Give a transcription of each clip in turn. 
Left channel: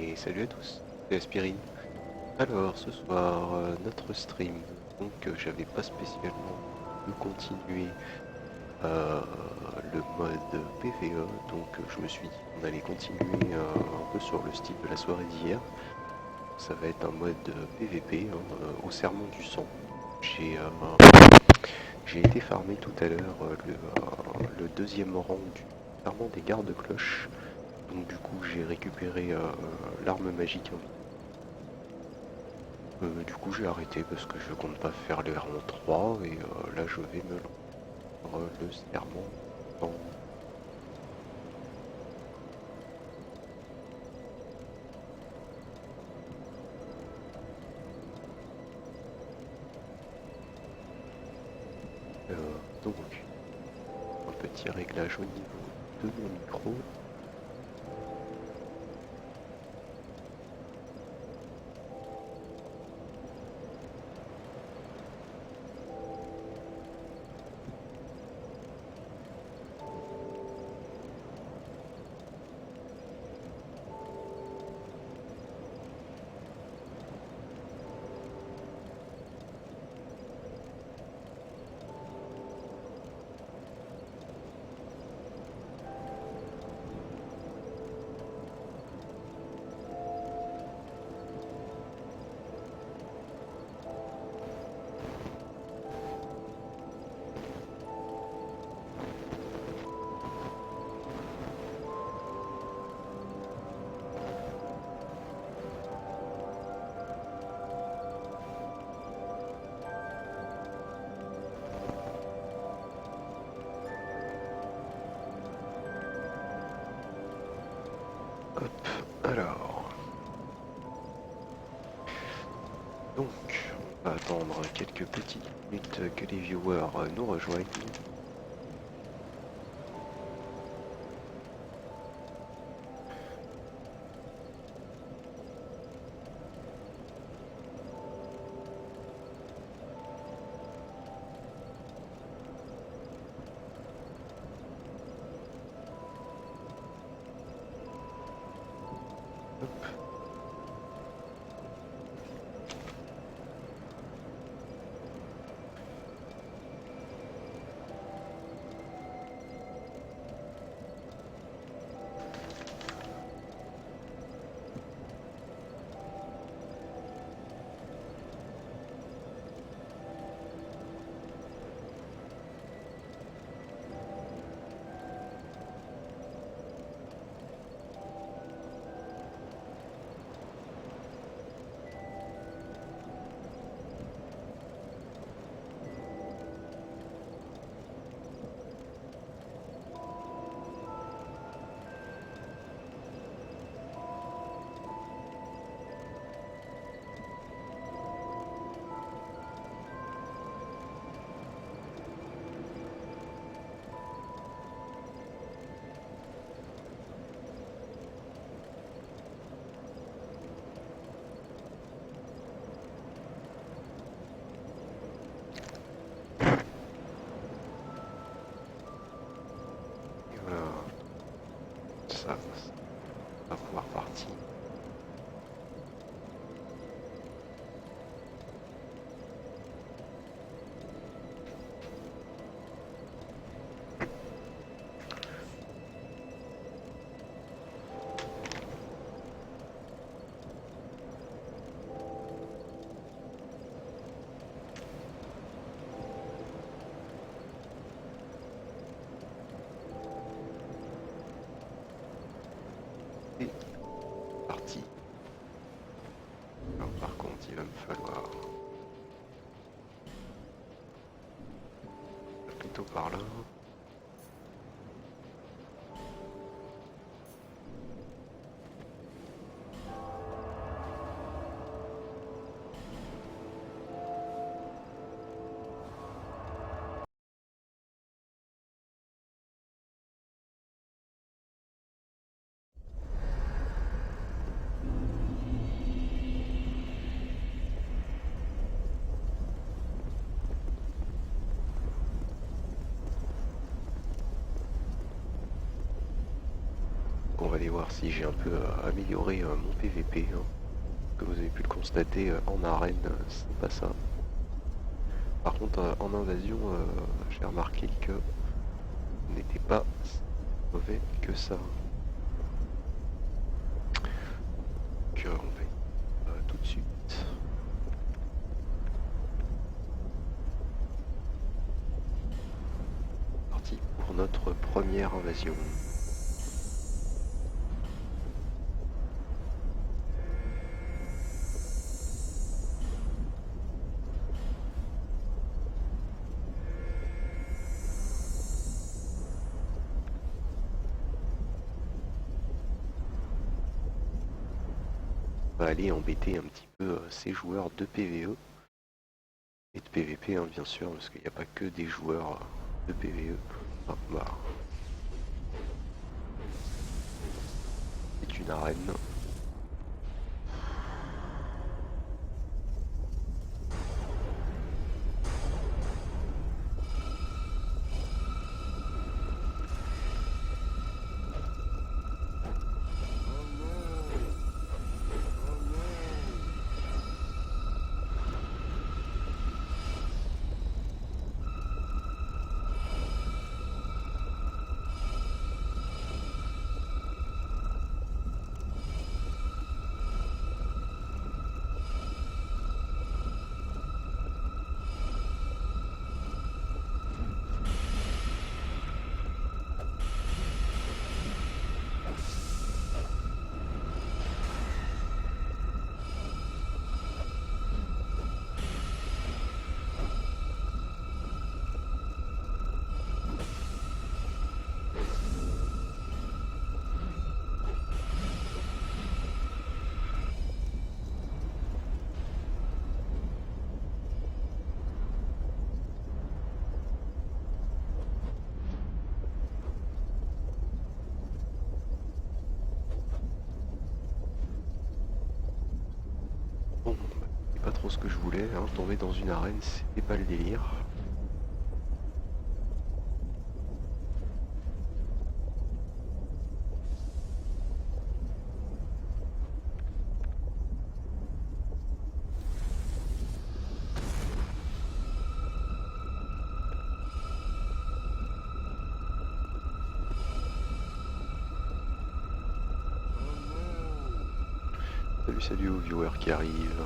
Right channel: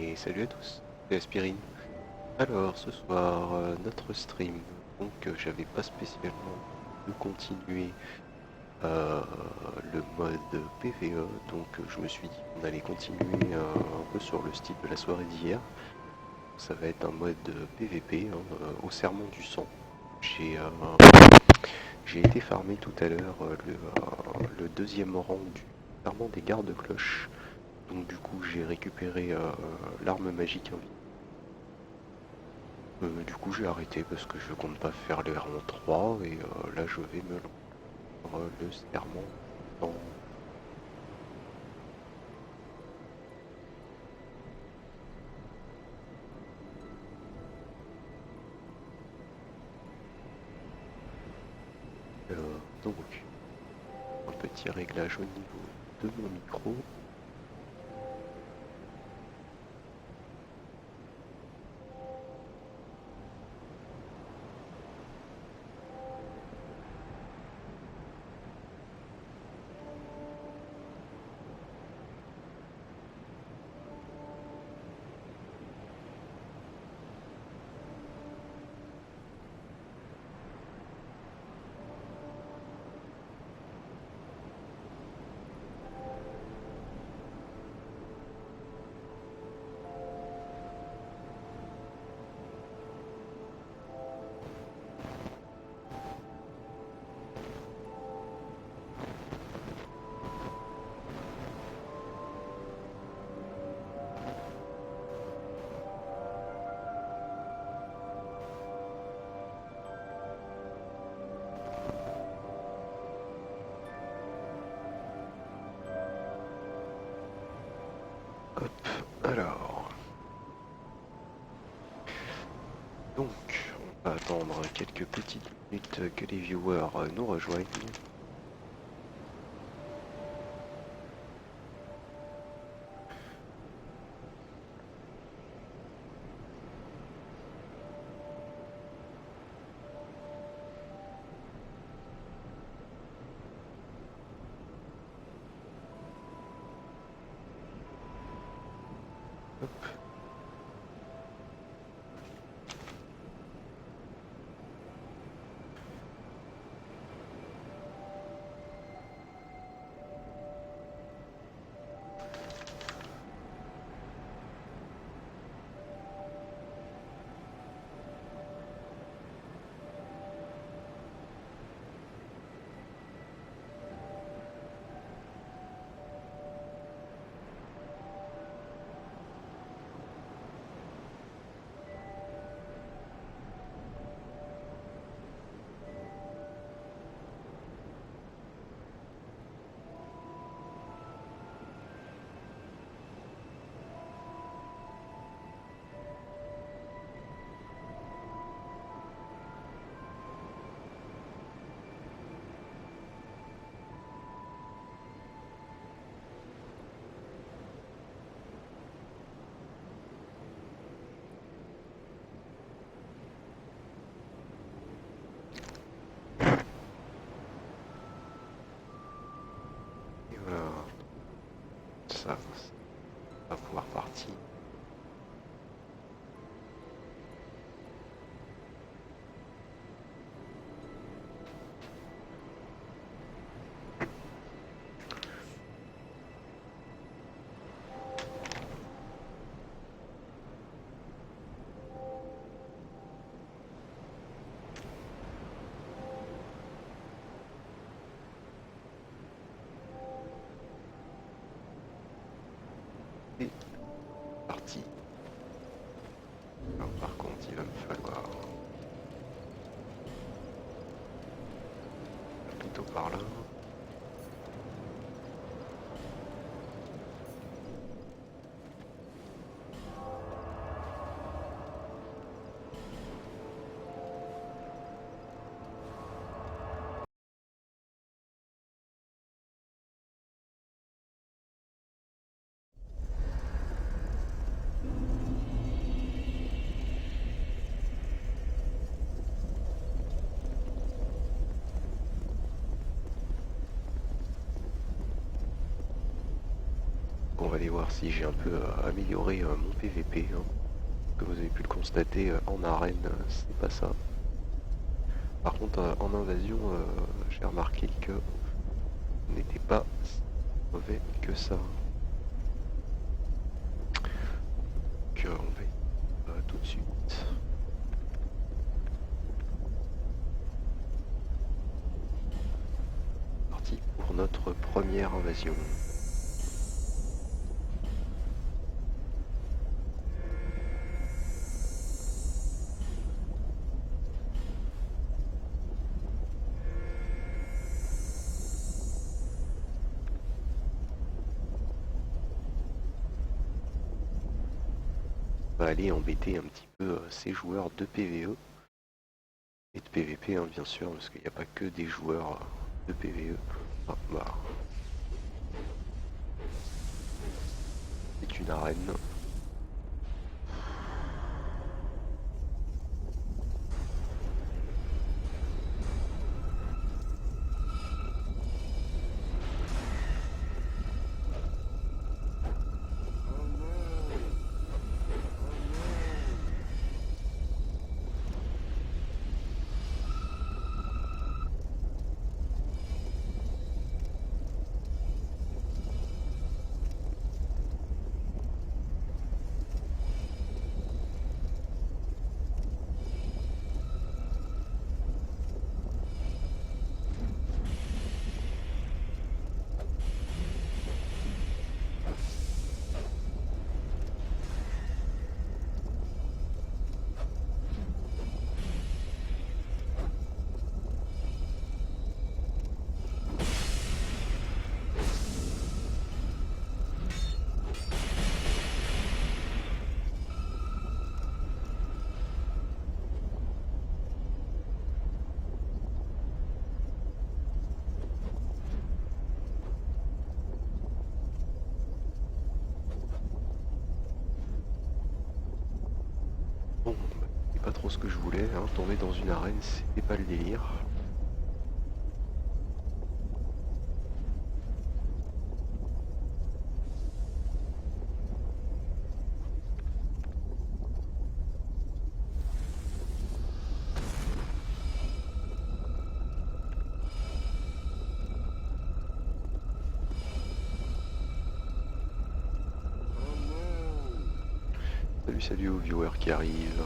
Et salut à tous, c'est Aspirine. Alors ce soir, notre stream, donc j'avais pas spécialement de continuer euh, le mode PvE, donc je me suis dit qu'on allait continuer un peu sur le style de la soirée d'hier. Ça va être un mode PvP, hein, au serment du sang. J'ai euh, j'ai été farmer tout à l'heure le deuxième rang du serment des gardes-cloches. Donc du coup j'ai récupéré l'arme magique invisible. Du coup j'ai arrêté parce que je compte pas faire les rangs 3 et là je vais me lancer le serment dans... donc un petit réglage au niveau de mon micro. Hop, alors... Donc, on va attendre quelques petites minutes que les viewers nous rejoignent. Hop. Et voilà, ça va pouvoir partir. Et parti. Alors, par contre, il va me falloir plutôt par là. Donc on va aller voir si j'ai un peu amélioré mon PVP. Hein. Comme vous avez pu le constater, en arène, c'est pas ça. Par contre, en invasion, j'ai remarqué que on n'était pas si mauvais que ça. Donc on va tout de suite. Parti pour notre première invasion. On va aller embêter un petit peu ces joueurs de PvE et de PvP, hein, bien sûr, parce qu'il n'y a pas que des joueurs de PvE. Ah, bah, c'est une arène. Bon, bah, c'est pas trop ce que je voulais, hein. Tomber dans une arène, c'était pas le délire. Salut, salut aux viewers qui arrivent.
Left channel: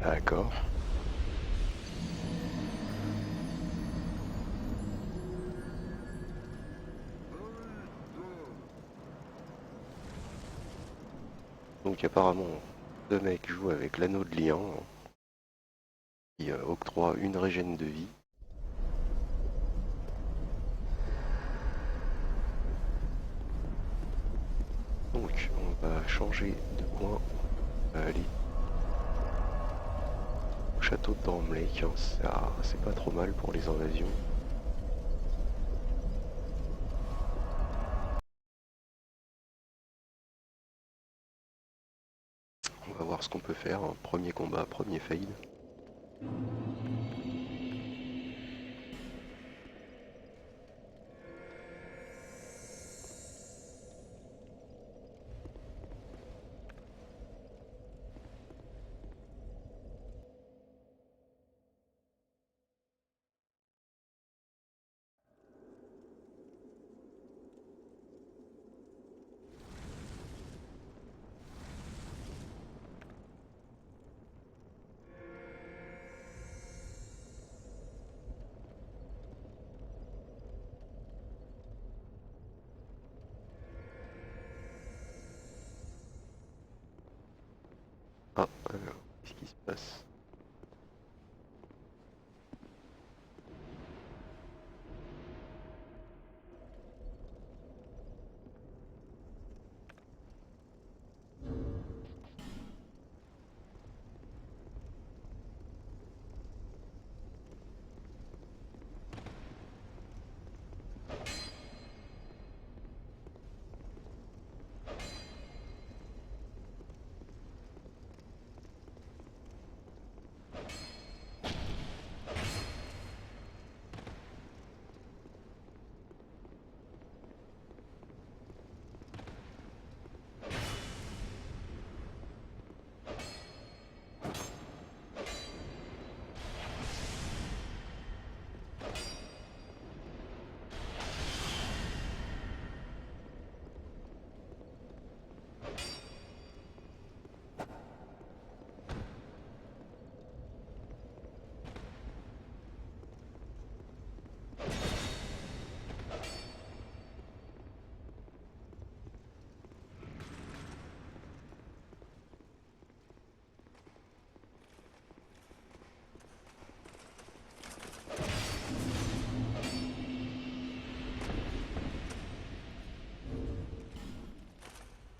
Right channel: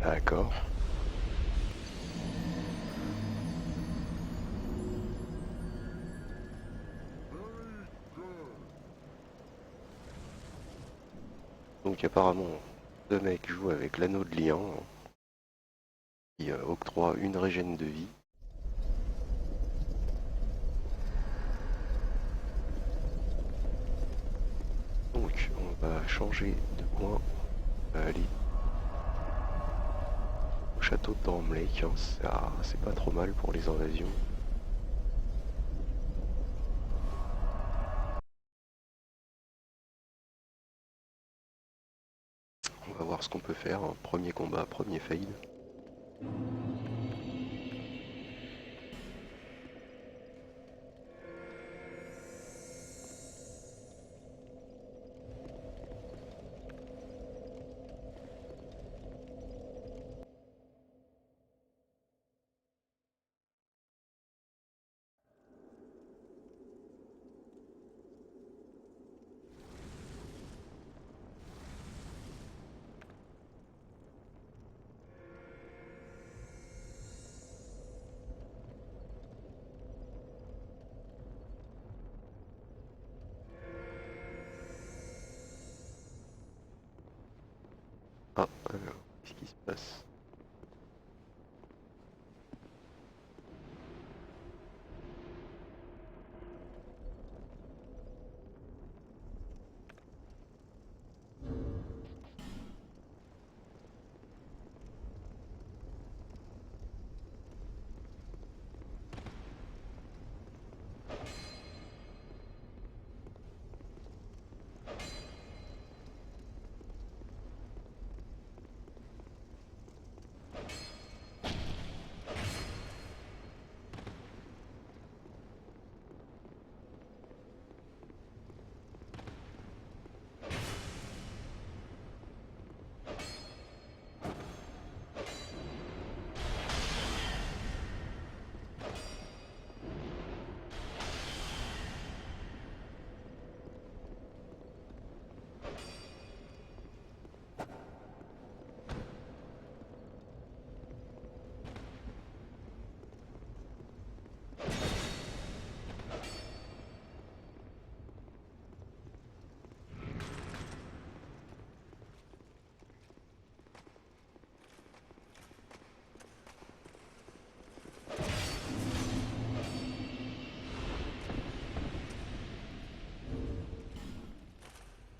D'accord. Donc apparemment, deux mecs jouent avec l'anneau de lien, hein, qui octroie une régène de vie. Donc on va changer de coin. On va aller au château de Dormlake, hein. C'est pas trop mal pour les invasions. On va voir ce qu'on peut faire, hein. Premier combat, premier fail. Alors, qu'est-ce qui se passe?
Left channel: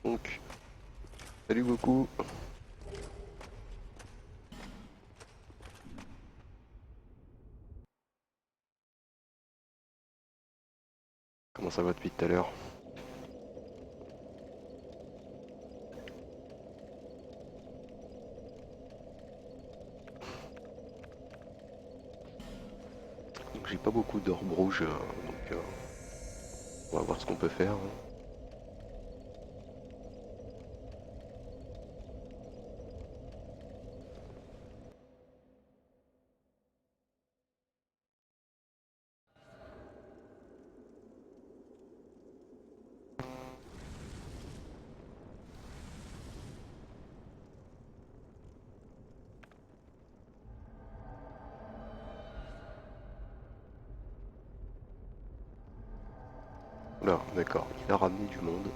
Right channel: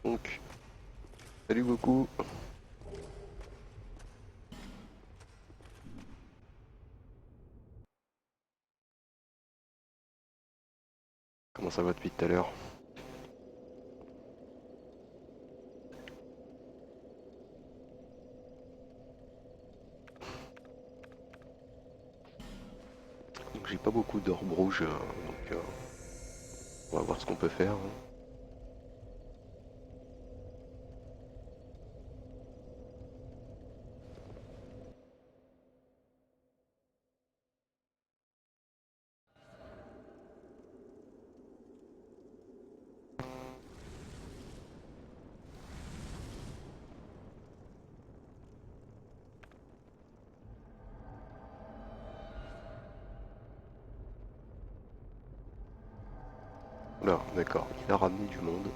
Donc, salut beaucoup. Comment ça va depuis tout à l'heure? Donc, j'ai pas beaucoup d'orbes rouges, donc on va voir ce qu'on peut faire, hein. Là, d'accord, il a ramené du monde.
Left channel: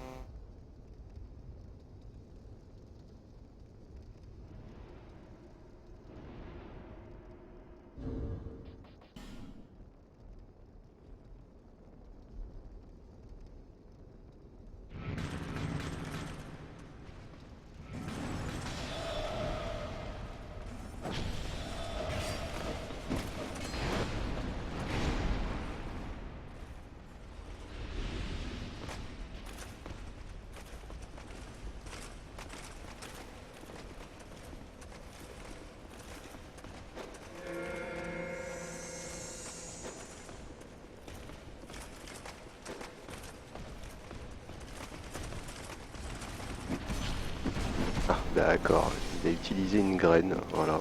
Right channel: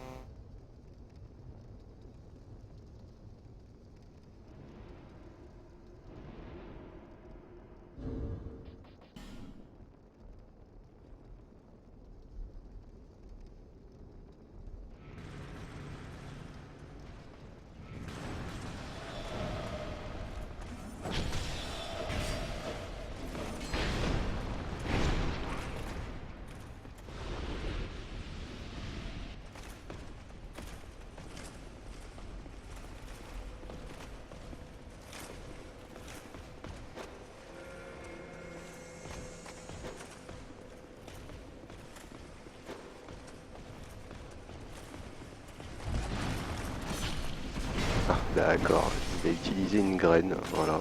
Ah, d'accord, il a utilisé une graine, voilà.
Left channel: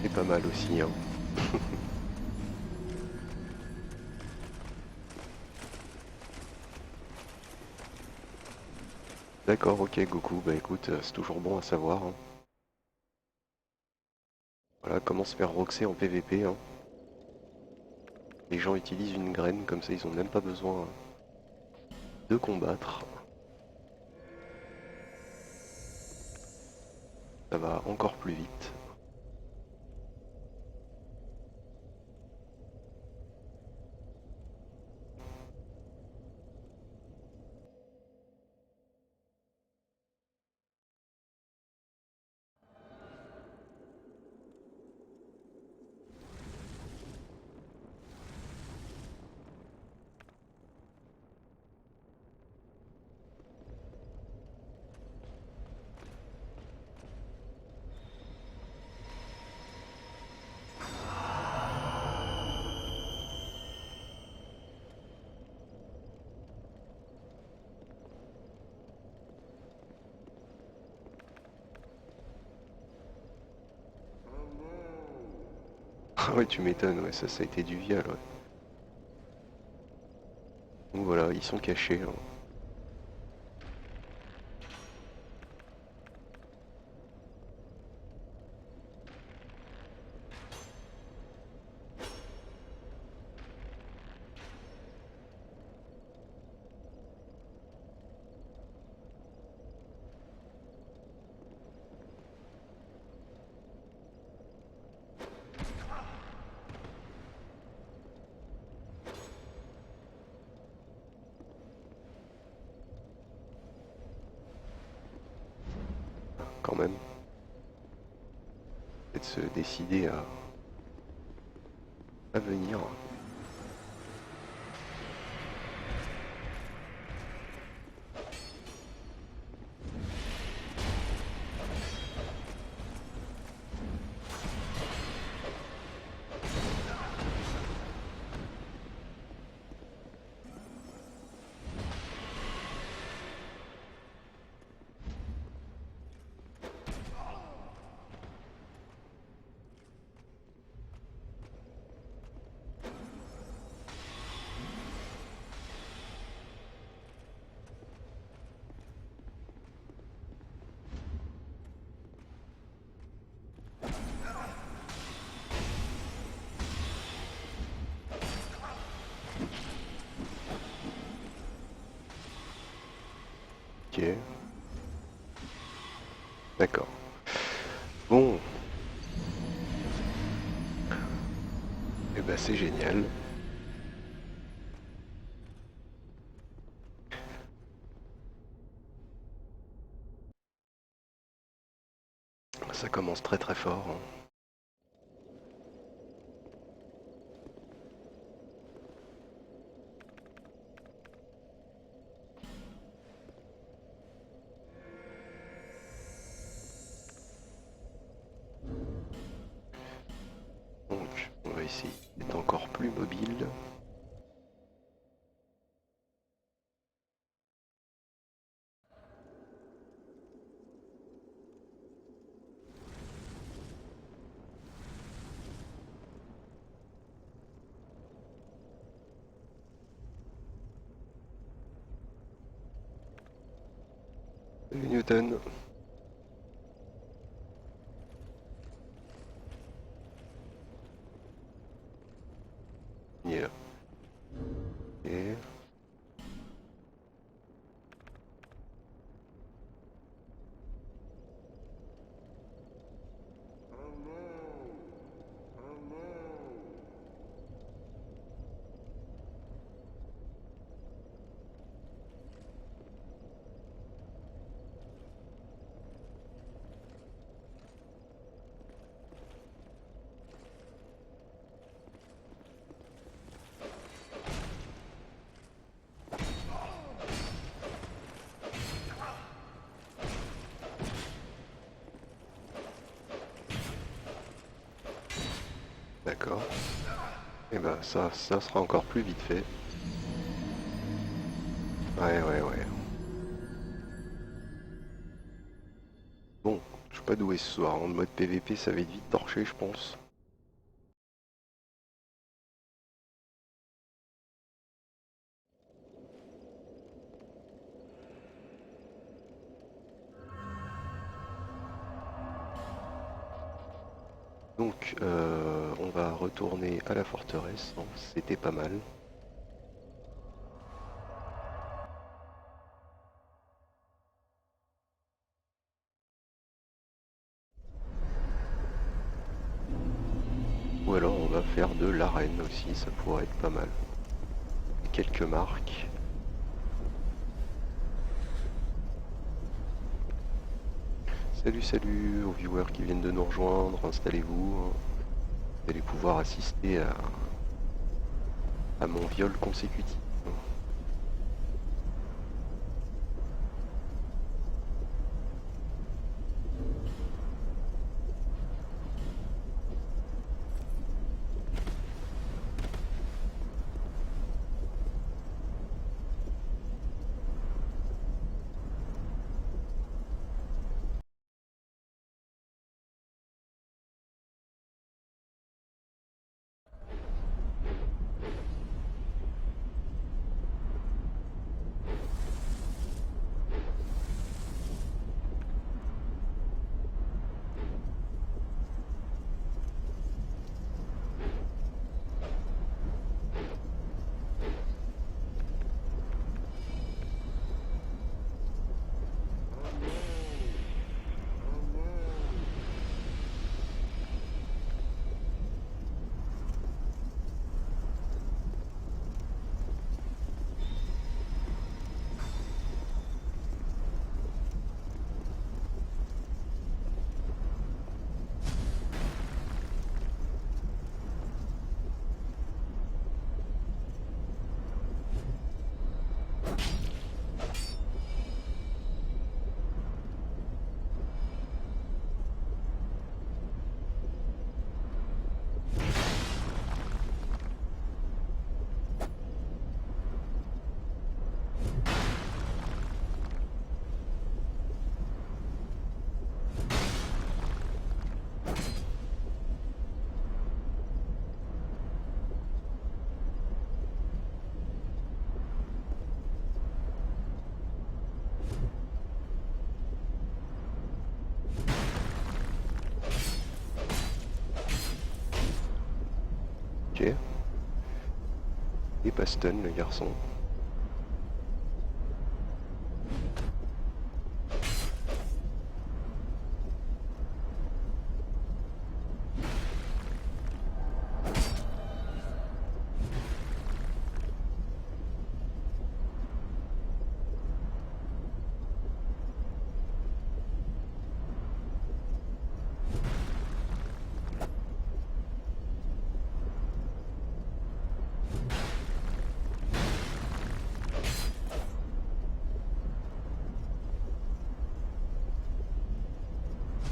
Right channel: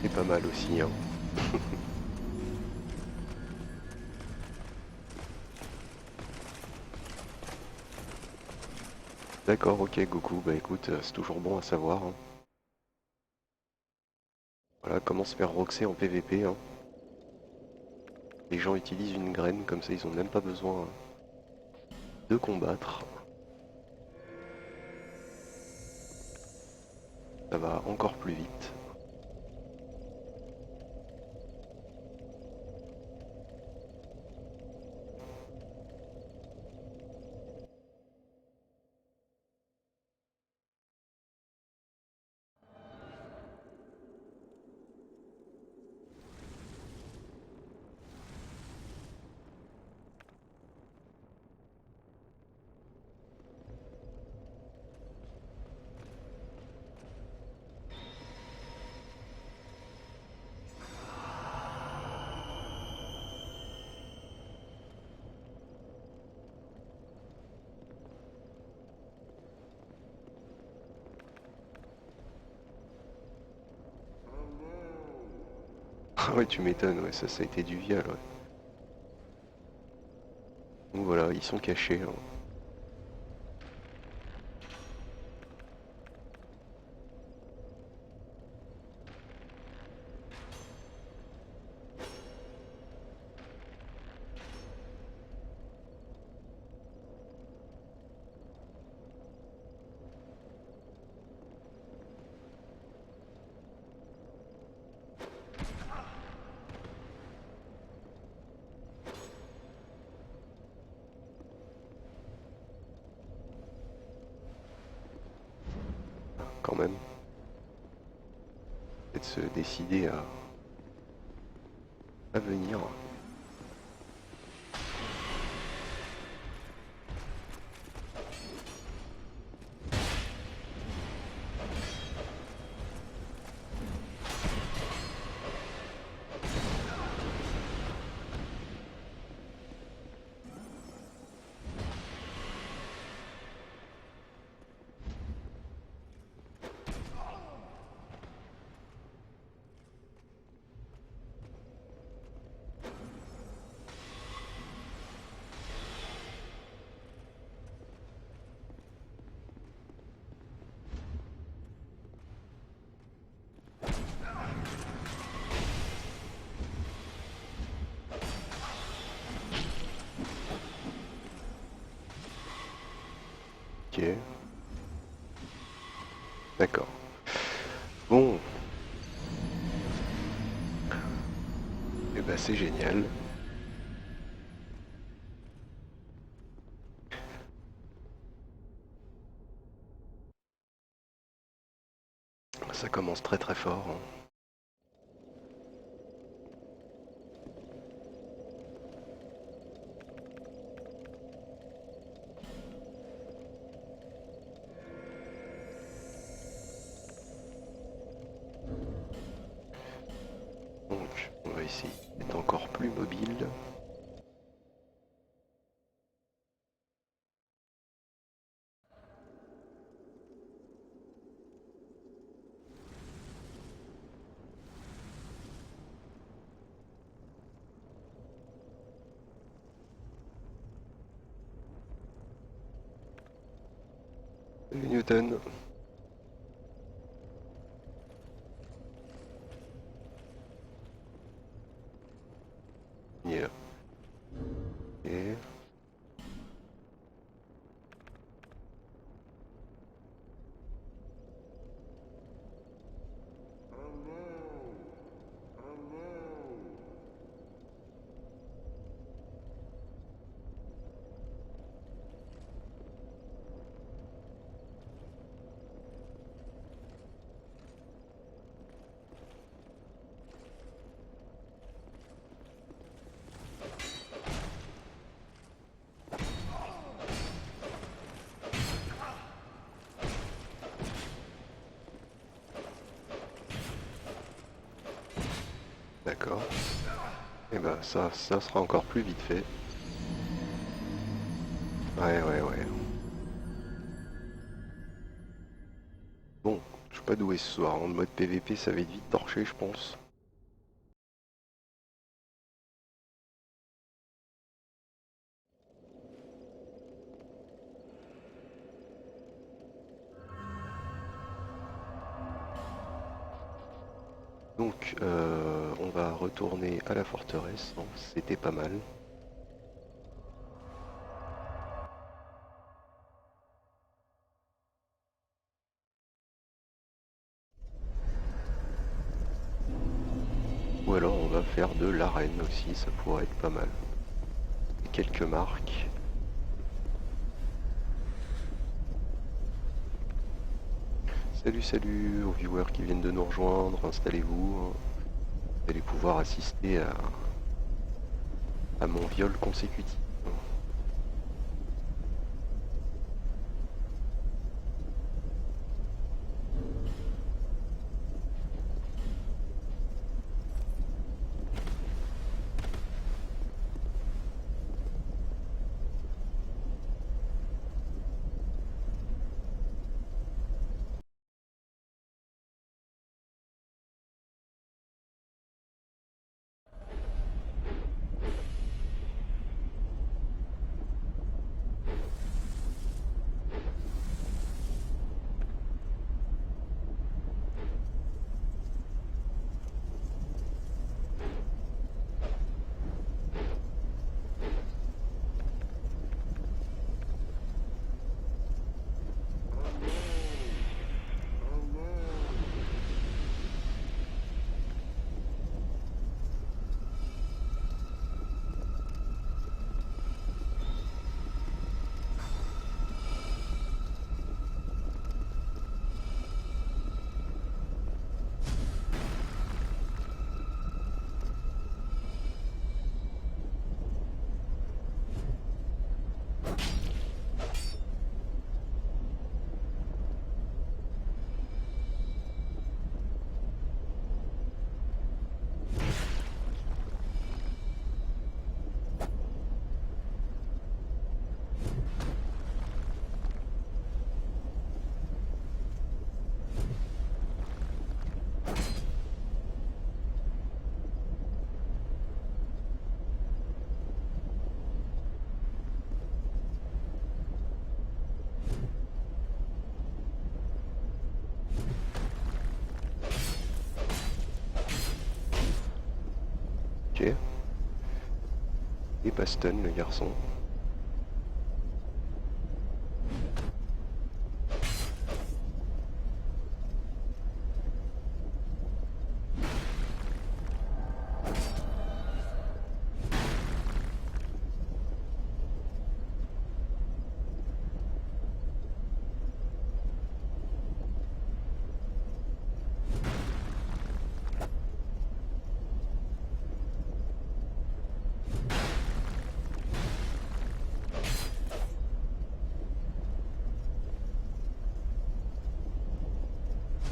C'est pas mal aussi, hein. D'accord, ok Goku, bah écoute, c'est toujours bon à savoir, hein. Voilà comment se faire roxer en PVP, hein. Les gens utilisent une graine, comme ça ils ont même pas besoin de combattre. Ça va encore plus vite. Ah ouais, tu m'étonnes, ouais, ça a été du viol, ouais. Donc voilà, ils sont cachés, hein. quand même. Et de se décider à venir. Ok. D'accord. Bon. Et ben c'est génial. Ça commence très très fort, hein. Donc on va essayer d'être encore plus mobile. Salut Newton. Il est là. Et... D'accord. Et ben ça sera encore plus vite fait. Ouais. Bon, je suis pas doué ce soir. En mode PVP, ça va être vite torché, je pense. Donc, on va retourner à la forteresse, hein. C'était pas mal. Ou alors on va faire de l'arène aussi, ça pourrait être pas mal. Quelques marques. Salut aux viewers qui viennent de nous rejoindre, installez-vous. Vous allez pouvoir assister à mon viol consécutif. Ok. Et pas stun le garçon.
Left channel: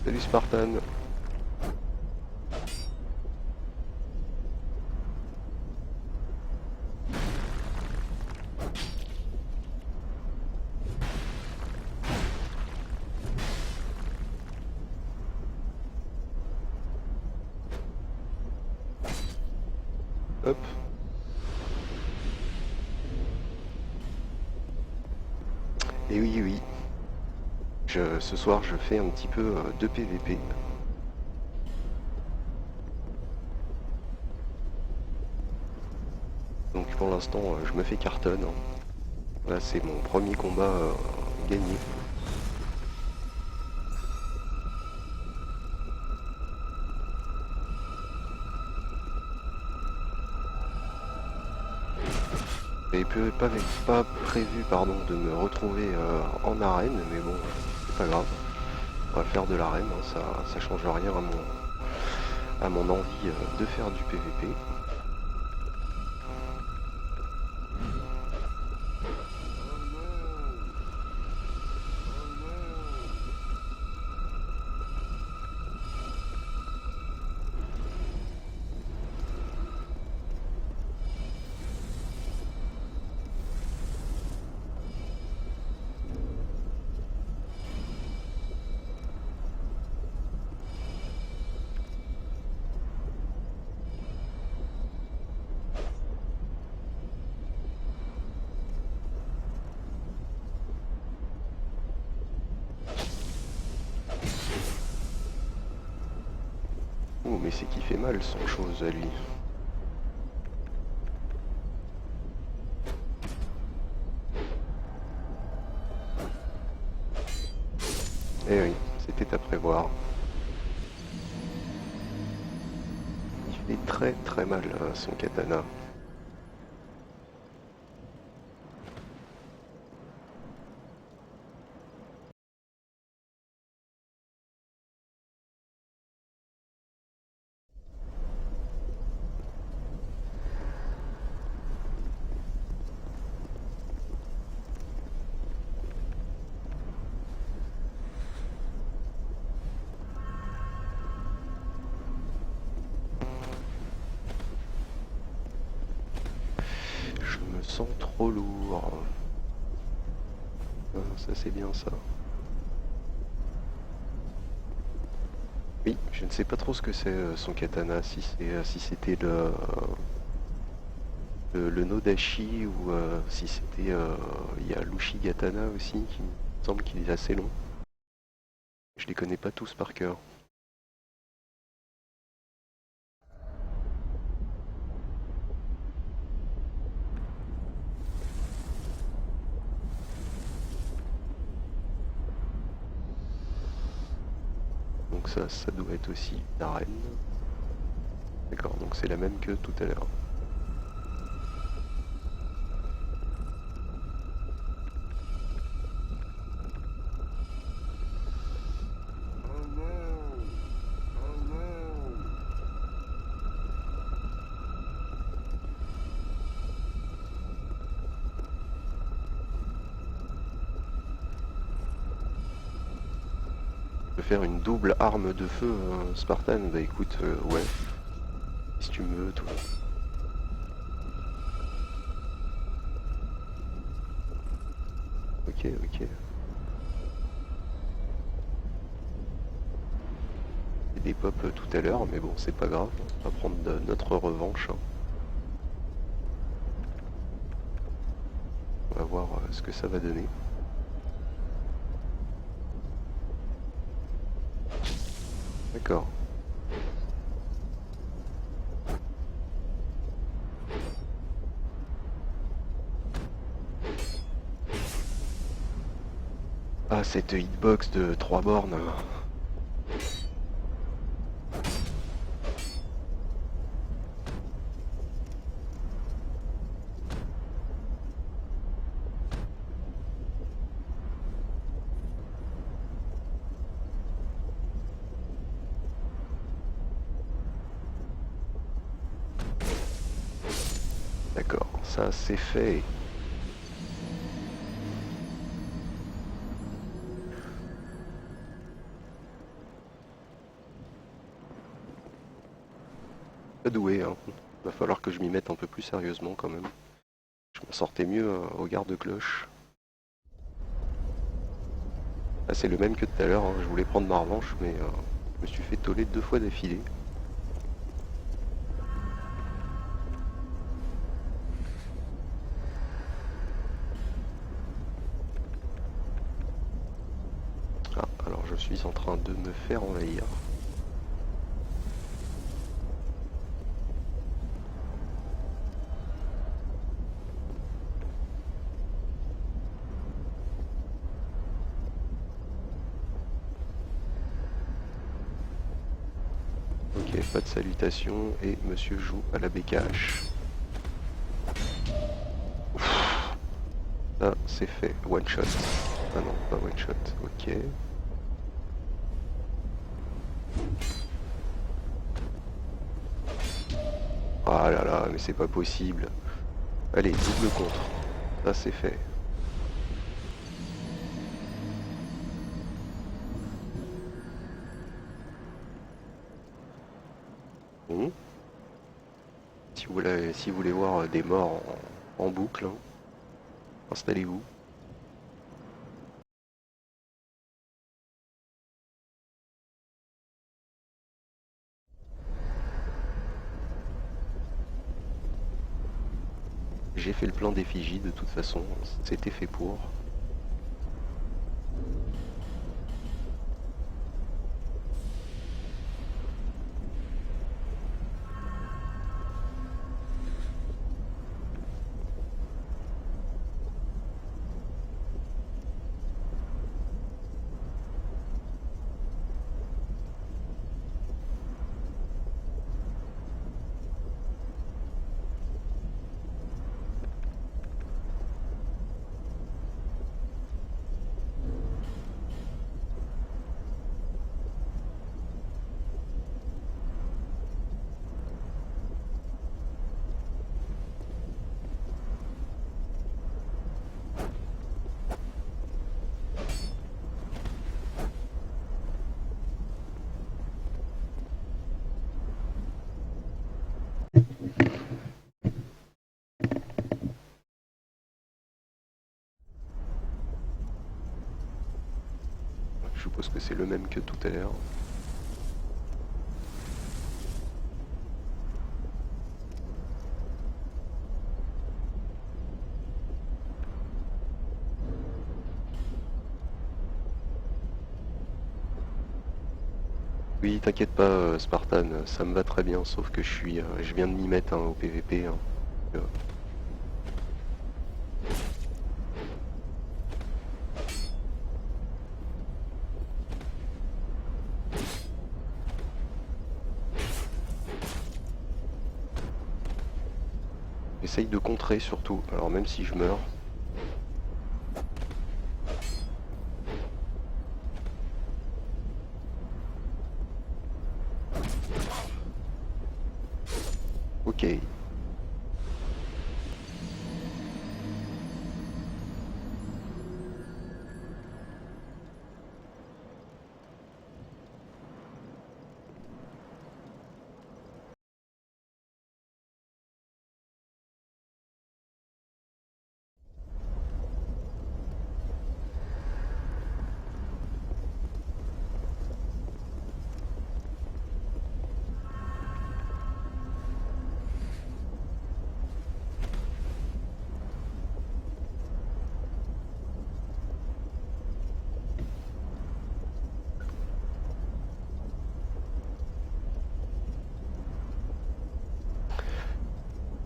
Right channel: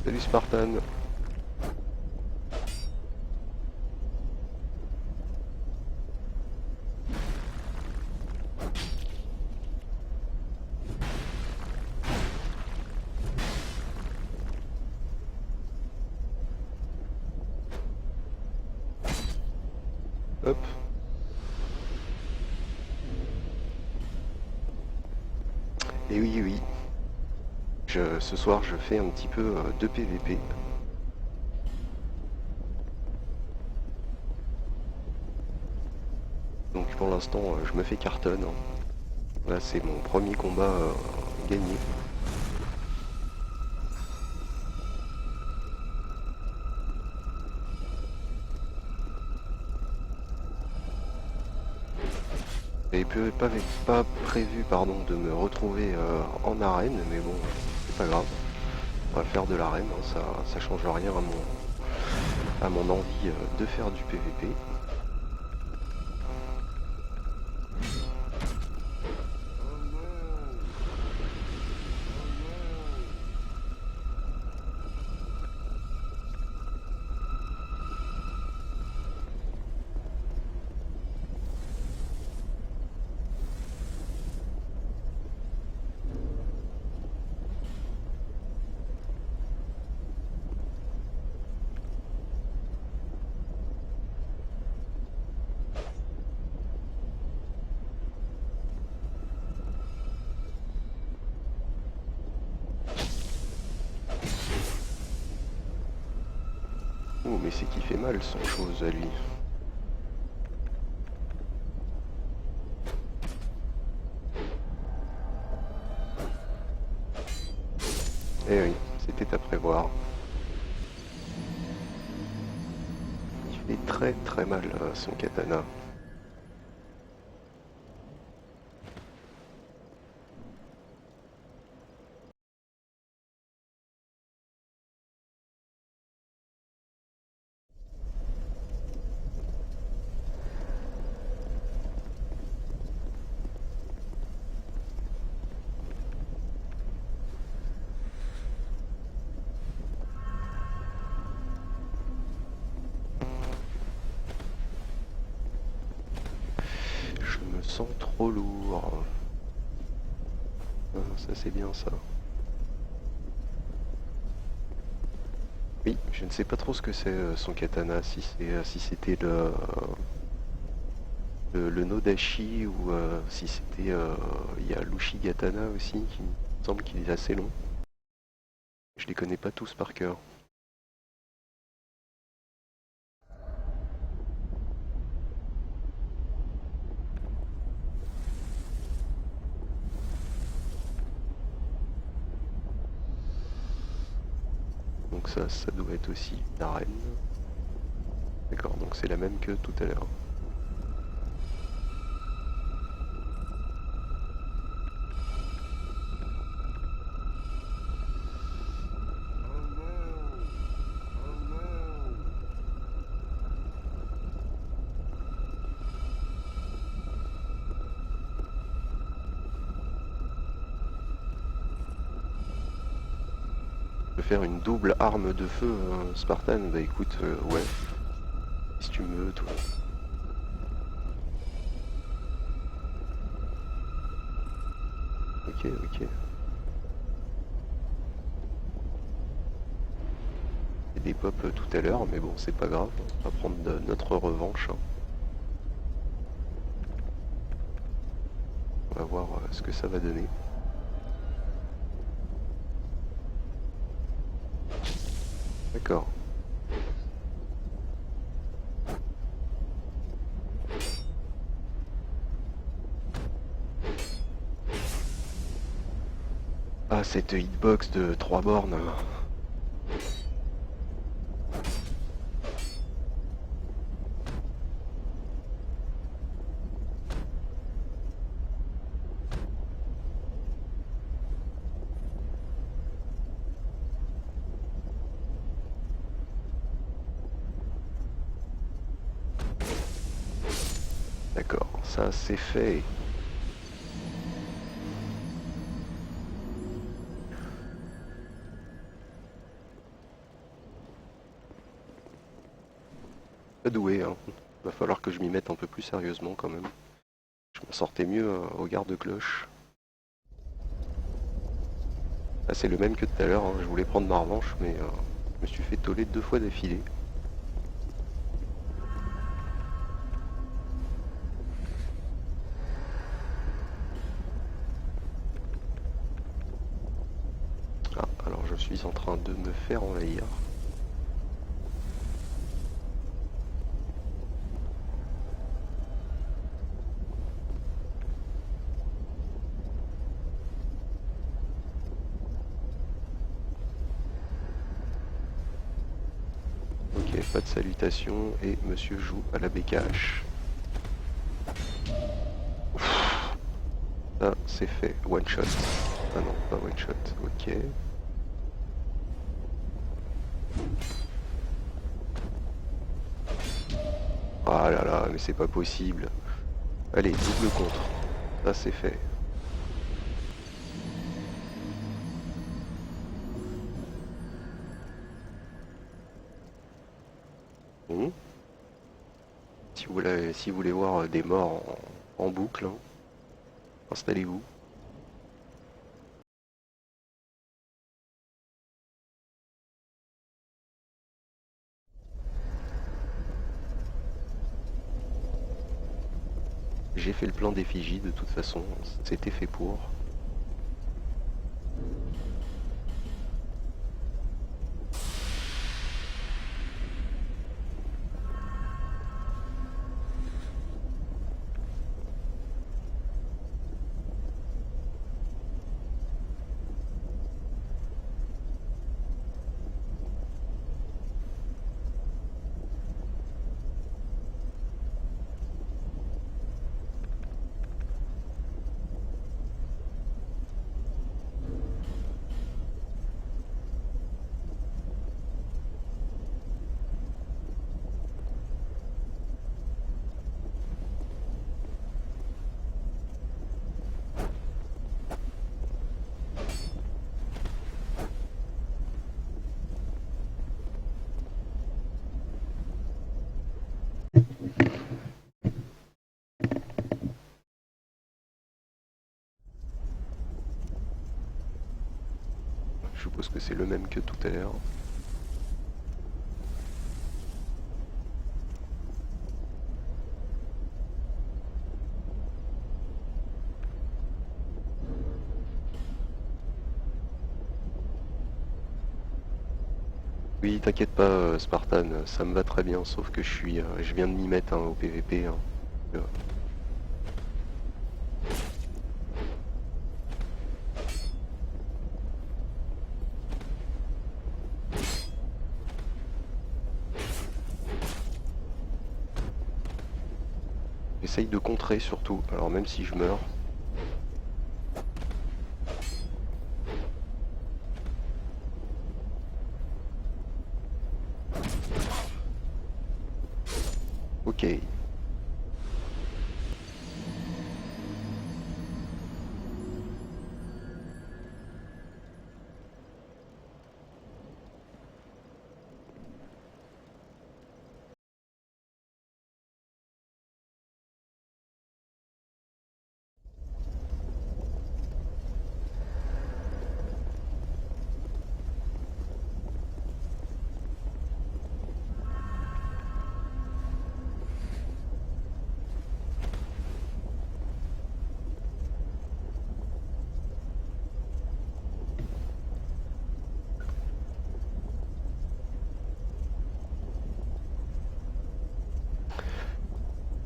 Salut Spartan. Hop. Et oui, oui. Ce soir, je fais un petit peu de PVP. Donc pour l'instant, je me fais cartonne. Là, c'est mon premier combat gagné. J'avais pas prévu pardon, de me retrouver en arène, mais bon, c'est pas grave. On va faire de l'arène, hein, ça change rien à mon envie de faire du PVP. Oh, mais c'est qui fait mal son chose à lui. Eh oui, c'était à prévoir. Il fait très très mal son katana. Je me sens trop lourd. Ah, ça c'est bien ça. Oui, je ne sais pas trop ce que c'est son katana, si c'était le Nodashi ou si c'était il y a l'Ushigatana aussi qui me semble qu'il est assez long. Je les connais pas tous par cœur. Donc ça doit être aussi une arène. D'accord, donc c'est la même que tout à l'heure. Faire une double arme de feu Spartan, bah écoute, ouais, si tu me veux, toi. Ok, ok. Il y a des pop tout à l'heure, mais bon, c'est pas grave, on va prendre notre revanche, hein. On va voir ce que ça va donner. D'accord. Ah, cette hitbox de 3 bornes. D'accord, ça c'est fait. Pas doué, hein. Va falloir que je m'y mette un peu plus sérieusement quand même. Je m'en sortais mieux au garde-cloche. Ah, c'est le même que tout à l'heure, hein. Je voulais prendre ma revanche, mais je me suis fait toller 2 fois d'affilée. Ah, alors je suis en train de me faire envahir. Ok, pas de salutation et monsieur joue à la BKH. Ah, c'est fait. One shot. Ah non, pas one shot. Ok. Ah là là, mais c'est pas possible. Allez, double contre. Ça c'est fait. Bon. Si vous voulez voir des morts en boucle, hein, installez-vous. J'ai fait le plan d'effigie de toute façon, c'était fait pour. Je suppose que c'est le même que tout à l'heure. Oui, t'inquiète pas, Spartan, ça me va très bien, sauf que je viens de m'y mettre hein, au PVP. Hein. Euh, J'essaye de contrer surtout, alors même si je meurs. Ok.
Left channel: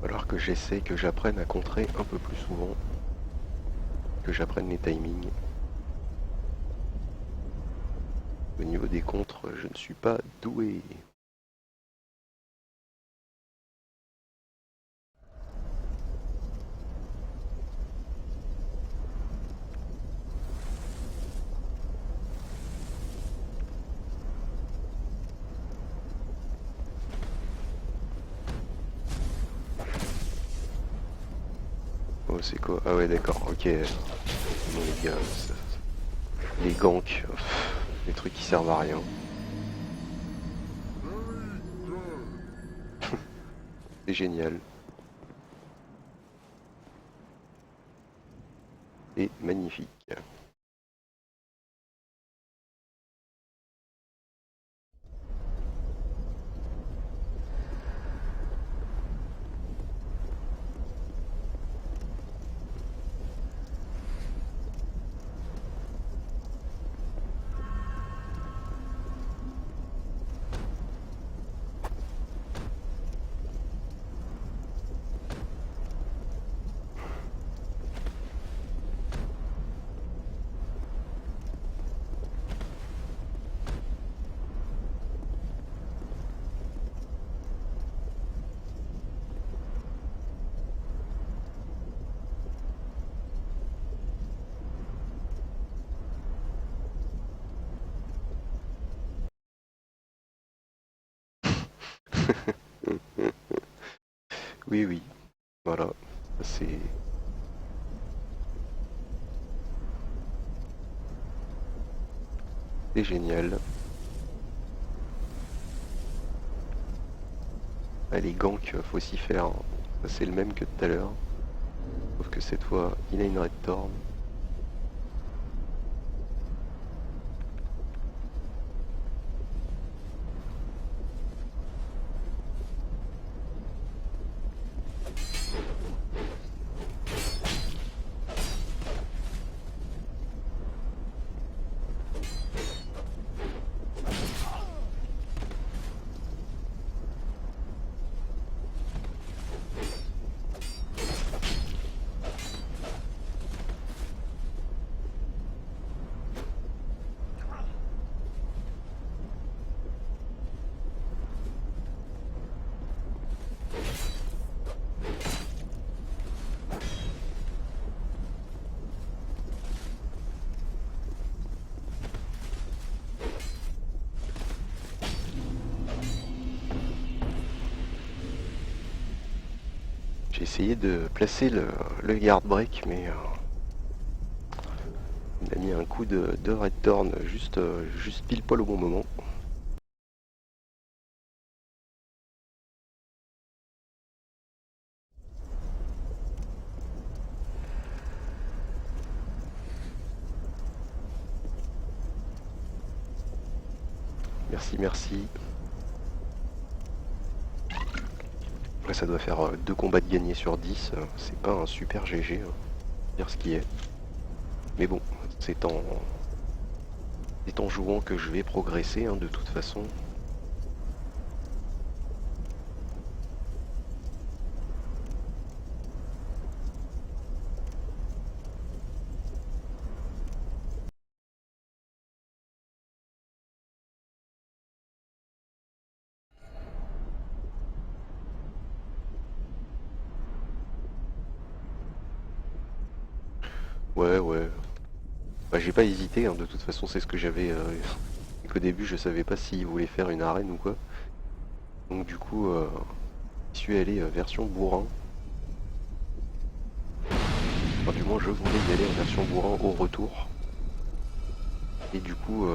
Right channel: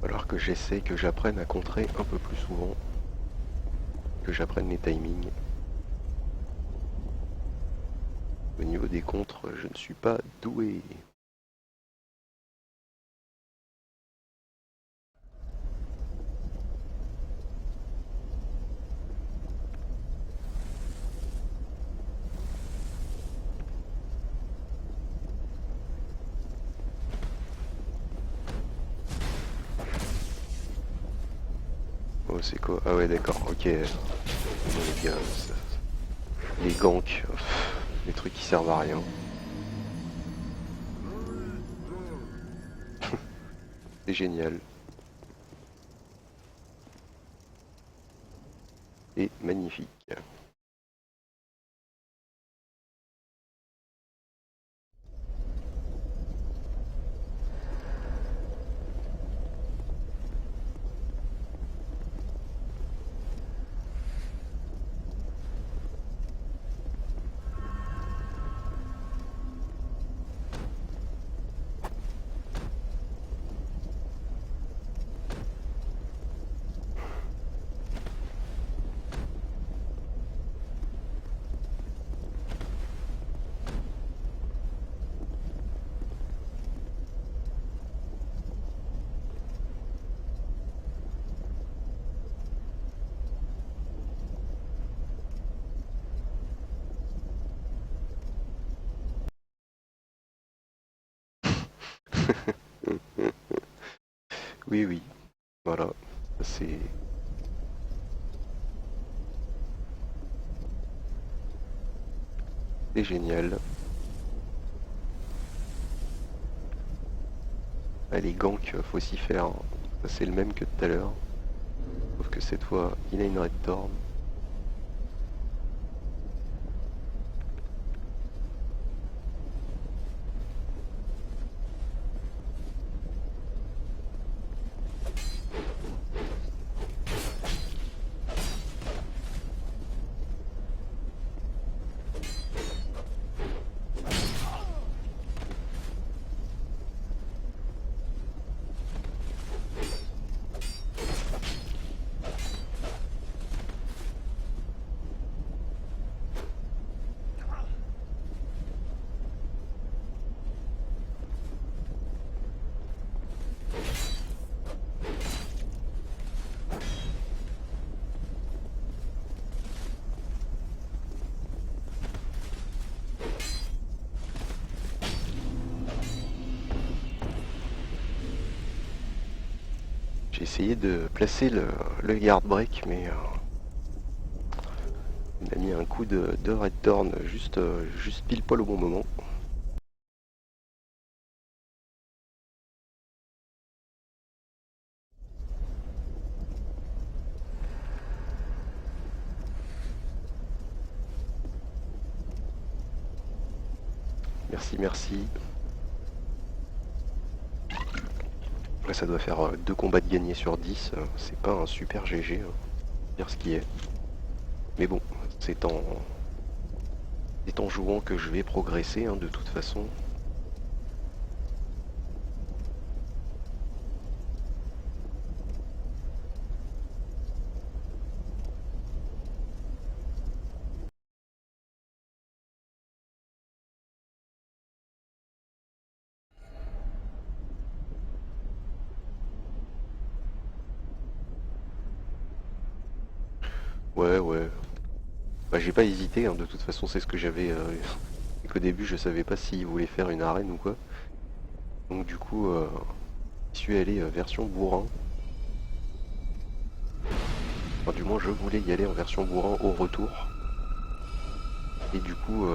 Alors que j'essaie que j'apprenne à contrer un peu plus souvent, que j'apprenne les timings. Au niveau des contres, je ne suis pas doué. Oh, c'est quoi? Ah ouais, d'accord, ok. Bon, les gars, les ganks, les trucs qui servent à rien. C'est génial. Et magnifique. Oui, oui, voilà. C'est génial. Ah, les ganks, faut s'y faire, hein. Ça, c'est le même que tout à l'heure. Sauf que cette fois, il a une red thorn. J'ai essayé de placer le guard break, mais il a mis un coup de red thorn juste pile poil au bon moment. Merci, merci. Là, ça doit faire 2 combats de gagnés sur 10. C'est pas un super GG, hein, dire ce qui est. Mais bon, c'est en jouant que je vais progresser, hein, de toute façon. Ouais, ouais. Bah, j'ai pas hésité, hein, de toute façon, c'est ce que j'avais. Et qu'au début, je savais pas s'il voulait faire une arène ou quoi. Donc, du coup, je suis allé version bourrin. Enfin, du moins, je voulais y aller en version bourrin au retour. Et du coup,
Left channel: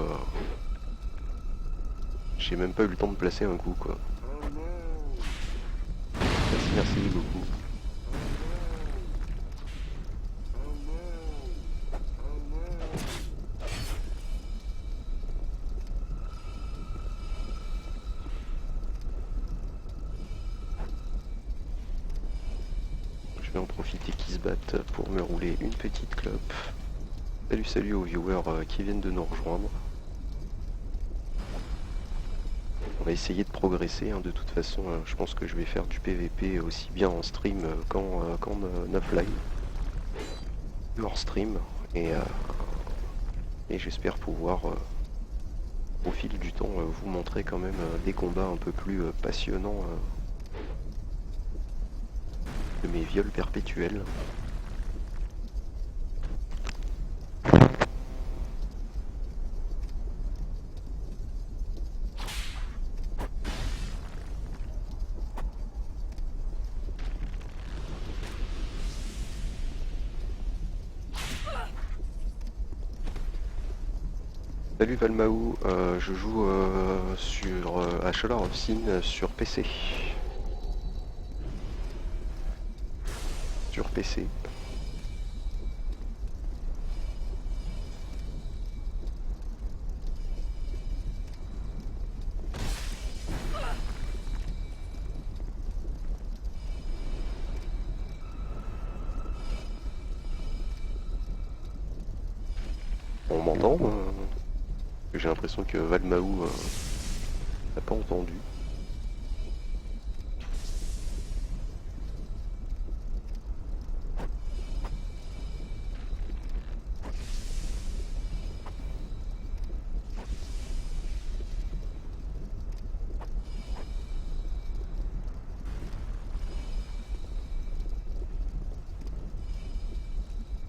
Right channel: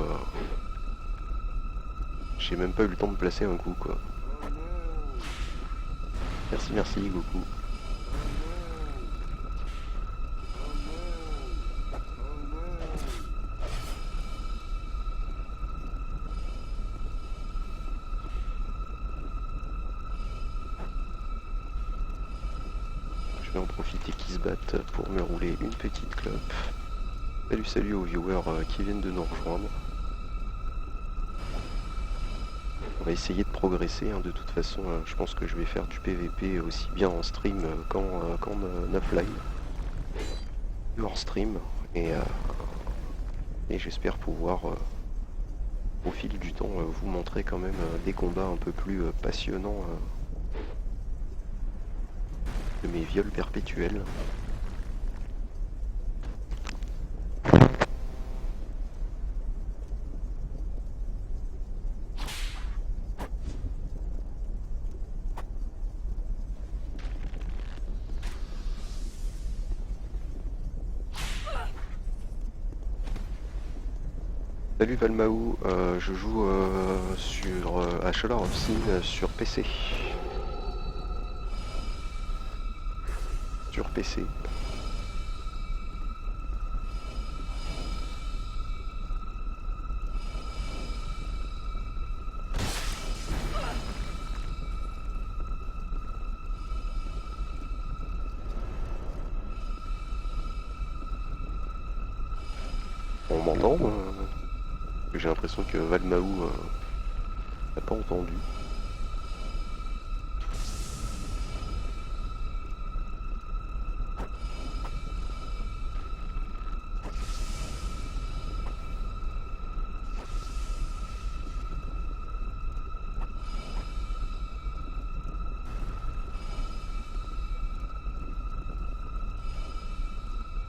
j'ai même pas eu le temps de placer un coup, quoi. Merci, merci, Goku. Je vais en profiter qu'ils se battent pour me rouler une petite clope. Salut, salut aux viewers qui viennent de nous rejoindre. On va essayer de progresser, hein, de toute façon, je pense que je vais faire du PVP aussi bien en stream qu'en offline. Hors stream. Et, et j'espère pouvoir au fil du temps vous montrer quand même des combats un peu plus passionnants de mes viols perpétuels. Salut Valmaou, je joue sur A Shadow of Sin sur PC. Sur PC. On m'entend J'ai l'impression que Valmaou n'a pas entendu.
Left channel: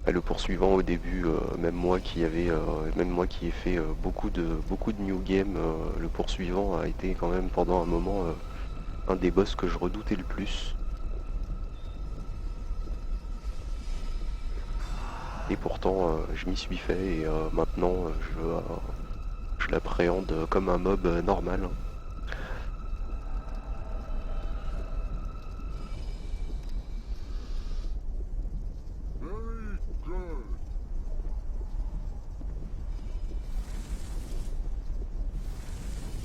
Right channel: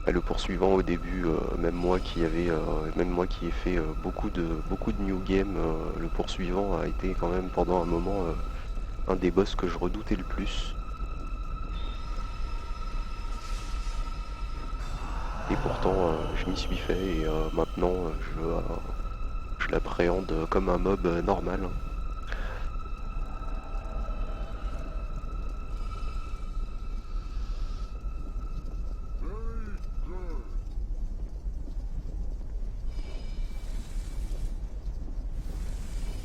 Le poursuivant au début, même moi qui ai fait beaucoup de new game, le poursuivant a été quand même pendant un moment un des boss que je redoutais le plus. Et pourtant je m'y suis fait et maintenant je l'appréhende comme un mob normal.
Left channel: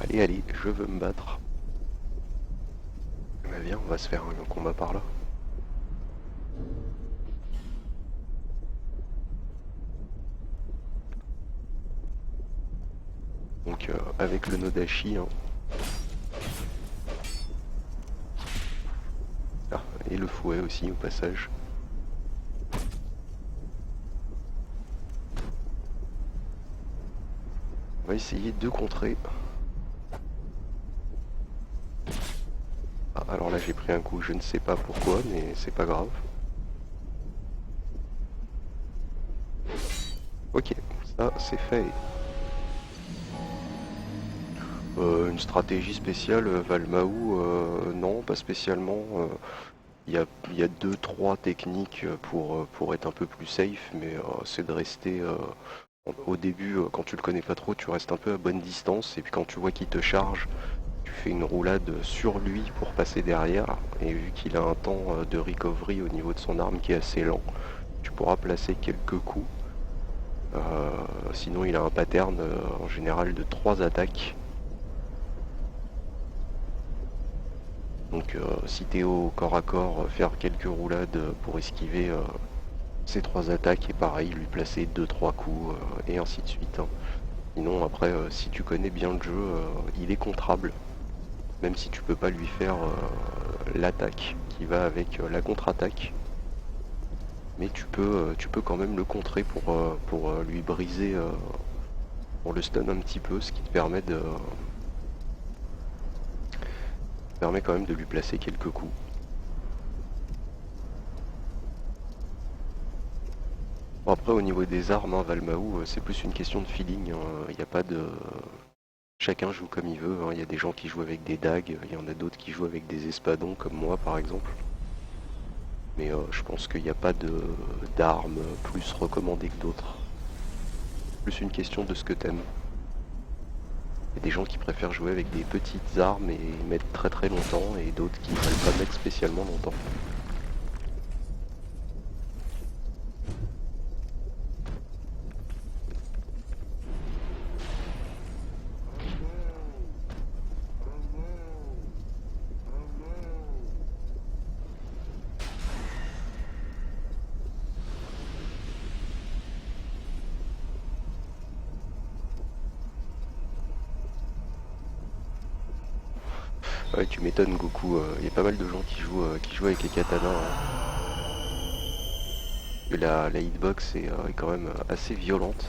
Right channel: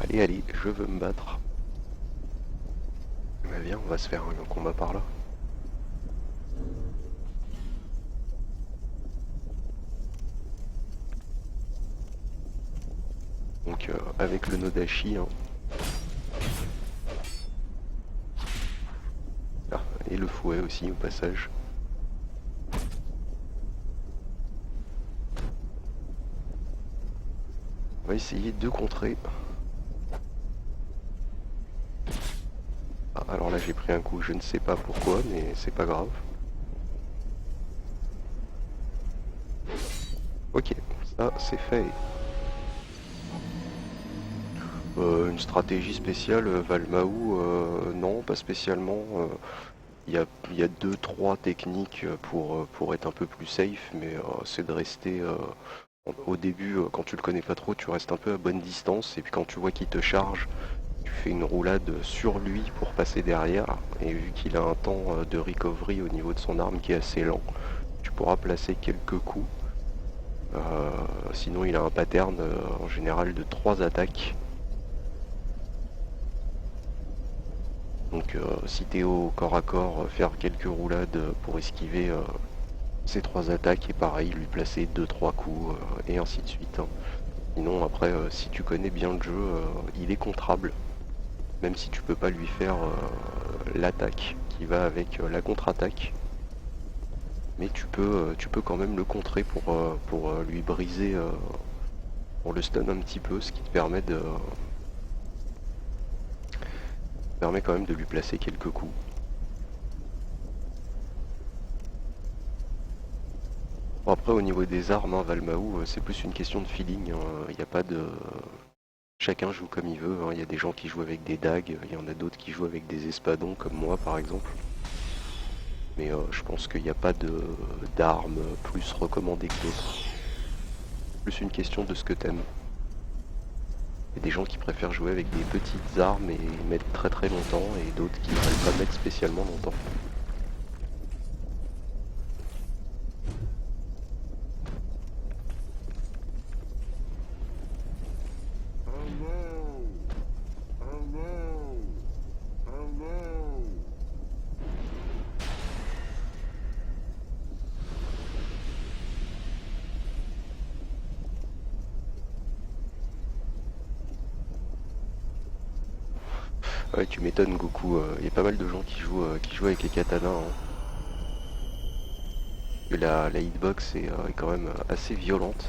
Allez, allez, je veux me battre. Bah viens, on va se faire un combat par là. Donc avec le Nodashi. Hein. Ah, et le fouet aussi au passage. On va essayer de contrer. Ah, alors là j'ai pris un coup, je ne sais pas pourquoi, mais c'est pas grave. Ok, ça c'est fait. Une stratégie spéciale, Valmaou, non, pas spécialement. Il y a 2-3 techniques pour être un peu plus safe, mais c'est de rester au début, quand tu le connais pas trop, tu restes un peu à bonne distance, et puis quand tu vois qu'il te charge, tu fais une roulade sur lui pour passer derrière, et vu qu'il a un temps de recovery au niveau de son arme qui est assez lent, tu pourras placer quelques coups. Sinon il a un pattern en général de 3 attaques. Donc si t'es au corps à corps, faire quelques roulades pour esquiver ces 3 attaques et pareil, lui placer 2-3 coups et ainsi de suite. Hein. Sinon après, si tu connais bien le jeu, il est contrable. Même si tu peux pas lui faire l'attaque qui va avec la contre-attaque. Mais tu peux quand même le contrer pour lui briser, pour le stun un petit peu, ce qui te permet quand même de lui placer quelques coups. Bon, après au niveau des armes, hein, Valmaou, c'est plus une question de feeling. Il n'y a pas de... Chacun joue comme il veut. Hein. Il y a des gens qui jouent avec des dagues, il y en a d'autres qui jouent avec des espadons comme moi par exemple. Mais je pense qu'il n'y a pas d'armes plus recommandées que d'autres. Plus une question de ce que t'aimes. Il y a des gens qui préfèrent jouer avec des petites armes et mettre très très longtemps, et d'autres qui ne veulent pas mettre spécialement longtemps. Ouais, tu m'étonnes Goku, il y a pas mal de gens qui jouent avec les katanas. Hein. Et la hitbox est quand même assez violente.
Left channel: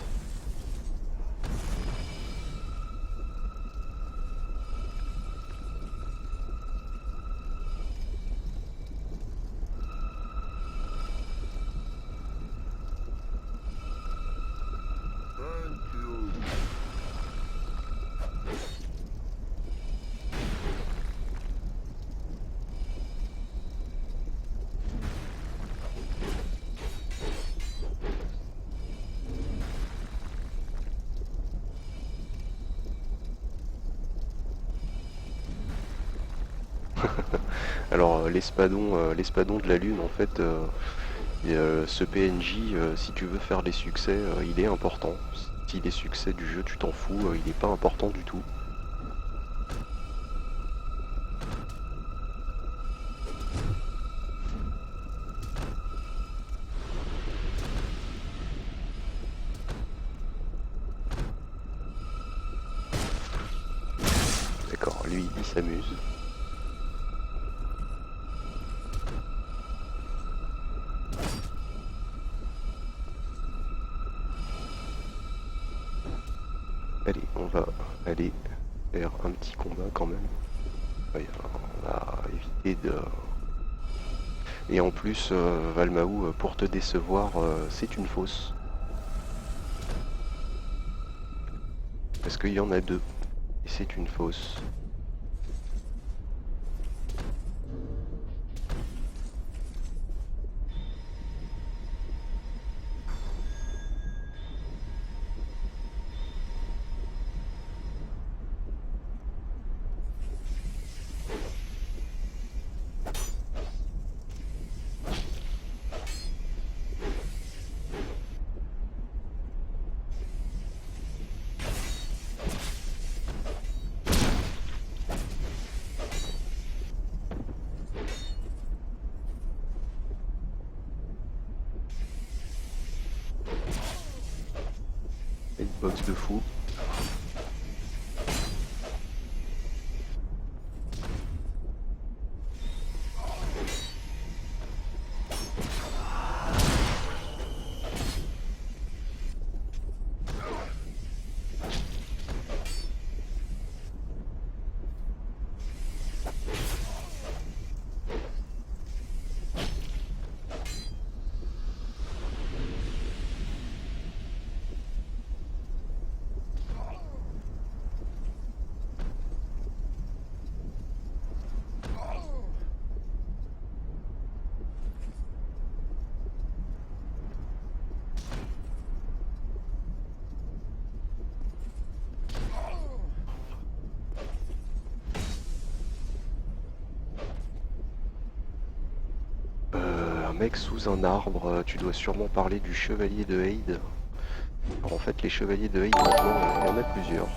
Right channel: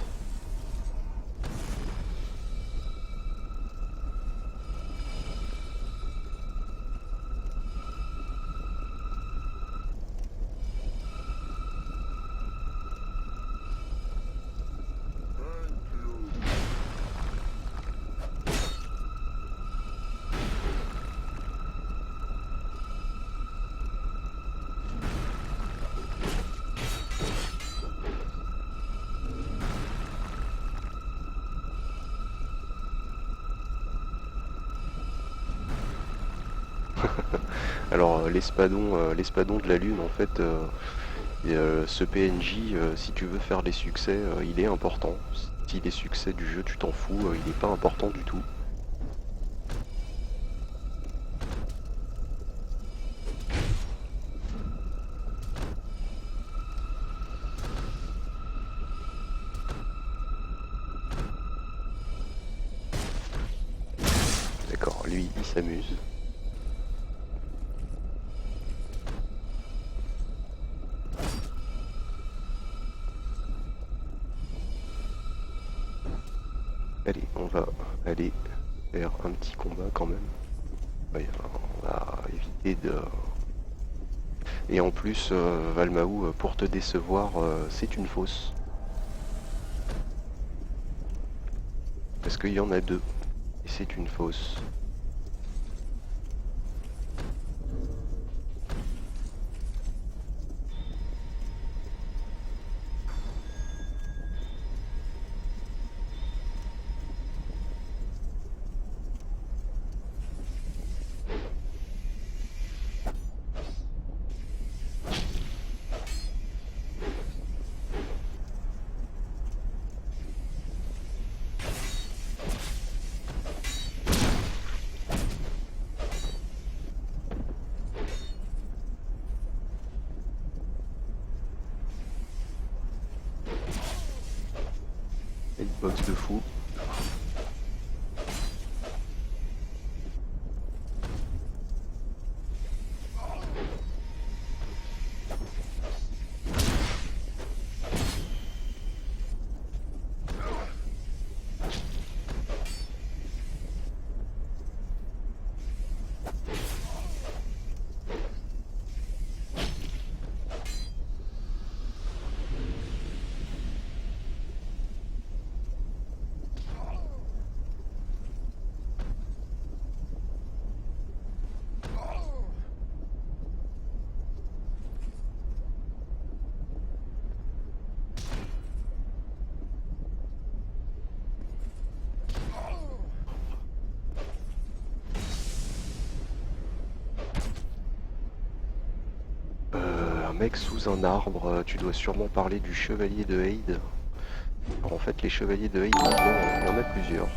Alors l'espadon de la lune en fait, ce PNJ, si tu veux faire les succès, il est important. Si les succès du jeu tu t'en fous, il n'est pas important du tout. D'accord, lui il s'amuse. Allez, on va aller faire un petit combat quand même. Ouais, on va éviter de... Et en plus, Valmaou, pour te décevoir, c'est une fausse. Parce qu'il y en a deux. Et c'est une fausse. Hitbox de fou. Un mec sous un arbre, tu dois sûrement parler du chevalier de Haid. Alors en fait, les chevaliers de Haid, maintenant, il y en a plusieurs.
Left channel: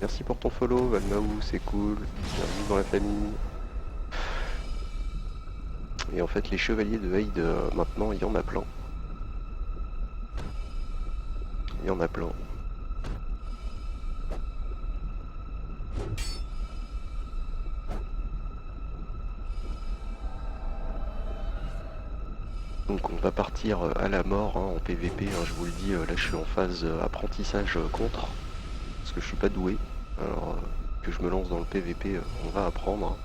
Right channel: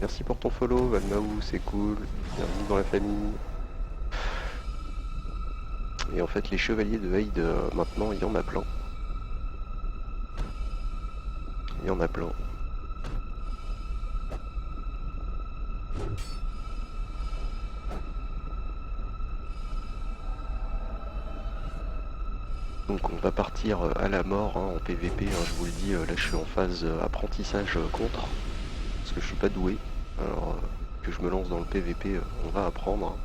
Merci pour ton follow, Valmaou, c'est cool. Bienvenue dans la famille. Et en fait, les chevaliers de Haid, maintenant, il y en a plein. Il y en a plein. Donc on va partir à la mort hein, en PVP, hein, je vous le dis, là je suis en phase apprentissage contre, parce que je suis pas doué. Alors que je me lance dans le PVP, on va apprendre.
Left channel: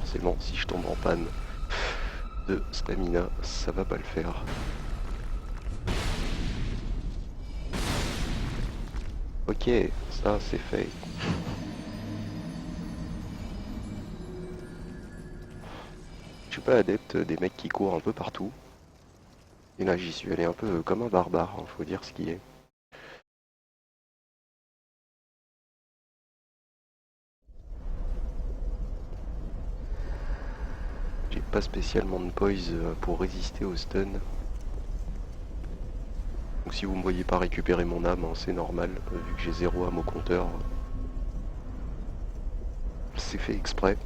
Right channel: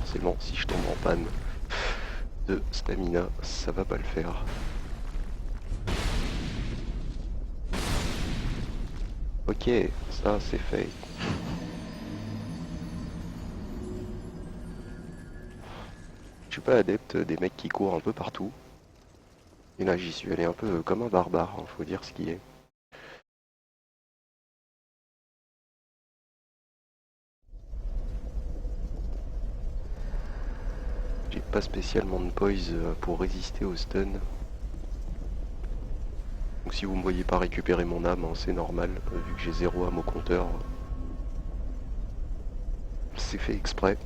Forcément, si je tombe en panne de stamina, ça va pas le faire. Ok, ça c'est fait. Je suis pas adepte des mecs qui courent un peu partout. Et là j'y suis allé un peu comme un barbare, hein, faut dire ce qui est. J'ai pas spécialement de poise pour résister au stun. Donc si vous me voyez pas récupérer mon âme, hein, c'est normal, vu que j'ai 0 âme au compteur. C'est fait exprès.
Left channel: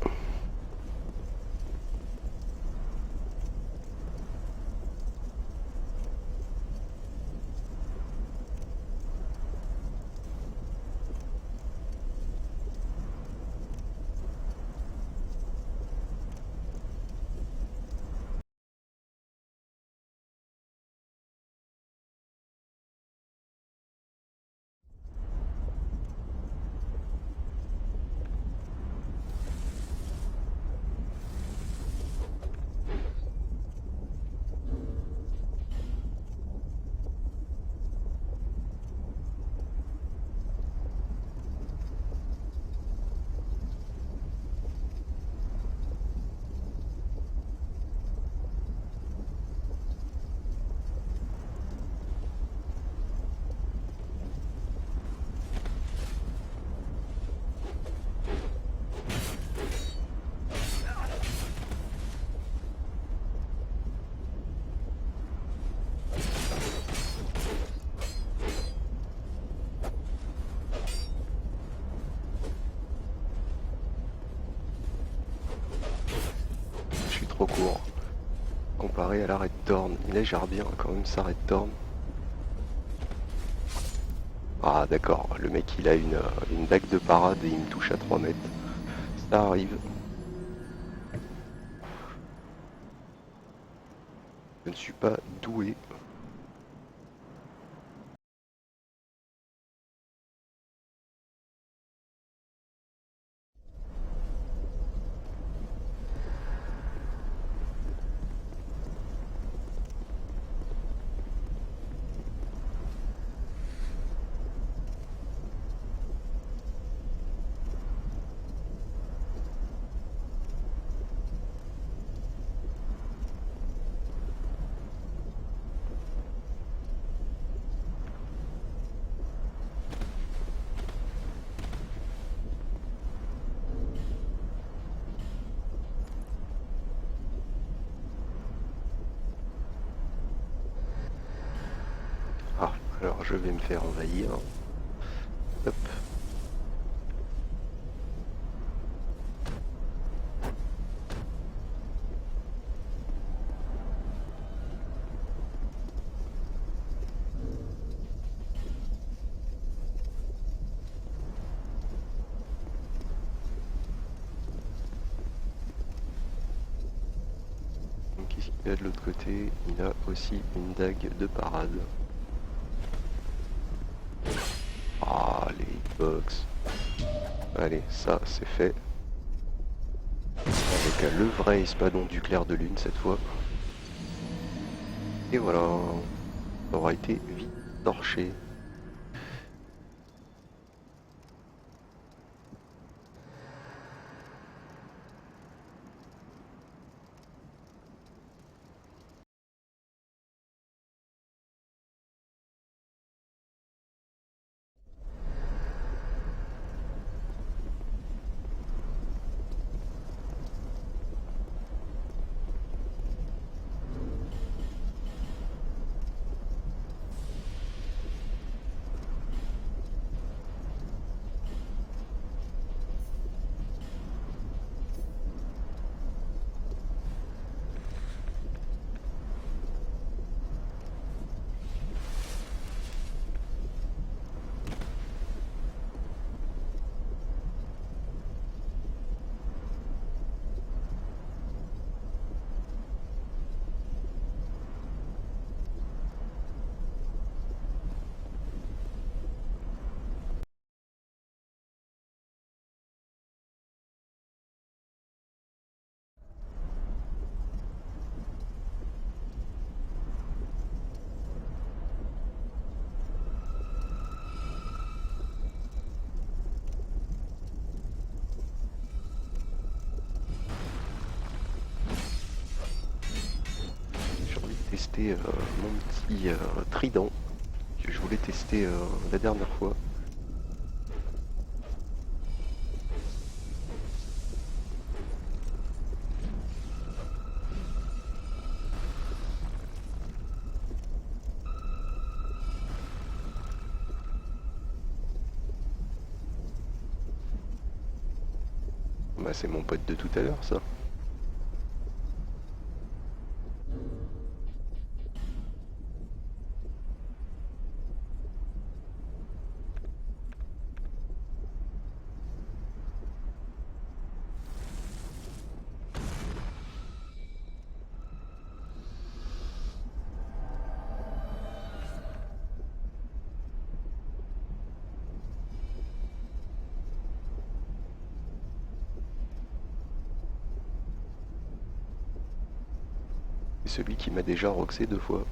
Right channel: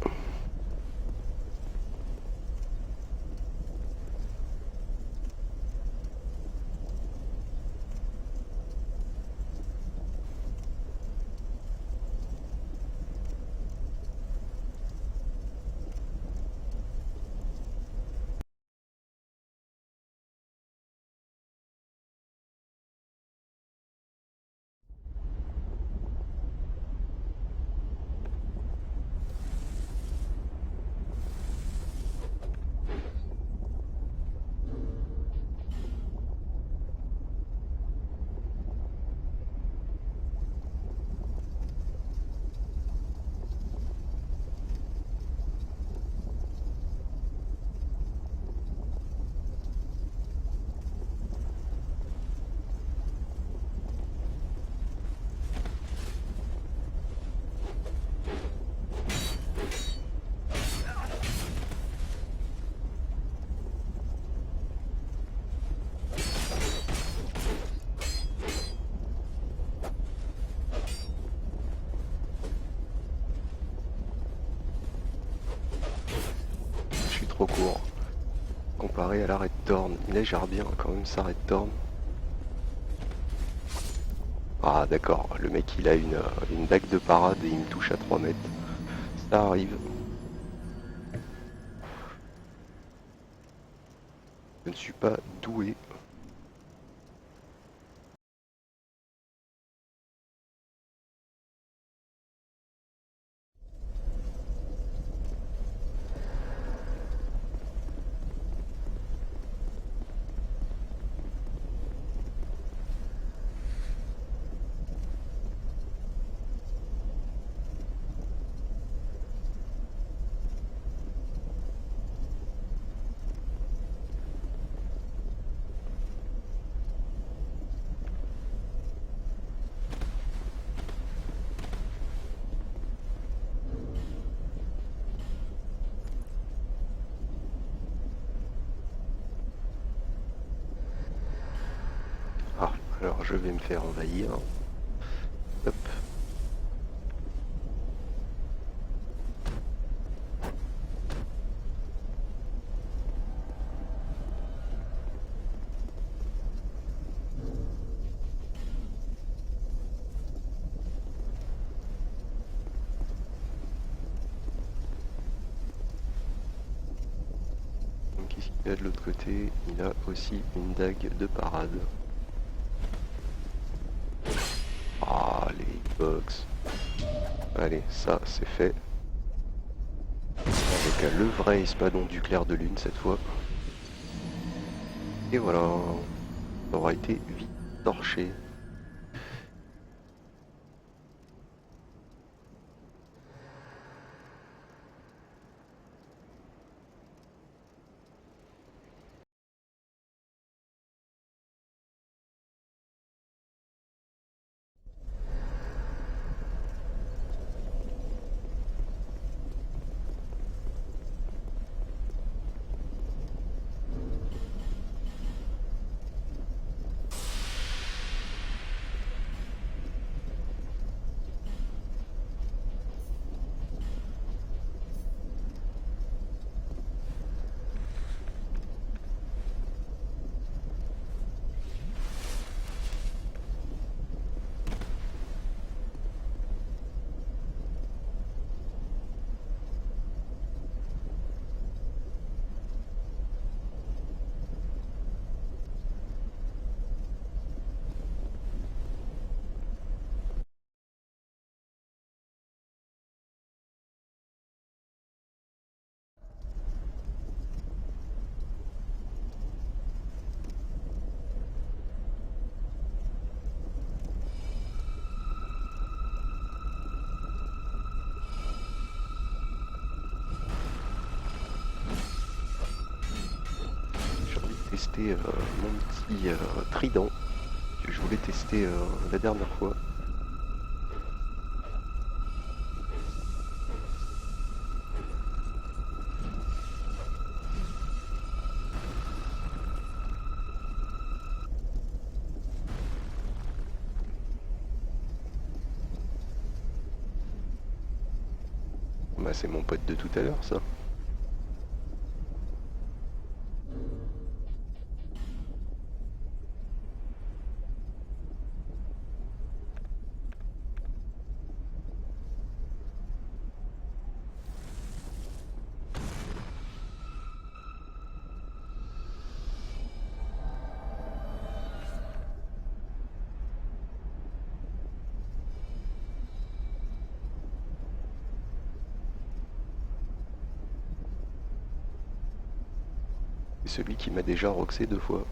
trop court comparé à la Red Thorn. Il a gère bien quand même sa Red Thorn. Ah d'accord, le mec il a une dague de parade et il me touche à 3 mètres. Ça arrive. Je ne suis pas doué. Ah, alors je vais me faire envahir. Hop. Donc qu'est-ce qu'il a de l'autre côté? Il a aussi une dague de parade. Ah, les hitbox. Allez, ça c'est fait. Avec le vrai espadon du clair de lune cette fois. Et voilà, ça aura été vite torché. J'ai envie de tester mon petit trident que je voulais tester la dernière fois. Bah c'est mon pote de tout à l'heure ça. C'est celui qui m'a déjà roxé 2 fois.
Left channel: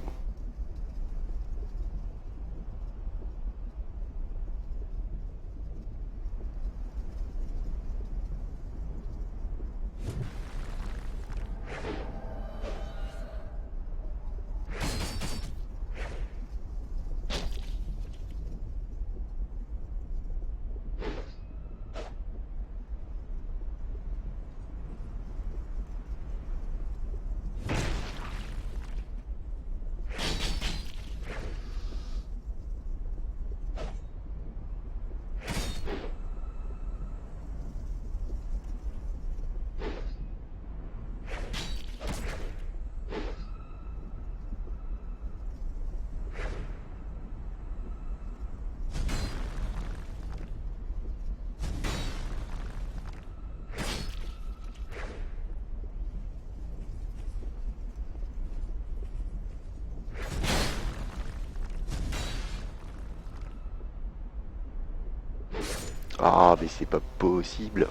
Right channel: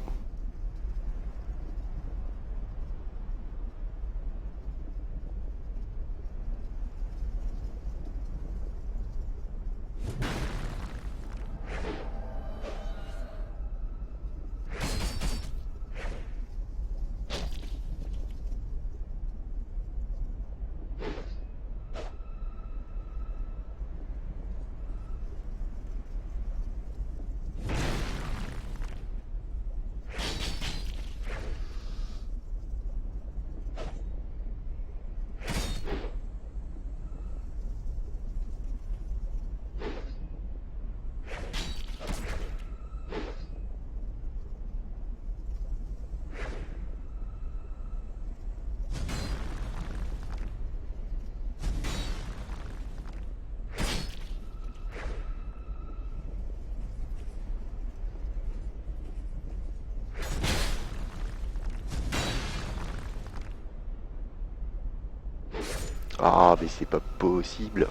Ah, mais c'est pas possible.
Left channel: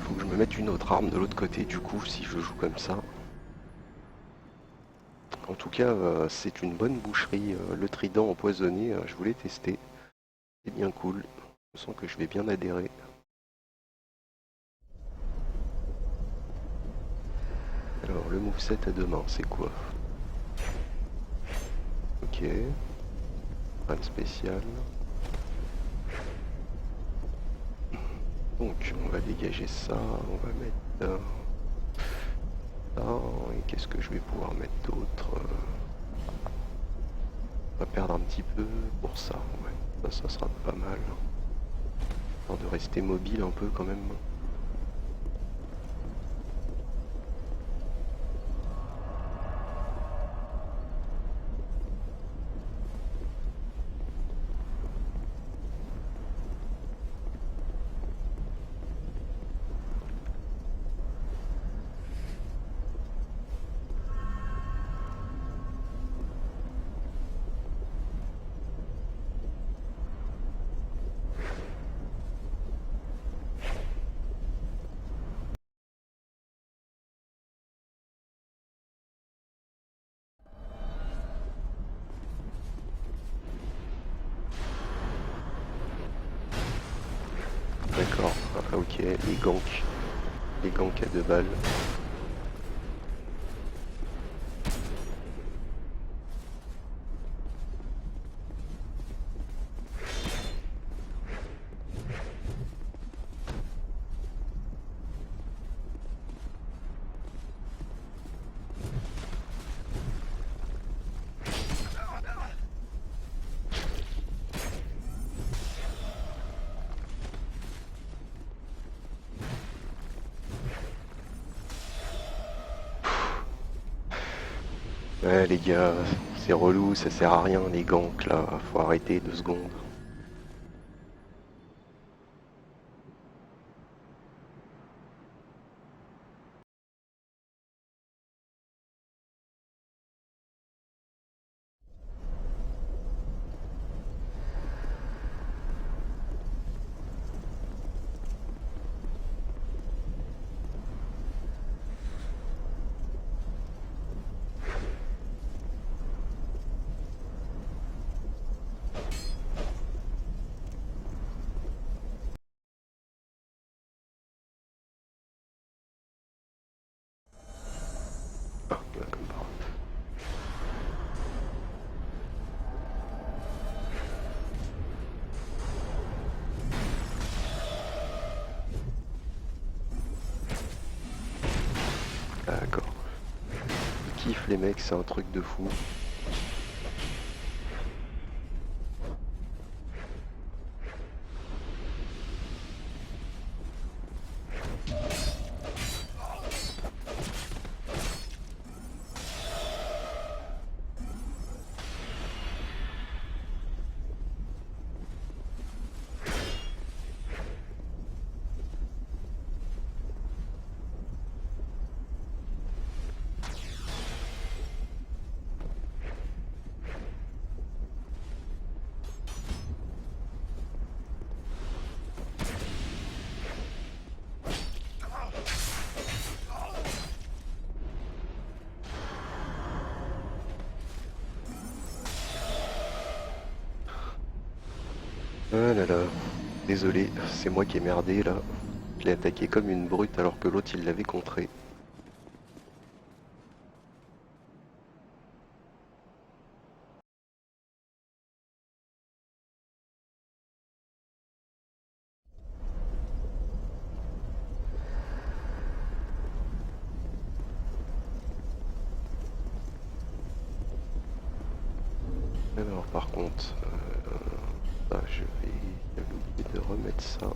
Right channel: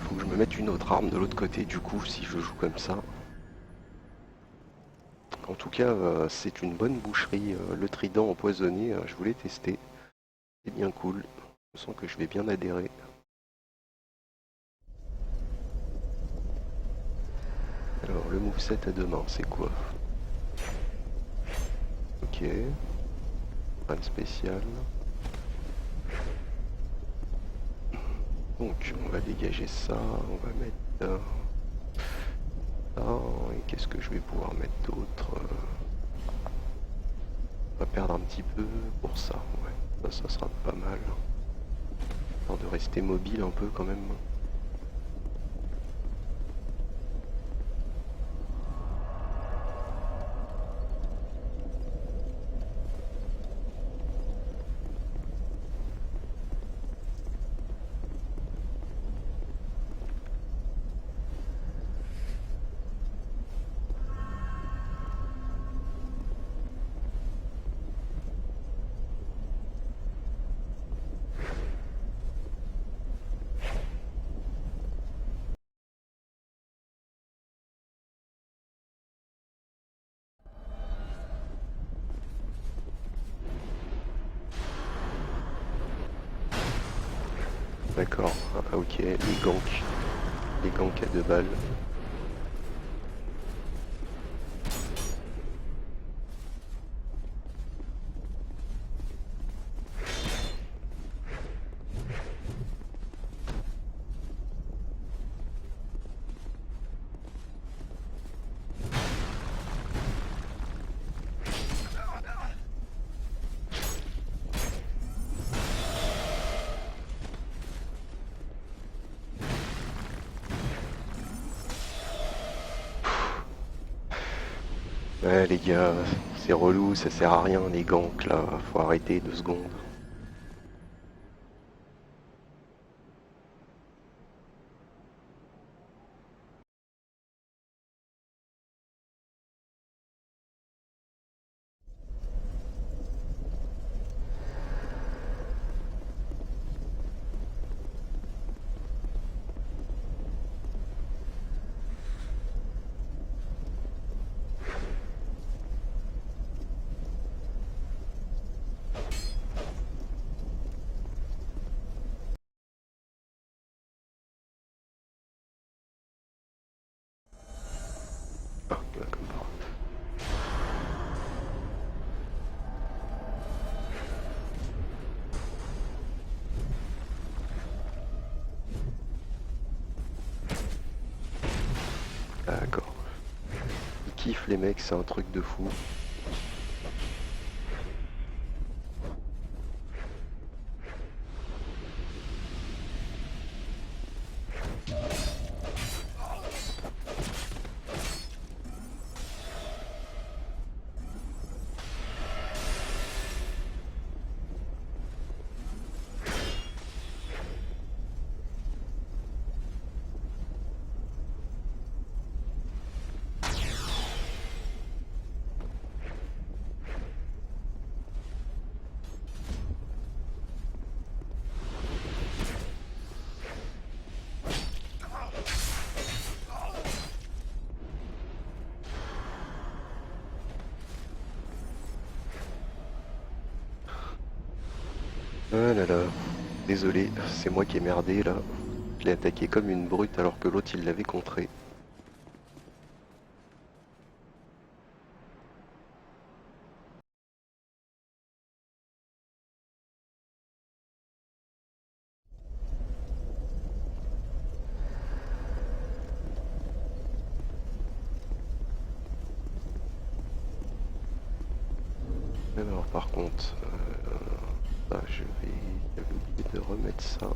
Faut que je me mette une autre arme de l'autre côté, du coup, si je joue comme ça. En tout cas, c'est une bonne boucherie. Le trident empoisonné, je voulais tester. C'est bien cool. Je sens que je vais bien adhérer. Alors, le moveset à deux mains, c'est quoi? Ok. Rien de spécial. Donc, on va dégager ça. On va mettre ça. Et qu'est-ce que je vais pouvoir mettre d'autre? On va perdre un petit peu pour ça. Ouais. Ça sera pas mal. Histoire de rester mobile un peu quand même. D'accord. Ah, ok. Les ganks. Les ganks à deux balles. Ouais les gars, c'est relou, ça sert à rien les ganks là, faut arrêter 2 secondes. Ah, voilà, comme par hasard. D'accord. Ils kiffent les mecs, c'est un truc de fou. Ah là là, désolé, c'est moi qui ai merdé là. Je l'ai attaqué comme une brute alors que l'autre il l'avait contré. Alors par contre, je vais... J'avais oublié de remettre ça.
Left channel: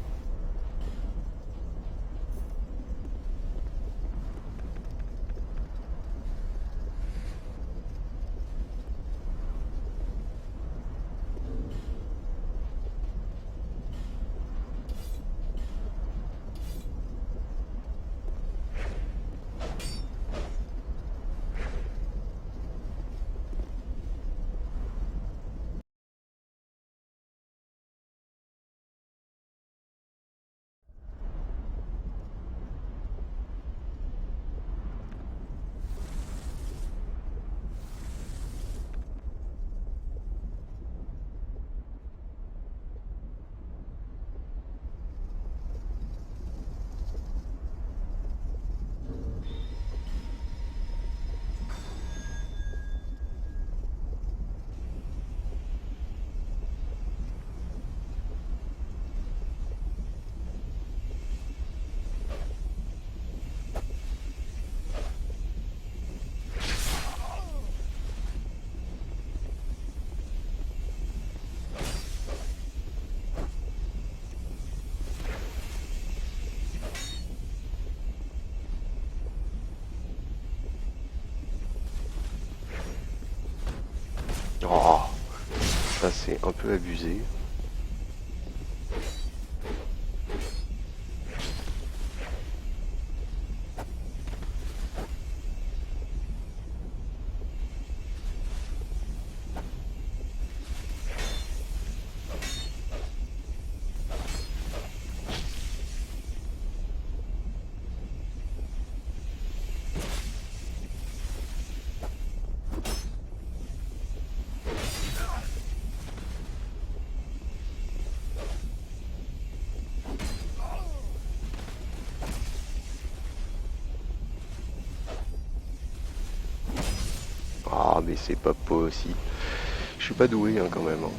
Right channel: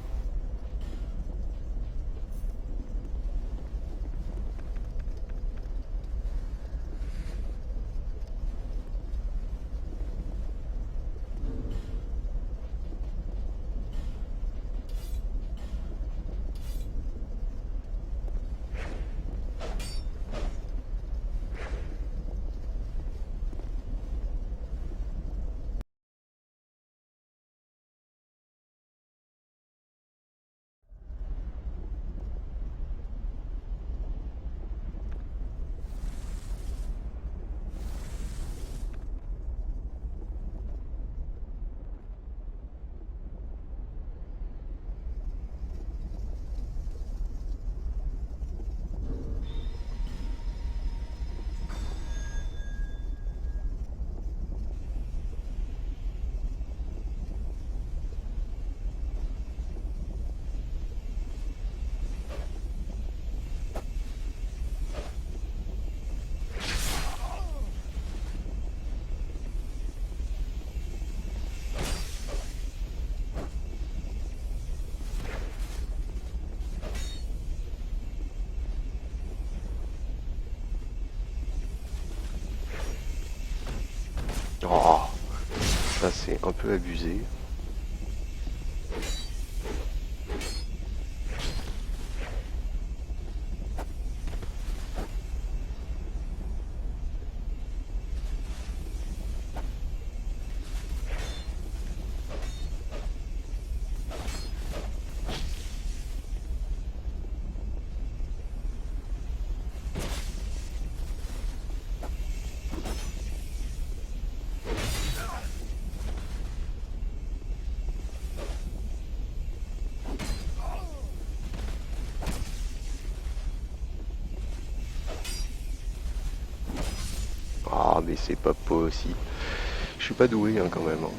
Ça c'est un peu abusé. Ah mais c'est pas possible. Je suis pas doué hein, quand même, hein.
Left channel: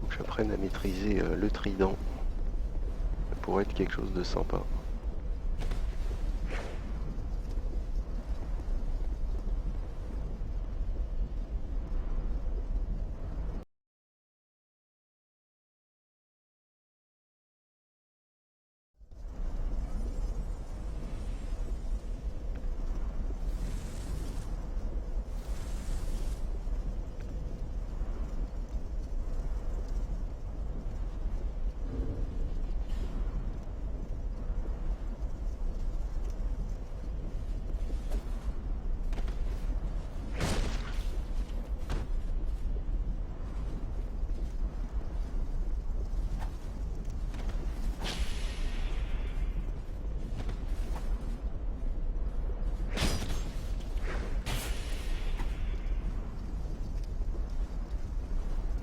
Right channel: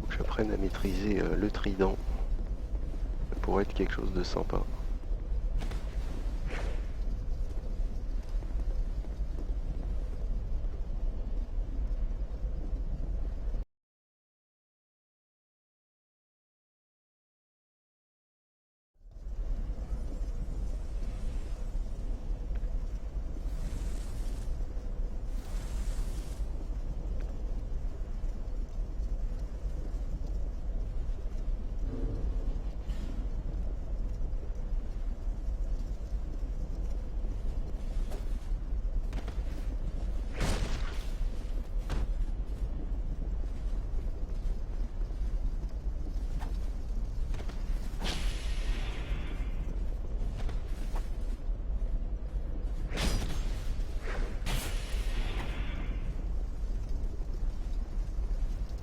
Faut que j'apprenne à maîtriser le trident. Ça pourrait être quelque chose de sympa.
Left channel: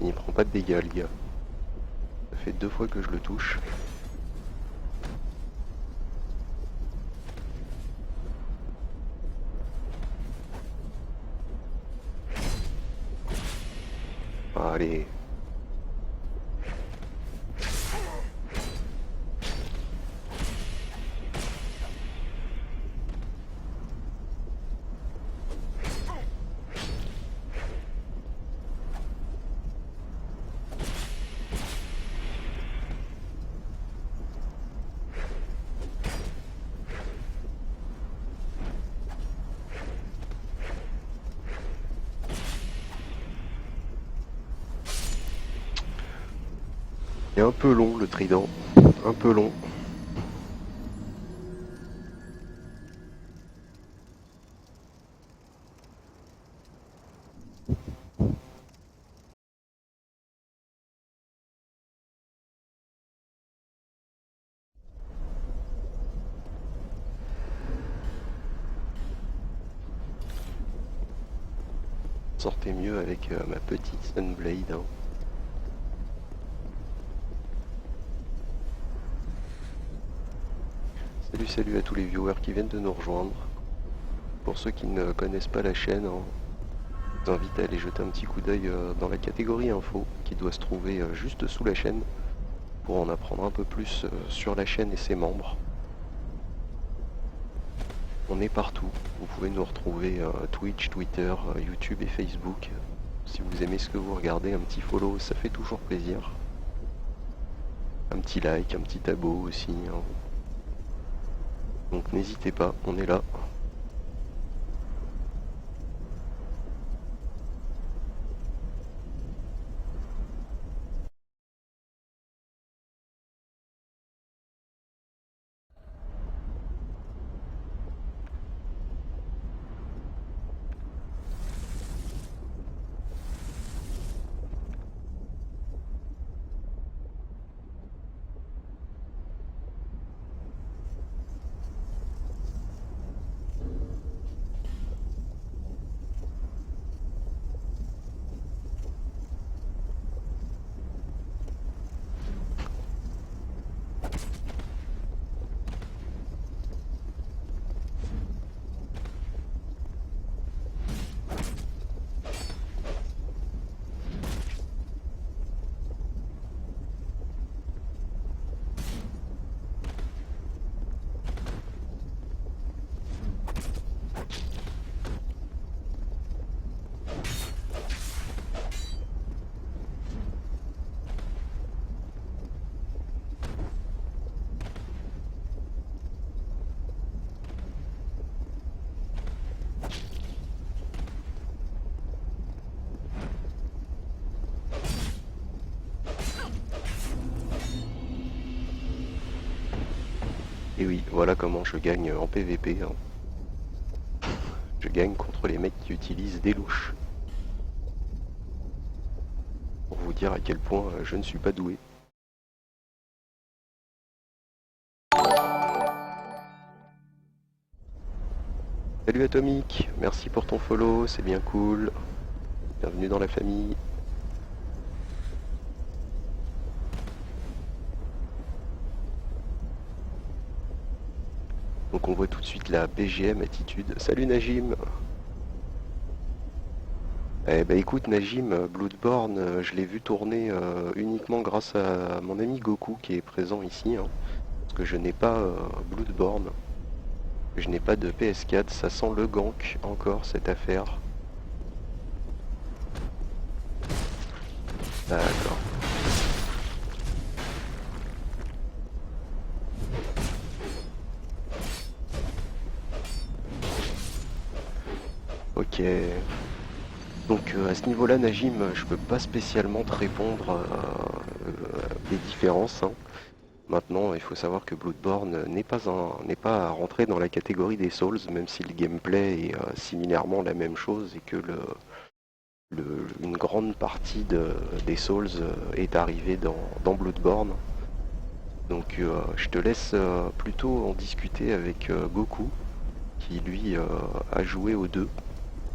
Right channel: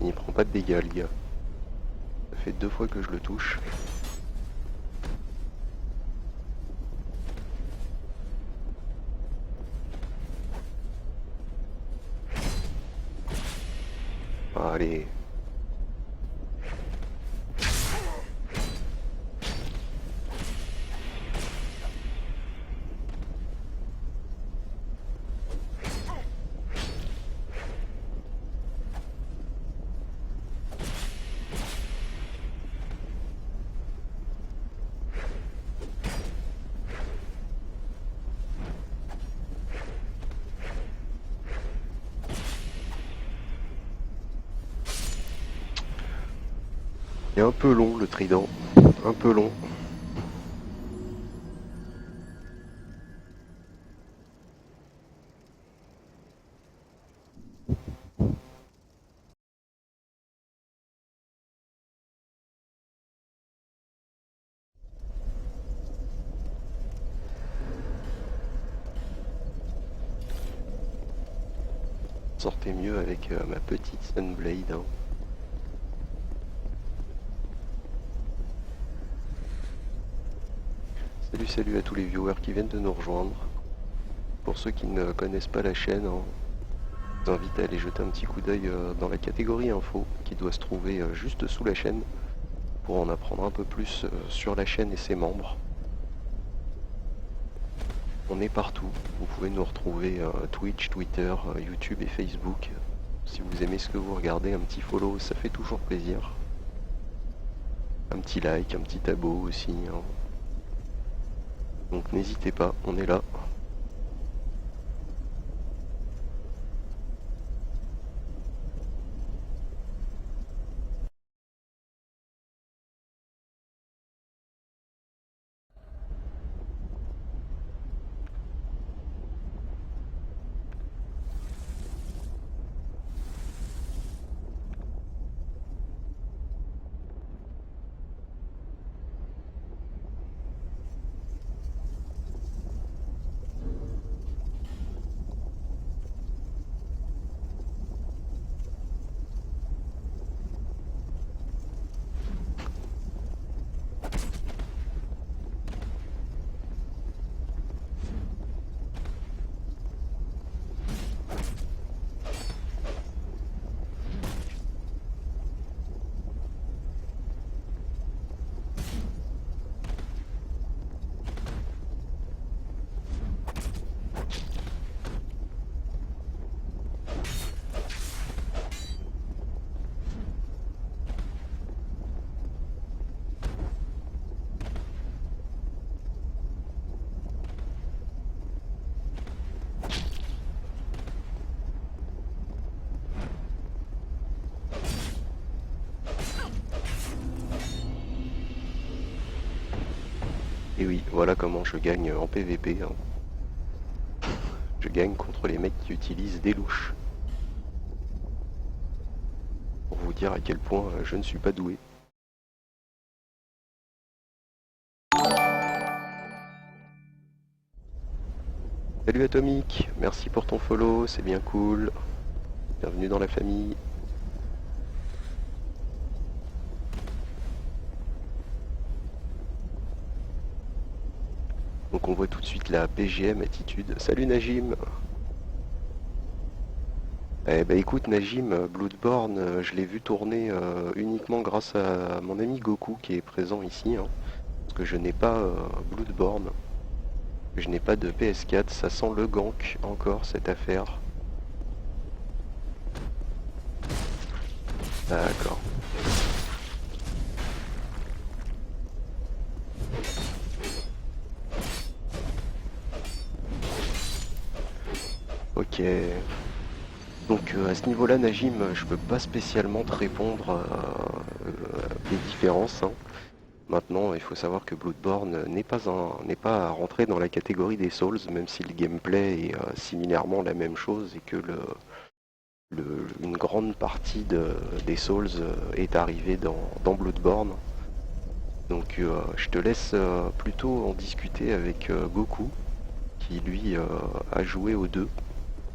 Il prend pas de dégâts, le gars. Ça fait 2 fois que je le touche. Allez. Il est un peu long le trident. Un peu long. Sortait mieux avec ma petite Sunblade, hein. Salut salut à tous les viewers qui viennent de nous rejoindre. Pour ceux qui ne connaissent pas la chaîne, hein, je vous invite à aller jeter un petit coup d'œil dans la catégorie info qui doit se trouver juste sous la chaîne pour en apprendre un peu plus sur la chaîne et ses membres. On est partout, vous pouvez nous retrouver Twitch, Twitter, YouTube et Facebook. Si vous aimez ce que vous regardez, un petit follow, ça fait toujours plaisir. Un petit like, un petit abo aussi, hein. Donc n'hésitez pas, on est là. Et oui, voilà comment je gagne en PVP, hein. Je gagne contre les mecs qui utilisent des louches. Pour vous dire à quel point je ne suis pas doué. Salut Atomic, merci pour ton follow, c'est bien cool. Bienvenue dans la famille. Donc on voit tout de suite la BGM attitude. Salut Najim. Eh bah écoute Najim, Bloodborne, je l'ai vu tourner uniquement grâce à mon ami Goku qui est présent ici, hein, parce que je n'ai pas Bloodborne, je n'ai pas de PS4, ça sent le gank encore cette affaire. D'accord. Ok. Donc à ce niveau-là, Najim, je peux pas spécialement te répondre des différences, hein. Maintenant, il faut savoir que Bloodborne n'est pas à rentrer dans la catégorie des Souls, même si le gameplay est similairement la même chose et que une grande partie des Souls est arrivée dans Bloodborne. Donc je te laisse plutôt en discuter avec Goku, qui lui a joué aux deux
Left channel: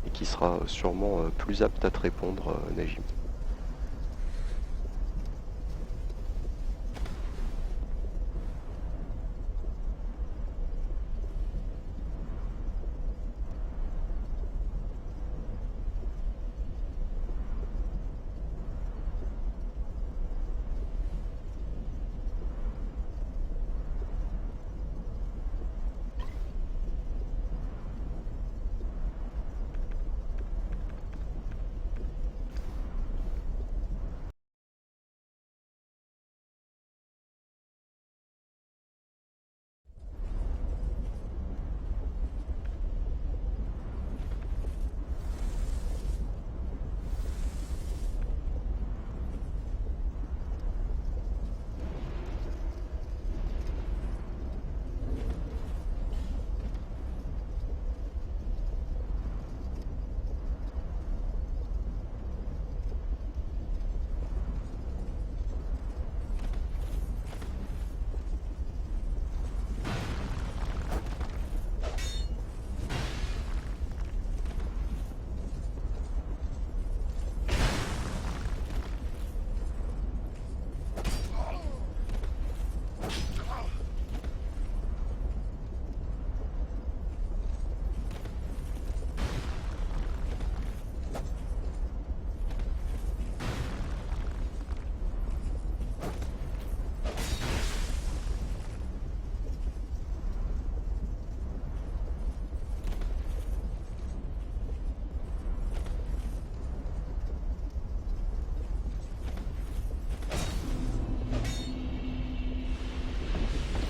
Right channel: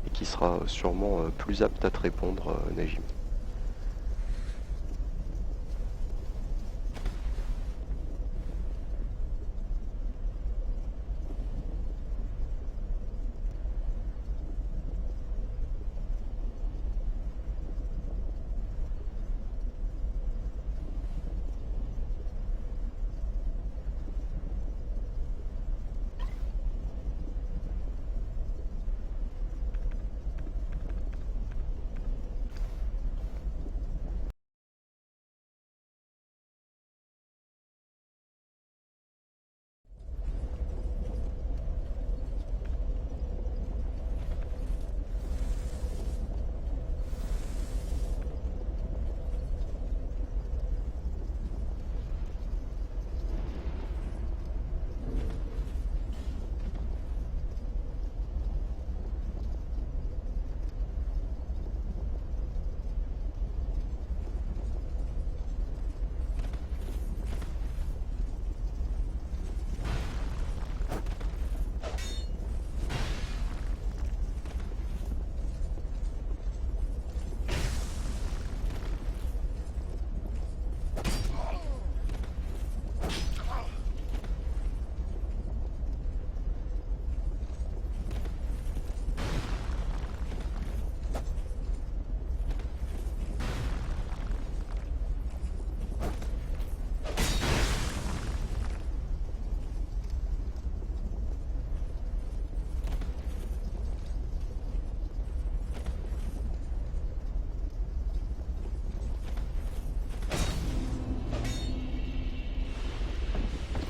et qui sera sûrement plus apte à te répondre, Najim.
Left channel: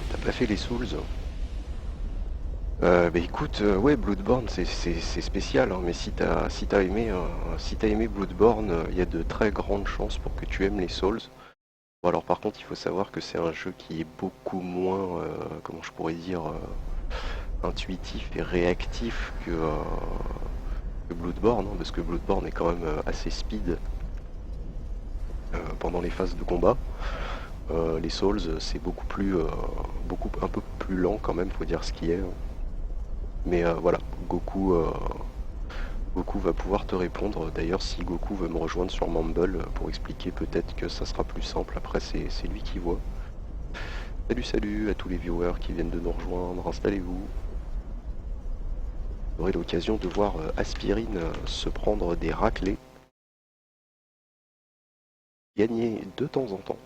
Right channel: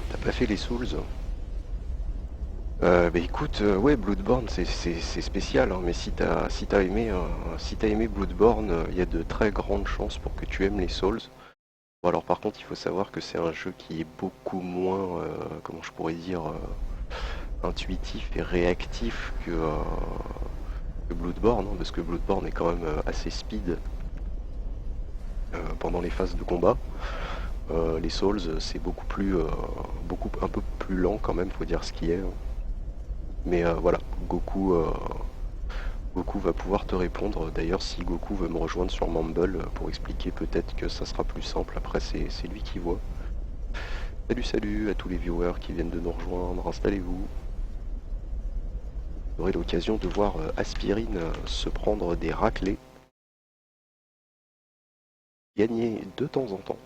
T'as pas fait les Souls? Bah écoute, ouais, Bloodborne c'est spécial, hein, mais si t'as aimé Bloodborne, il y a de très grandes chances pour que tu aimes les Souls. Bon, alors par contre, il faut savoir que c'est un jeu qui est beaucoup moins, comment je pourrais dire, intuitif et réactif que Bloodborne, hein, parce que Bloodborne est quand même assez speed pendant les phases de combat. Les Souls, c'est un peu plus lent quand même, faut dire ce qui est, hein. Mais voilà, Goku va pouvoir te répondre. D'ailleurs, si Goku veut me rejoindre sur Mumble pour expliquer, peut-être que ça sera plus simple. Après, c'est lui qui voit. Salut, salut à tous les viewers qui viennent de nous rejoindre. Installez-vous. Vous aurez l'occasion de voir Aspirine se prendre des raclés. Gagner de temps en temps.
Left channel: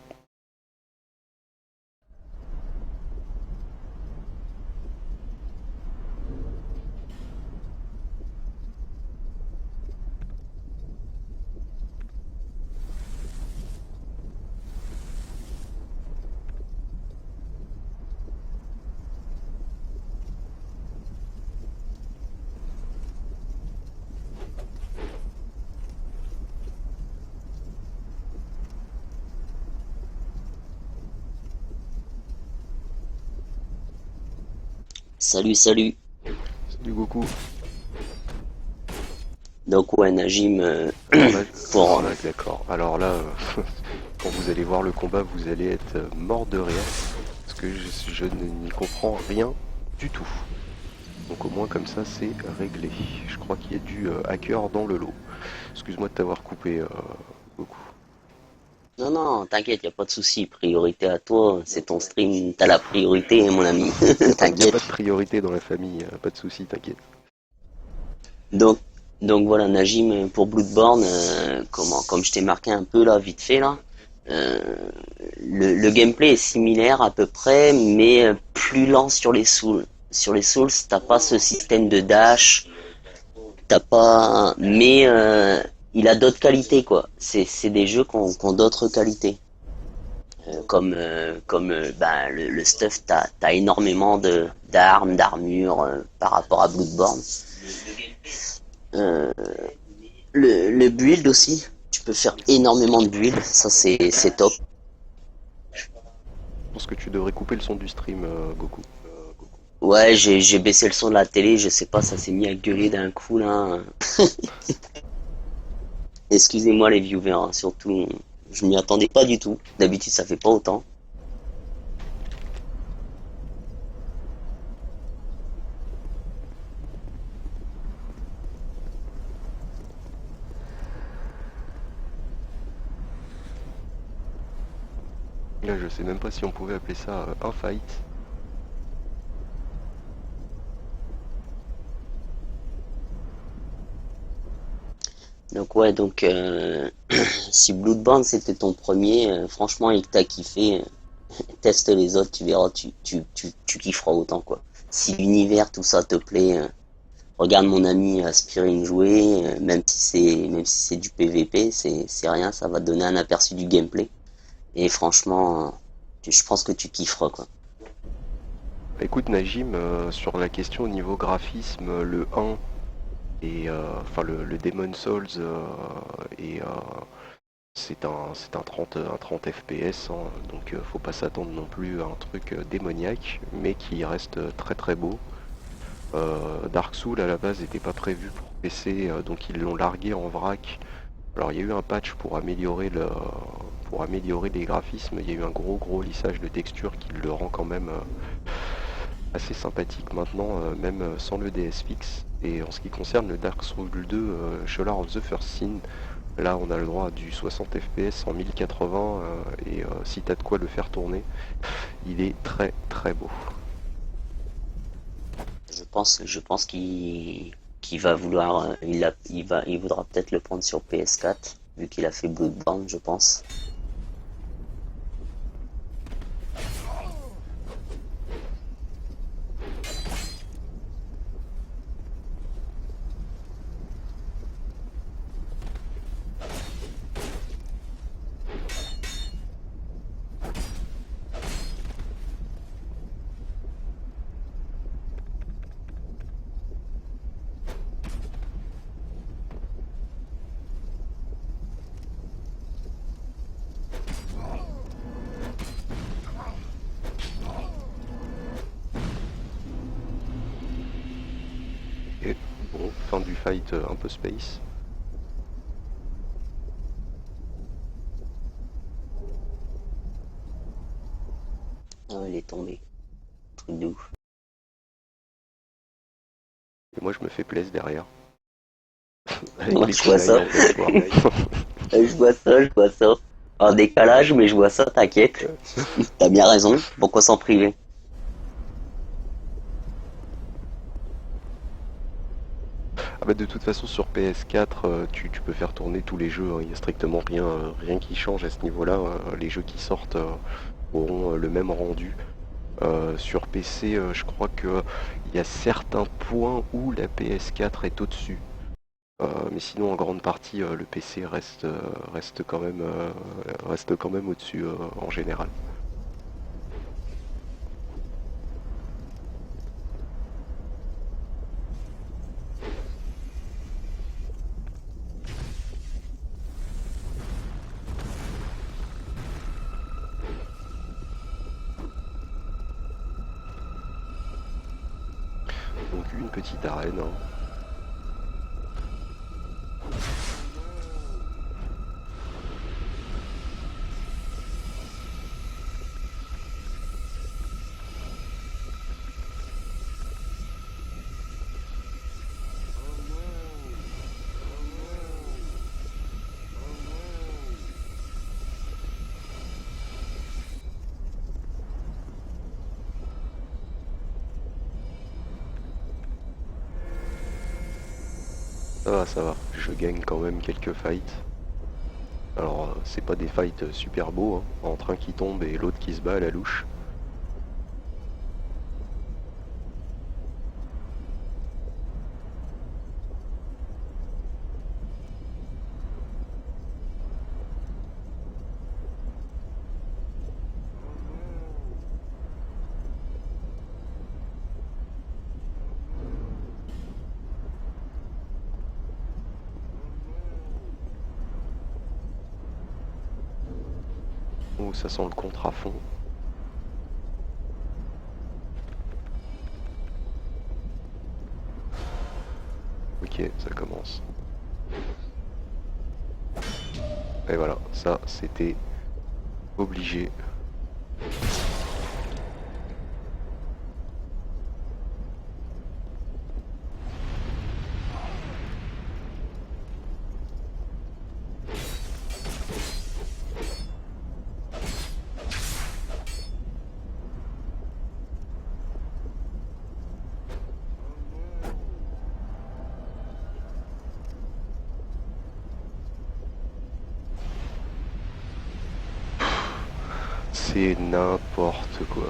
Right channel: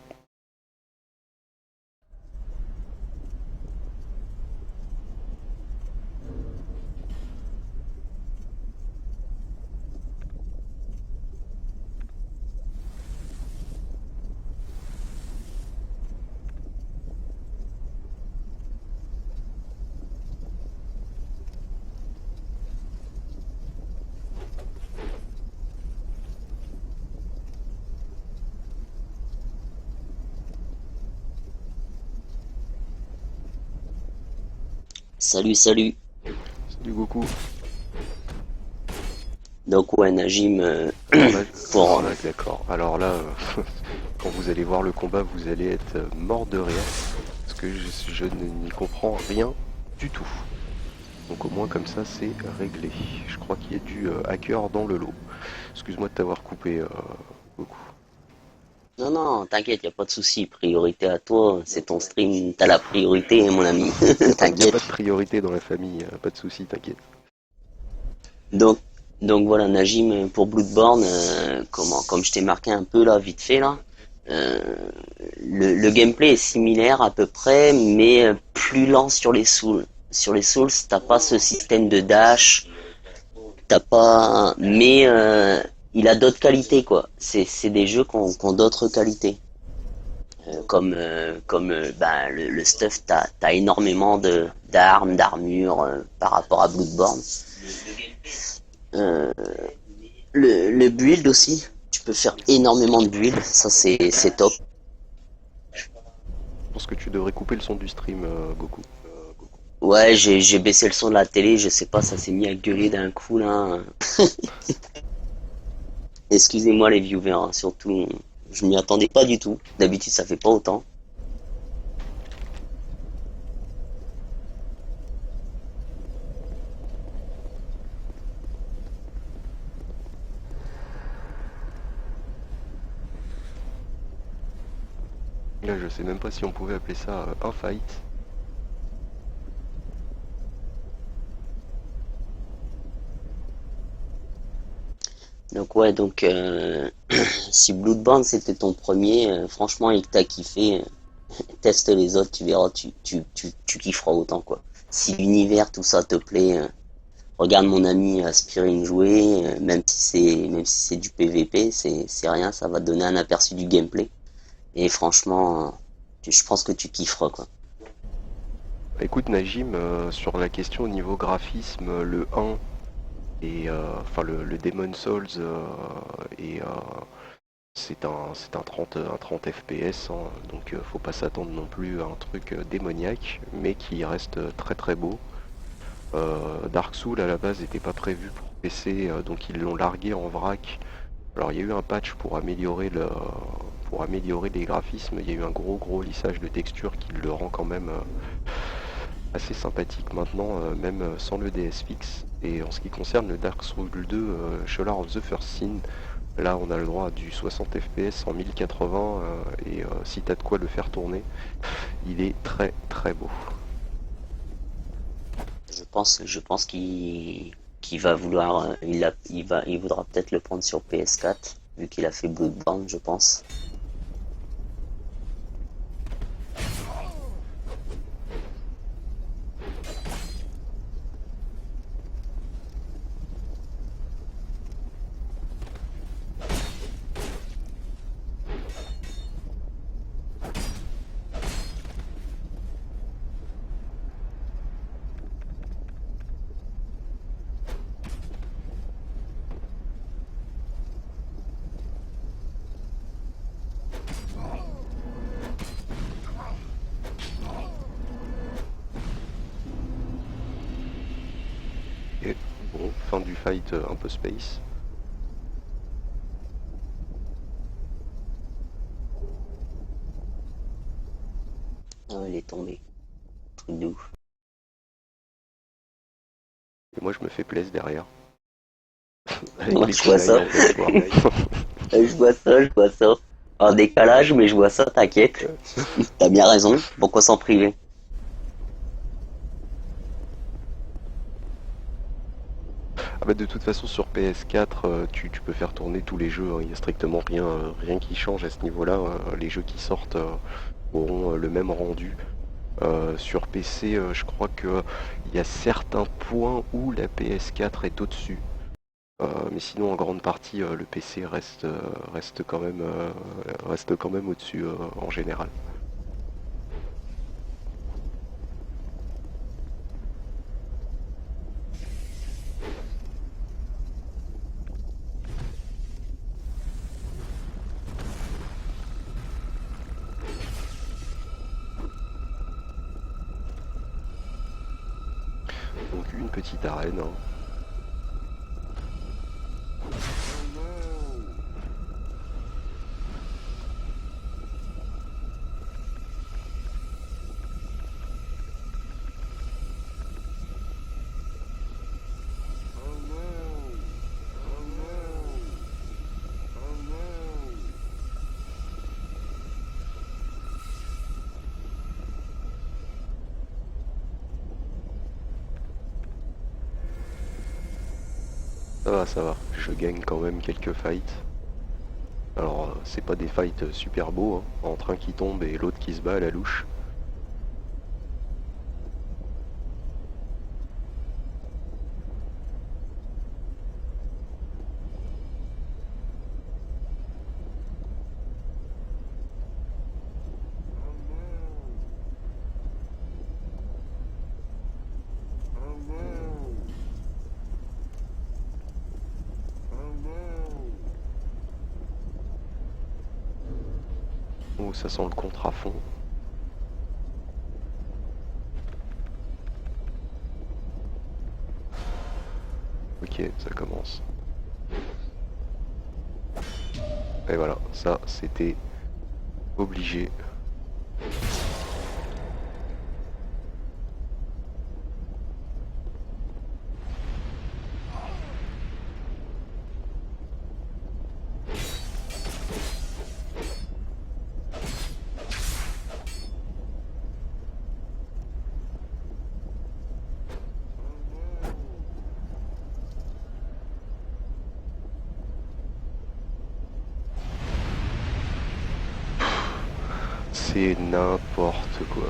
Salut, salut. Salut Goku. Donc ouais, Najim, Alors là, pour... d'accord. Alors là, quand vous allez voir le combat, vous allez être mort de rire. Parce que je n'y comprends rien du tout. Donc au moins comme ça, c'est réglé. Je crois qu'il y a du hacker dans le lot. Excuse-moi de t'avoir coupé, Goku. Non, non, t'inquiète, y a pas de souci. Priorité à toi, c'est ton stream, t'as la priorité, mon ami. Y a T'inquiète. pas de priorité dans la famille, pas de souci, t'inquiète. Donc, donc voilà, Najim, pour Bloodborne, comme je t'ai marqué un peu là, vite fait là, euh, le gameplay est similaire à peu près, mais plus lent sur les Souls. Sur les Souls, t'as pas ce système de dash, t'as pas, mais il a d'autres qualités quoi. C'est des jeux qui ont d'autres qualités. Comme le stuff, t'as énormément de d'armes, d'armures par rapport à Bloodborne. Euh, le build aussi, tu peux faire énormément de build, ça c'est top. Je pense que tu devrais couper le son du stream, Goku. Ouais, j'ai baissé le son de la télé, je sais pas, ça s'est mis à gueuler d'un coup là. Excusez-moi les viewers, hein, surtout, je m'y attendais pas du tout. D'habitude ça fait pas autant. Là, je sais même pas si on pouvait appeler ça un fight. Donc ouais, donc si Bloodborne c'était ton premier, franchement et que t'as kiffé, teste les autres, tu verras, tu kifferas autant quoi. Si l'univers, tout ça te plaît, regarde mon ami Aspirine jouer, même si c'est du PVP, c'est rien, ça va te donner un aperçu du gameplay. Et franchement, je pense que tu kifferas quoi. Écoute Najim, sur la question au niveau graphisme, le 1 et enfin le Demon Souls et c'est un 30 FPS, hein, donc faut pas s'attendre non plus à un truc démoniaque, mais qui reste très très beau. Dark Souls à la base n'était pas prévu pour PC, donc ils l'ont largué en vrac. Alors il y a eu un patch pour améliorer les graphismes, il y a eu un gros lissage de texture qui le rend quand même assez sympathique maintenant, même sans le DS fixe. Et en ce qui concerne le Dark Souls 2 Scholar of the First Sin, là on a le droit à du 60 FPS en 1080 et si t'as de quoi le faire tourner, il est très très beau. Je pense qu'il va vouloir, il voudra peut-être le prendre sur PS4 vu qu'il a fait Bloodborne, je pense. Et bon, fin du fight un peu space. Ah, il est tombé, truc de ouf. Et moi je me fais plaisir derrière, avec Moi les je vois kunai ça, en pleine forme. je vois ça. En décalage, mais je vois ça, t'inquiète. T'as bien raison, pourquoi s'en priver? Ah bah de toute façon sur PS4 tu peux faire tourner tous les jeux, hein. Il n'y a strictement rien qui change à ce niveau-là. Les jeux qui sortent auront le même rendu. Sur PC, je crois que il y a certains points où la PS4 est au-dessus. Mais sinon en grande partie le PC reste quand même au-dessus en général. une petite arène, hein. Ça va, je gagne quand même quelques fights. Alors, c'est pas des fights super beaux, hein, entre un qui tombe et l'autre qui se bat à la louche. Oh, ça sent le contre à fond. Ok, ça commence. Et voilà, ça c'était obligé. C'est n'importe quoi.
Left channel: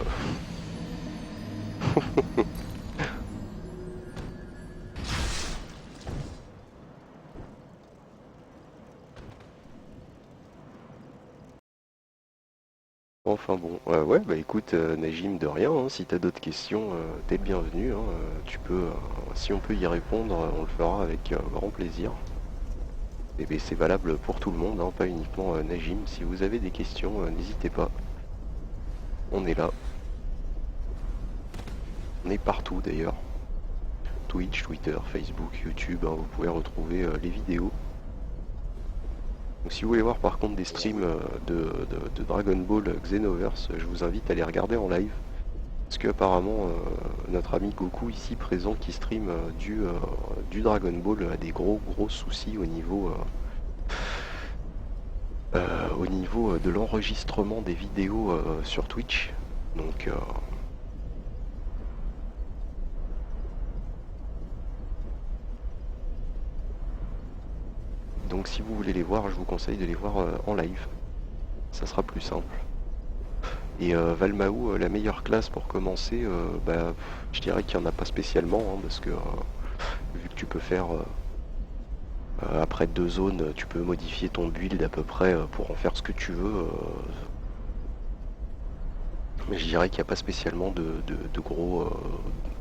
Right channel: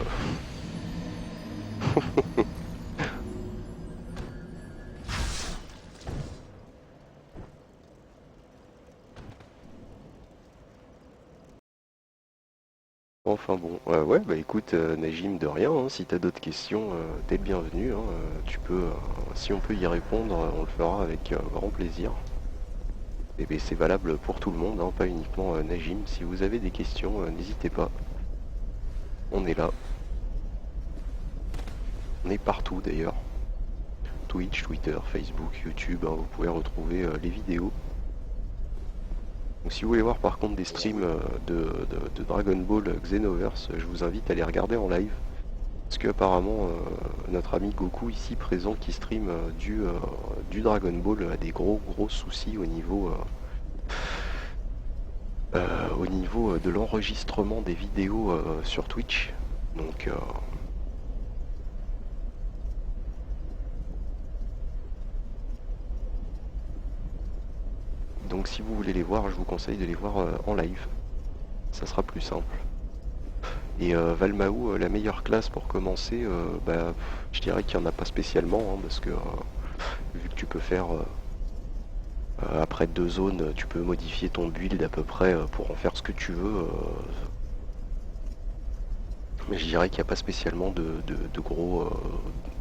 Enfin bon, ouais, bah écoute, Najim, de rien, hein, si t'as d'autres questions, t'es le bienvenu, hein, tu peux, si on peut y répondre, on le fera avec grand plaisir. Et ben, c'est valable pour tout le monde, hein, pas uniquement Najim. Si vous avez des questions, n'hésitez pas. On est là. On est partout d'ailleurs. Twitch, Twitter, Facebook, YouTube, hein, vous pouvez retrouver les vidéos. Donc si vous voulez voir par contre des streams de Dragon Ball Xenoverse, je vous invite à les regarder en live. Parce que apparemment notre ami Goku ici présent qui stream du Dragon Ball a des gros soucis au niveau de l'enregistrement des vidéos sur Twitch. Donc si vous voulez les voir, je vous conseille de les voir en live. Ça sera plus simple. Et Valmaou, la meilleure classe pour commencer, bah, je dirais qu'il n'y en a pas spécialement, hein, parce que vu que tu peux faire après 2 zones, tu peux modifier ton build à peu près pour en faire ce que tu veux. Mais je dirais qu'il n'y a pas spécialement de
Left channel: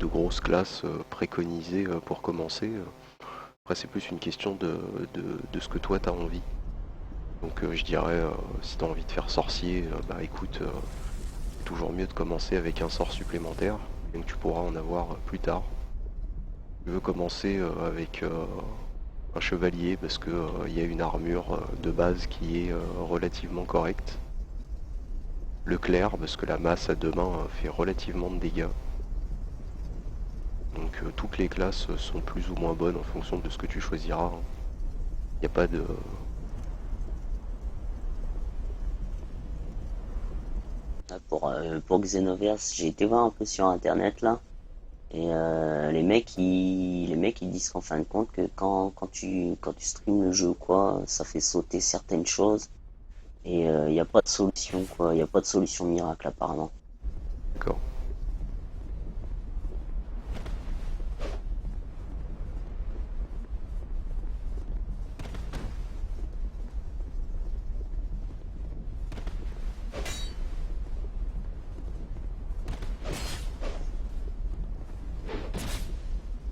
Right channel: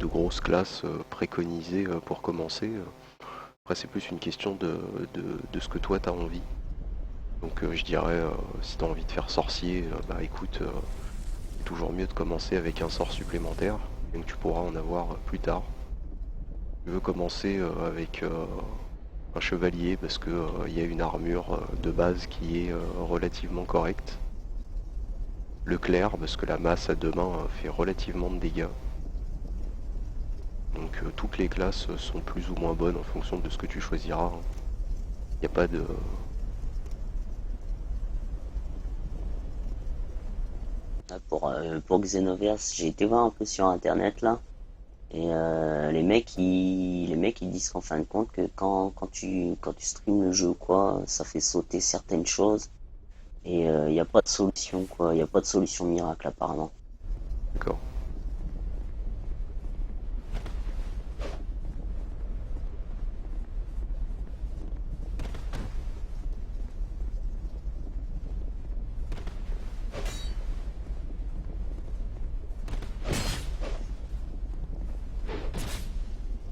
grosses classes préconisées pour commencer. Après c'est plus une question de ce que toi t'as envie. Donc je dirais, si t'as envie de faire sorcier, bah écoute, c'est toujours mieux de commencer avec un sort supplémentaire, donc tu pourras en avoir plus tard. Tu veux commencer avec un chevalier parce que il y a une armure de base qui est relativement correcte. Le clerc parce que la masse à 2 mains fait relativement de dégâts. Donc toutes les classes sont plus ou moins bonnes en fonction de ce que tu choisiras. Il n'y a pas de... Pour Xenoverse, j'ai été voir un peu sur internet là, et les mecs ils disent qu'en fin de compte que quand tu streams le jeu ou quoi, ça fait sauter certaines choses, et il n'y a pas de solution quoi, il n'y a pas de solution miracle apparemment. D'accord.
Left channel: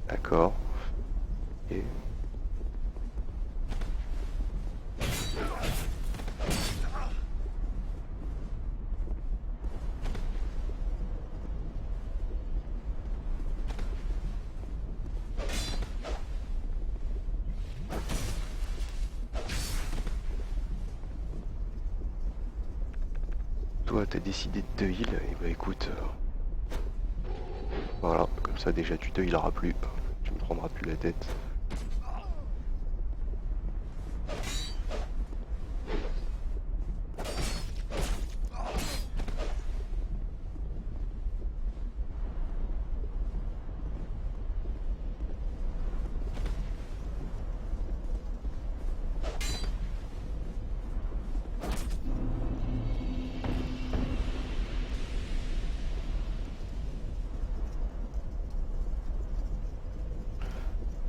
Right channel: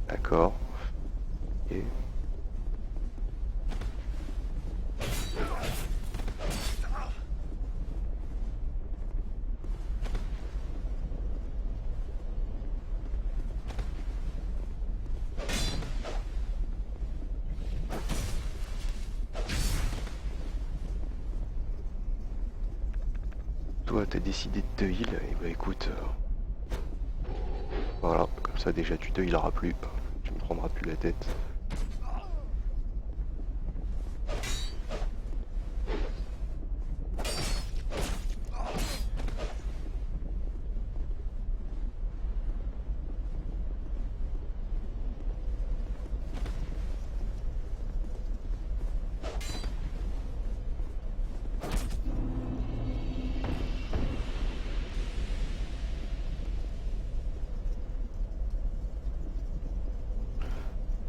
D'accord. Et... toi t'as décidé de te heal, et bah écoute, voilà, comme ça déjà tu te healeras plus, tu me prendras plus la tête.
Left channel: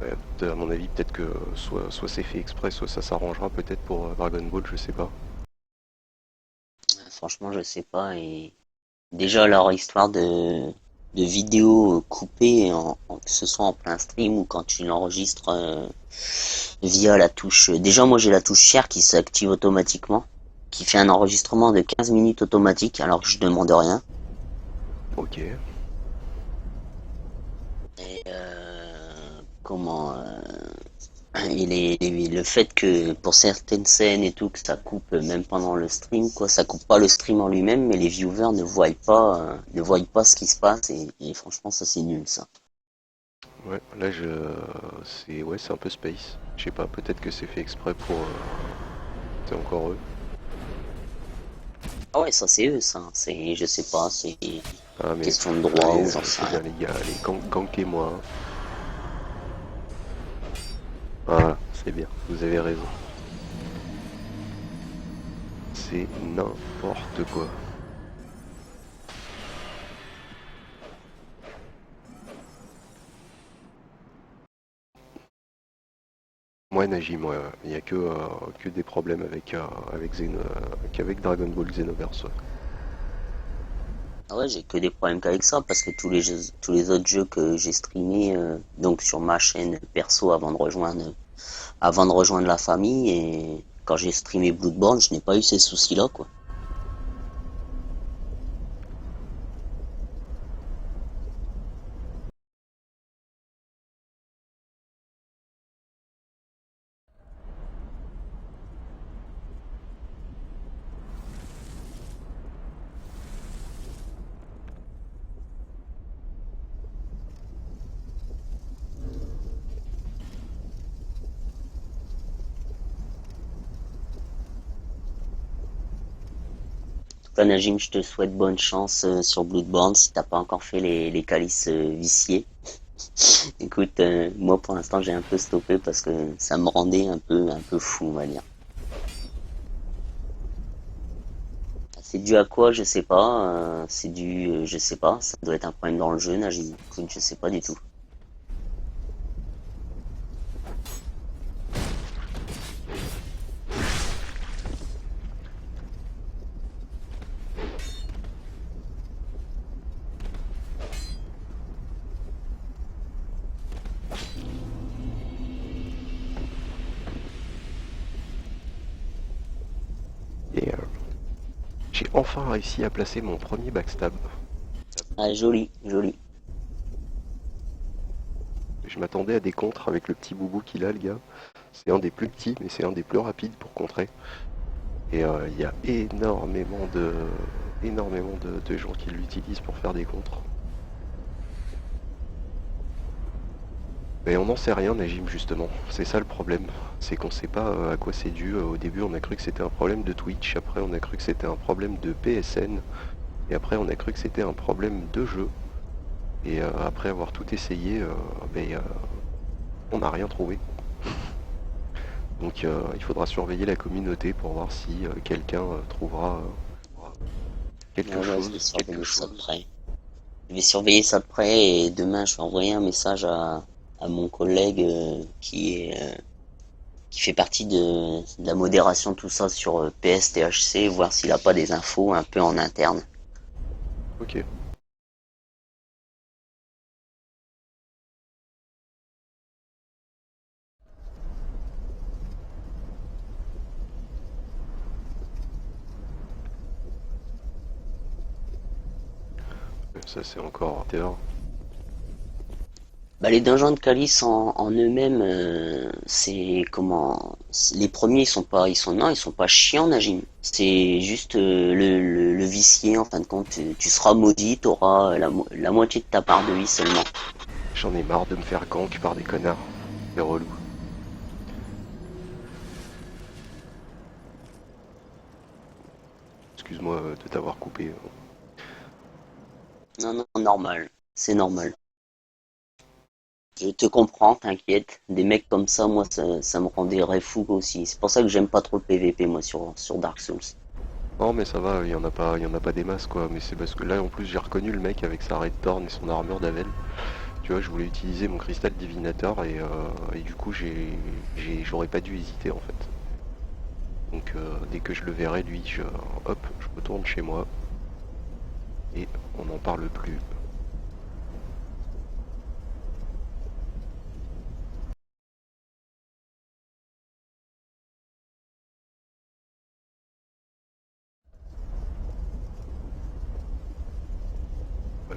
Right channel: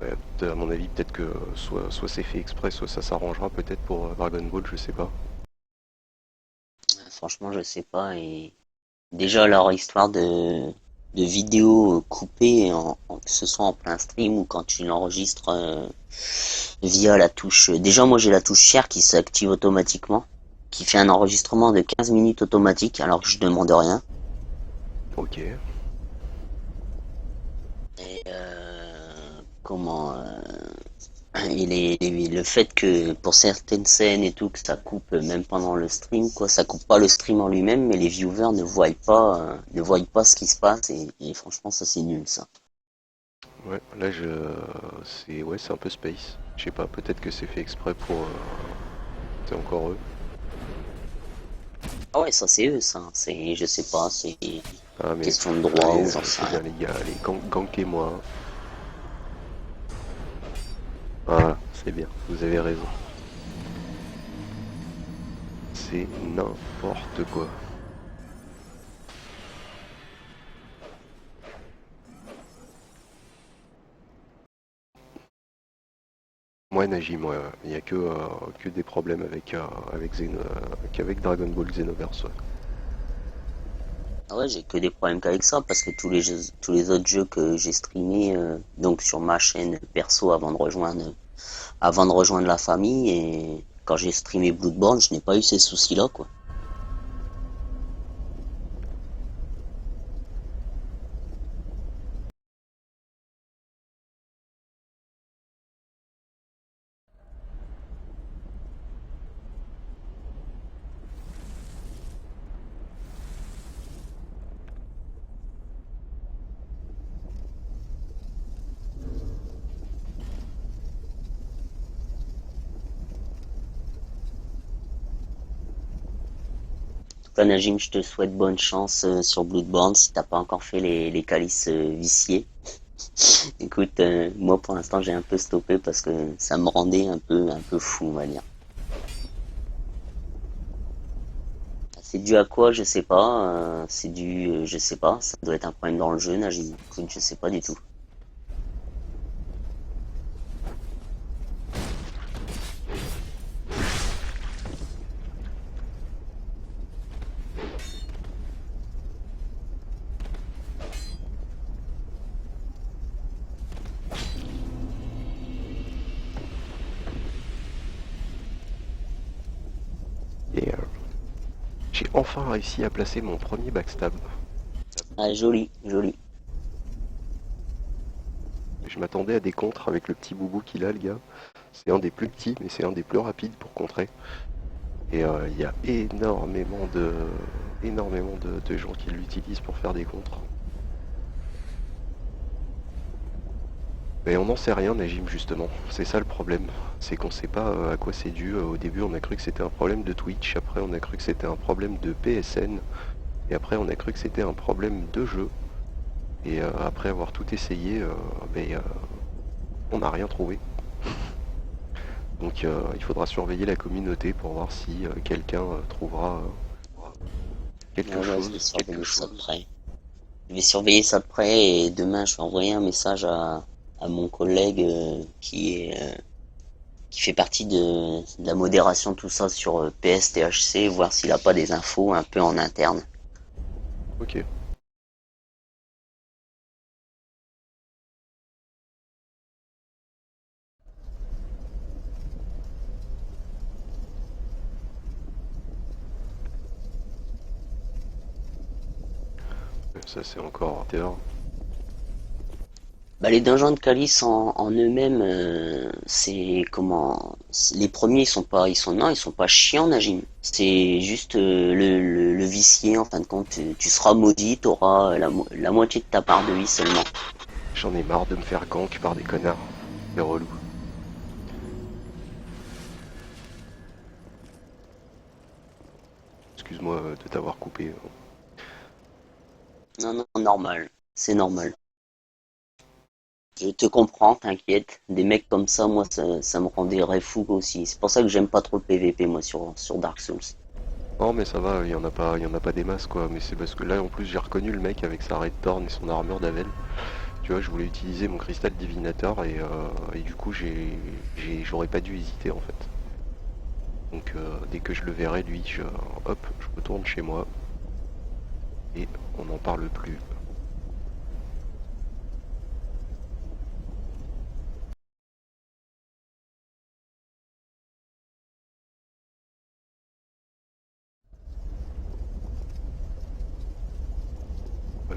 Ouais, à mon avis, peut-être que soit c'est fait exprès, soit ça s'arrangera peut-être pour Dragon Ball, je sais pas. Franchement, je sais pas. Et déjà, leur histoire de vidéos coupées, que ce soit en plein stream ou quand tu l'enregistres via la touche. Déjà, moi, j'ai la touche share qui s'active automatiquement, qui fait un enregistrement de 15 minutes automatique alors que je demande rien. Ok. Et comment le fait que pour certaines scènes et tout que ça coupe même pendant le stream quoi, ça coupe pas le stream en lui-même mais les viewers ne voient pas ce qui se passe et franchement ça c'est nul ça. Ouais, là c'est ouais, c'est un peu space. Je sais pas, peut-être que c'est fait exprès pour c'est encore eux. Ah ouais ça c'est eux ça, c'est je sais pas, c'est Ah mais question de droit allez, ou j'en sais c'est bien rien. les gars, allez, gankez-moi, hein. Voilà, c'est bien, vous avez raison. C'est n'importe quoi. Moi Najim, ouais, il n'y a que des problèmes qu'avec Dragon Ball Xenoverse. Ouais. Ah ouais j'ai que des problèmes qu'avec ça parce que tous les autres jeux que j'ai streamés donc sur ma chaîne perso avant de rejoindre la famille et quand j'ai streamé Bloodborne je n'ai pas eu ces soucis là quoi. Toi, Najim, je te souhaite bonne chance sur Bloodborne si t'as pas encore fait les calices viciés. Écoute, moi pour l'instant j'ai un peu stoppé parce que ça me rendait un peu fou, on va dire. C'est dû à quoi, je sais pas. C'est dû, je sais pas. Ça doit être un problème dans le jeu, Najim. Écoute, je sais pas du tout. Et j'ai enfin réussi à placer mon premier backstab. Ah, joli, joli. Je m'attendais à des contres avec le petit boubou qu'il a, le gars. C'est un des plus petits, mais c'est un des plus rapides pour contrer. Et il y a énormément de gens qui l'utilisent pour faire des contres. Mais on n'en sait rien, Najim, justement. C'est ça le problème. C'est qu'on sait pas à quoi c'est dû. Au début, on a cru que c'était un problème de Twitch. Après, on a cru que c'était un problème de PSN. Et après, on a cru que c'était un problème de jeu. Et après avoir tout essayé, on n'a rien trouvé. Donc il faudra surveiller la communauté pour voir si quelqu'un trouvera Ouais, quelque ouais, je vais chose. surveiller ça de près. Je vais surveiller ça de près et demain je vais envoyer un message à mon collègue qui fait partie de la modération tout ça sur PSTHC, voir s'il a pas des infos un peu en interne. Ok. Ça c'est encore terreur. Bah, les dungeons de Calice en eux-mêmes, c'est les premiers ils sont pas chiants Najim. C'est juste le vicier, en fin de compte, tu seras maudit, tu auras la moitié de ta part de vie seulement. J'en ai marre de me faire gank par des connards. C'est relou. Excuse-moi de t'avoir coupé. Non, non, normal, c'est normal. Je te comprends, t'inquiète. Des mecs comme ça, moi, ça me rendrait fou aussi. C'est pour ça que j'aime pas trop le PVP, moi, sur Dark Souls. Non mais ça va, il y en a pas des masses quoi, mais c'est parce que là en plus j'ai reconnu le mec avec sa Red Thorn et son armure d'Avel. Tu vois, je voulais utiliser mon cristal divinateur et du coup j'aurais pas dû hésiter en fait. Donc dès que je le verrai lui, hop, je retourne chez moi et on n'en parle plus.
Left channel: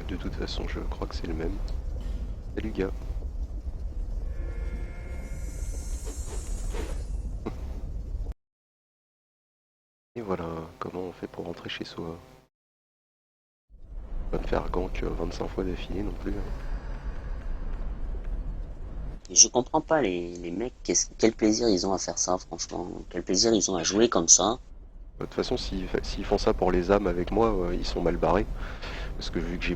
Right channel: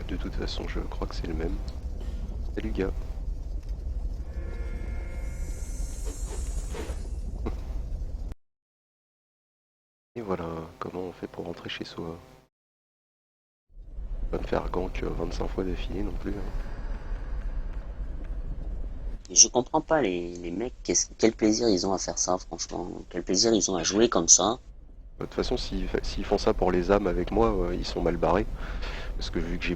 De toute façon je crois que c'est le même. Salut gars. Et voilà, comment on fait pour rentrer chez soi. Pas me faire gank 25 fois d'affilée non plus, hein. Et je comprends pas les mecs, quel plaisir ils ont à faire ça, franchement. Quel plaisir ils ont à jouer comme ça. De toute façon, s'ils font ça pour les âmes avec moi, ils sont mal barrés. Parce que vu que j'ai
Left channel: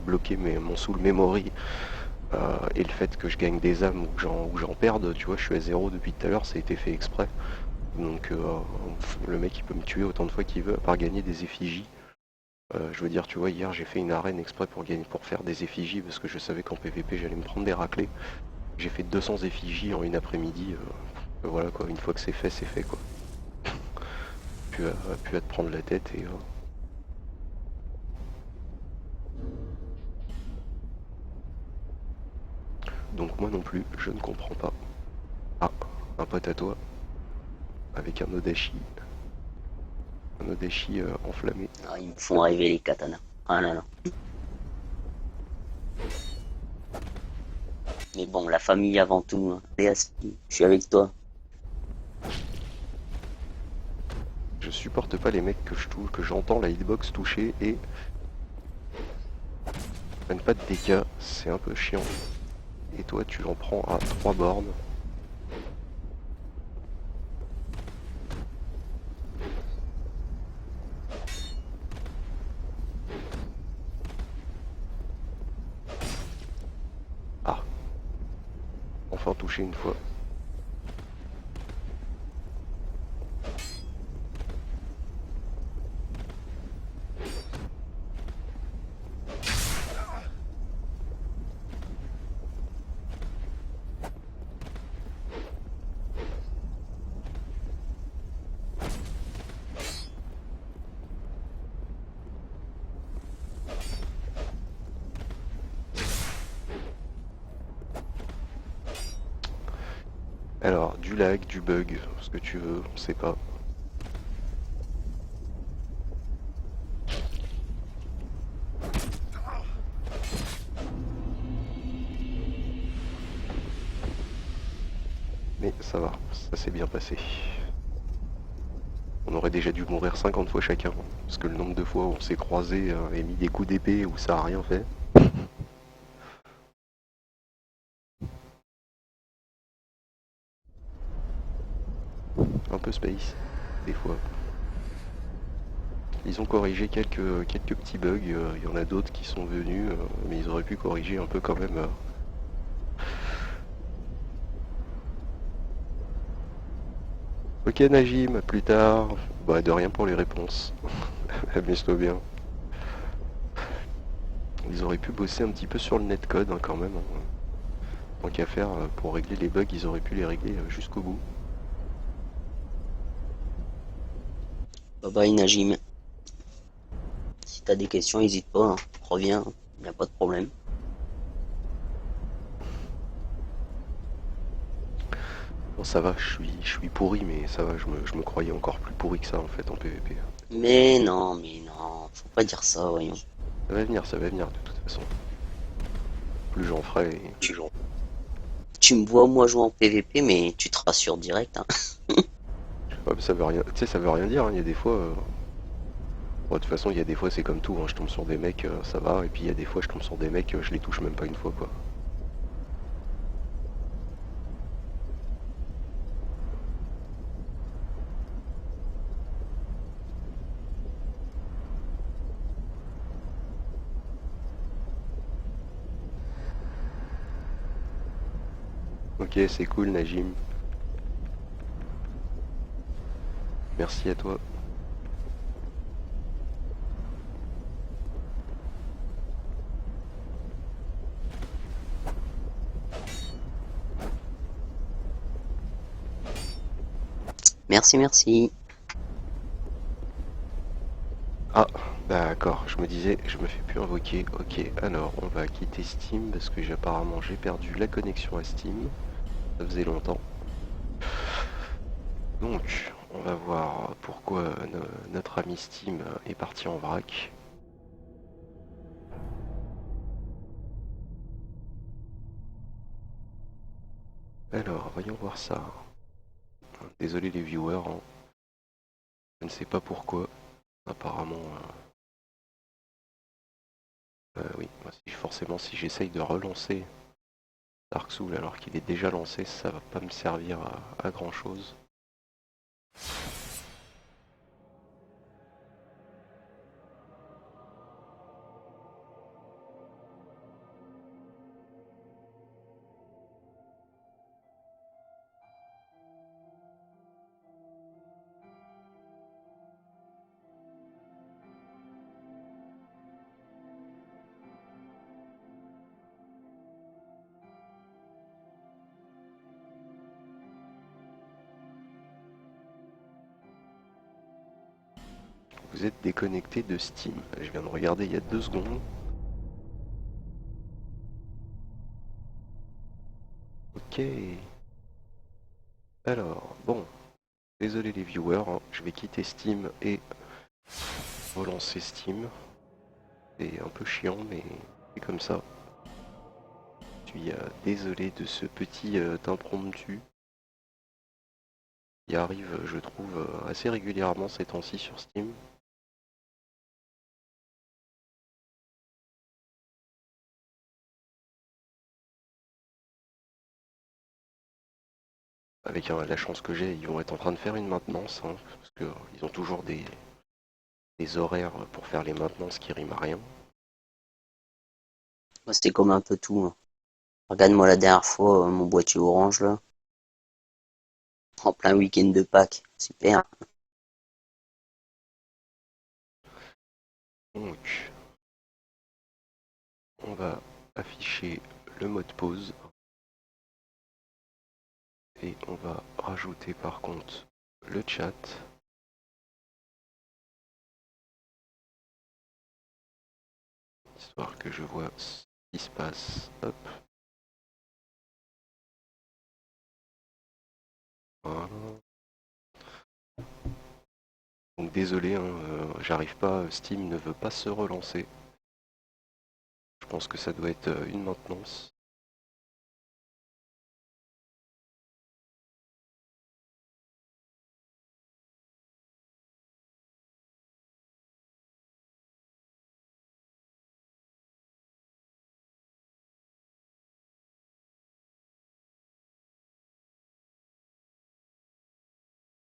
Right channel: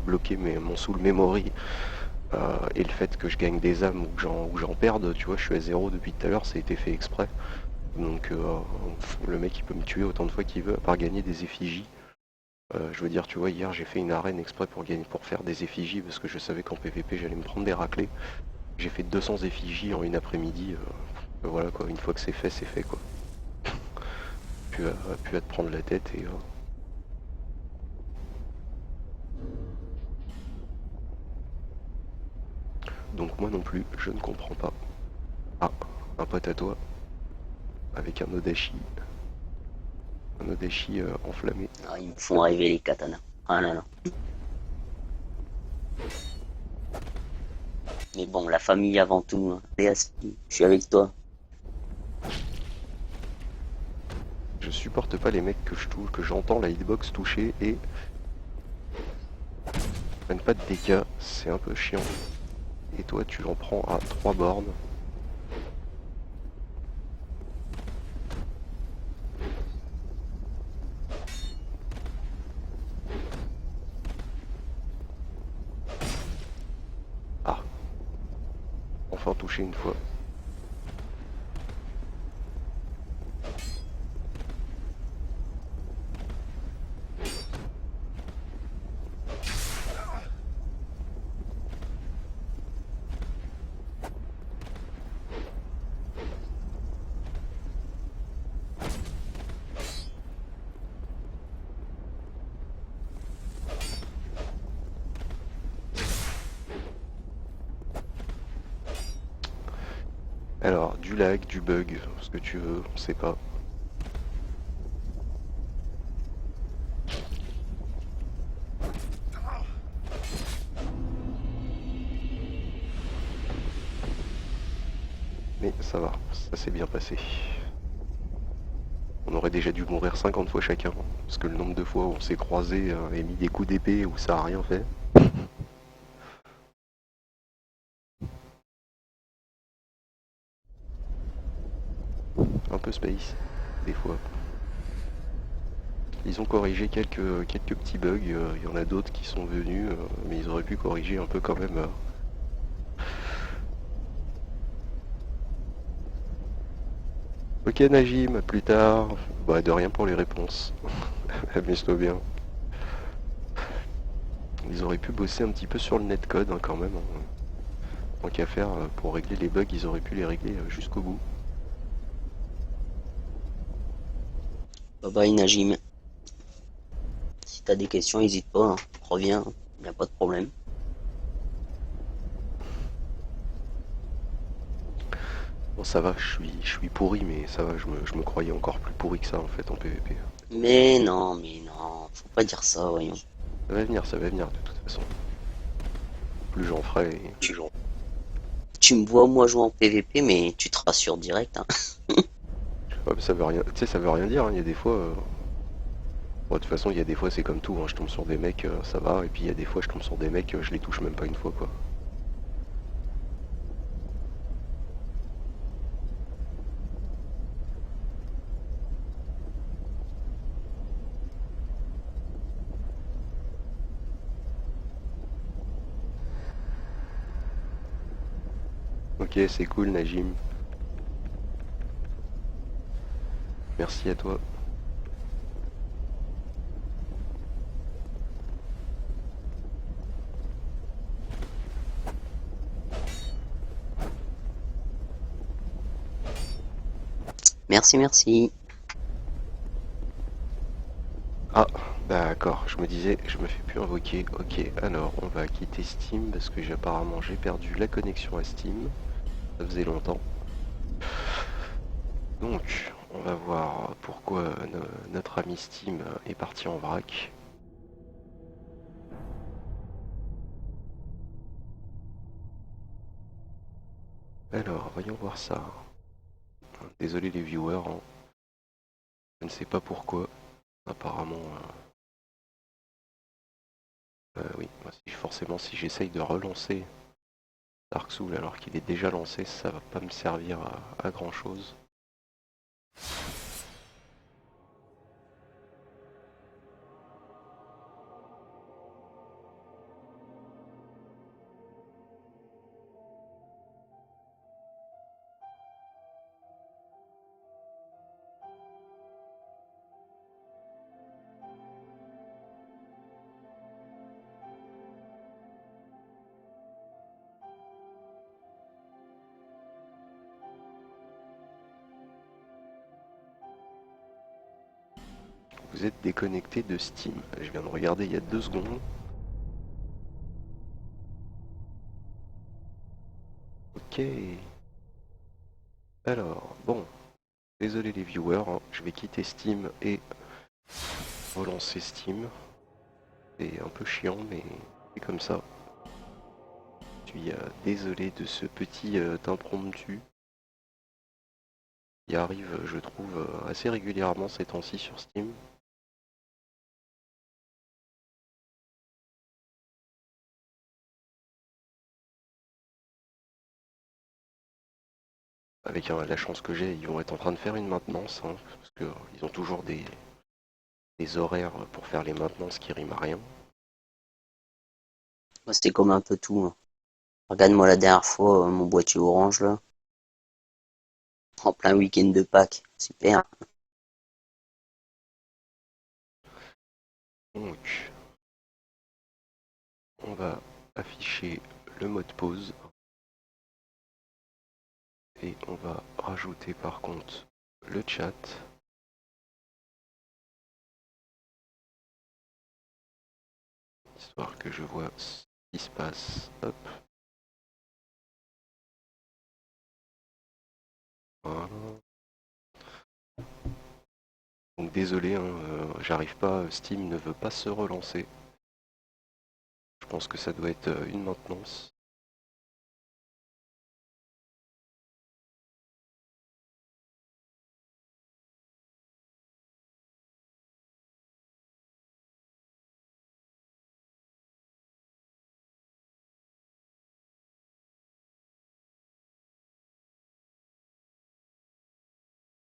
bloqué mon soul memory et le fait que je gagne des âmes ou que j'en perde, tu vois, je suis à zéro depuis tout à l'heure, ça a été fait exprès. Donc le mec il peut me tuer autant de fois qu'il veut, à part gagner des effigies. Je veux dire, tu vois, hier j'ai fait une arène exprès pour faire des effigies parce que je savais qu'en PVP j'allais me prendre des raclés. J'ai fait 200 effigies en une après-midi. Voilà quoi, une fois que c'est fait quoi. Plus à te prendre la tête et donc moi non plus, je ne comprends pas. Ah, un pote à toi avec un Odachi enflammé. Ah, ils me font rêver les katanas. Ah là là. Mais bon, la famille avant tout, hein. Léa, je suis avec toi. Je supporte pas les mecs que je touche, que j'entends la hitbox toucher et prennent pas de dégâts, c'est un peu chiant. Et toi tu en prends à 3 bornes. Ah, enfin touché une fois. Alors, du lag, du bug, ce que tu veux, on sait pas. Mais ça va, ça s'est bien passé. On aurait déjà dû mourir 50 fois chacun, parce que le nombre de fois où on s'est croisés et mis des coups d'épée où ça a rien fait. Un peu space, des fois. Ils ont corrigé quelques petits bugs, il y en a d'autres qui sont venus, mais ils auraient pu corriger un peu quand même. Ok Najim, à plus tard. Bah de rien pour les réponses. Amuse-toi bien. Ils auraient pu bosser un petit peu sur le netcode hein, quand même, hein. Tant qu'à faire, pour régler les bugs, ils auraient pu les régler jusqu'au bout. Bye bye Najim. Si t'as des questions, n'hésite pas, hein. Reviens, y a pas de problème. Bon ça va, je suis pourri, mais ça va, je me croyais encore plus pourri que ça en fait en PvP. Mais non, faut pas dire ça, voyons. Ça va venir de toute façon. Plus j'en ferai, plus j'en... Tu me vois moi jouer en PVP, mais tu te rassures direct, hein. Ouais, mais ça veut rien, tu sais, ça veut rien dire, hein. Il y a des fois, Bon, de toute façon, il y a des fois, c'est comme tout, hein, je tombe sur des mecs, ça va, et puis il y a des fois, je tombe sur des mecs, je les touche même pas une fois, quoi. Ok, c'est cool, Najim. Merci à toi. Merci, merci. Ah, d'accord, je me disais, je me fais plus invoquer. Ok, alors, on va quitter Steam, parce que apparemment, j'ai perdu la connexion à Steam. Ça faisait longtemps. Donc, on va voir pourquoi notre ami Steam est parti en vrac. Alors, voyons voir ça. Désolé les viewers, hein. Je ne sais pas pourquoi. Apparemment, oui, moi, forcément, si j'essaye de relancer Dark Souls alors qu'il est déjà lancé, ça va pas me servir à grand chose. Vous êtes déconnecté de Steam. Je viens de regarder il y a 2 secondes. Ok. Alors, bon, désolé les viewers, hein, je vais quitter Steam et relancer Steam. C'est un peu chiant, mais c'est comme ça. Je suis désolé de ce petit impromptu qui arrive, je trouve, assez régulièrement ces temps-ci sur Steam. Avec la chance que j'ai, ils vont être en train de faire une maintenance, hein, parce qu'ils ont toujours des horaires pour faire les maintenances qui riment à rien. Moi, c'était comme un peu tout, hein. Regarde-moi la dernière fois, mon boîtier orange, là. En plein week-end de Pâques. Super. Donc, on va afficher le mode pause et on va rajouter par contre le chat, histoire que je vois ce qui se passe. Hop, voilà. Donc désolé, hein, j'arrive pas, Steam ne veut pas se relancer. Je pense que ça doit être une maintenance.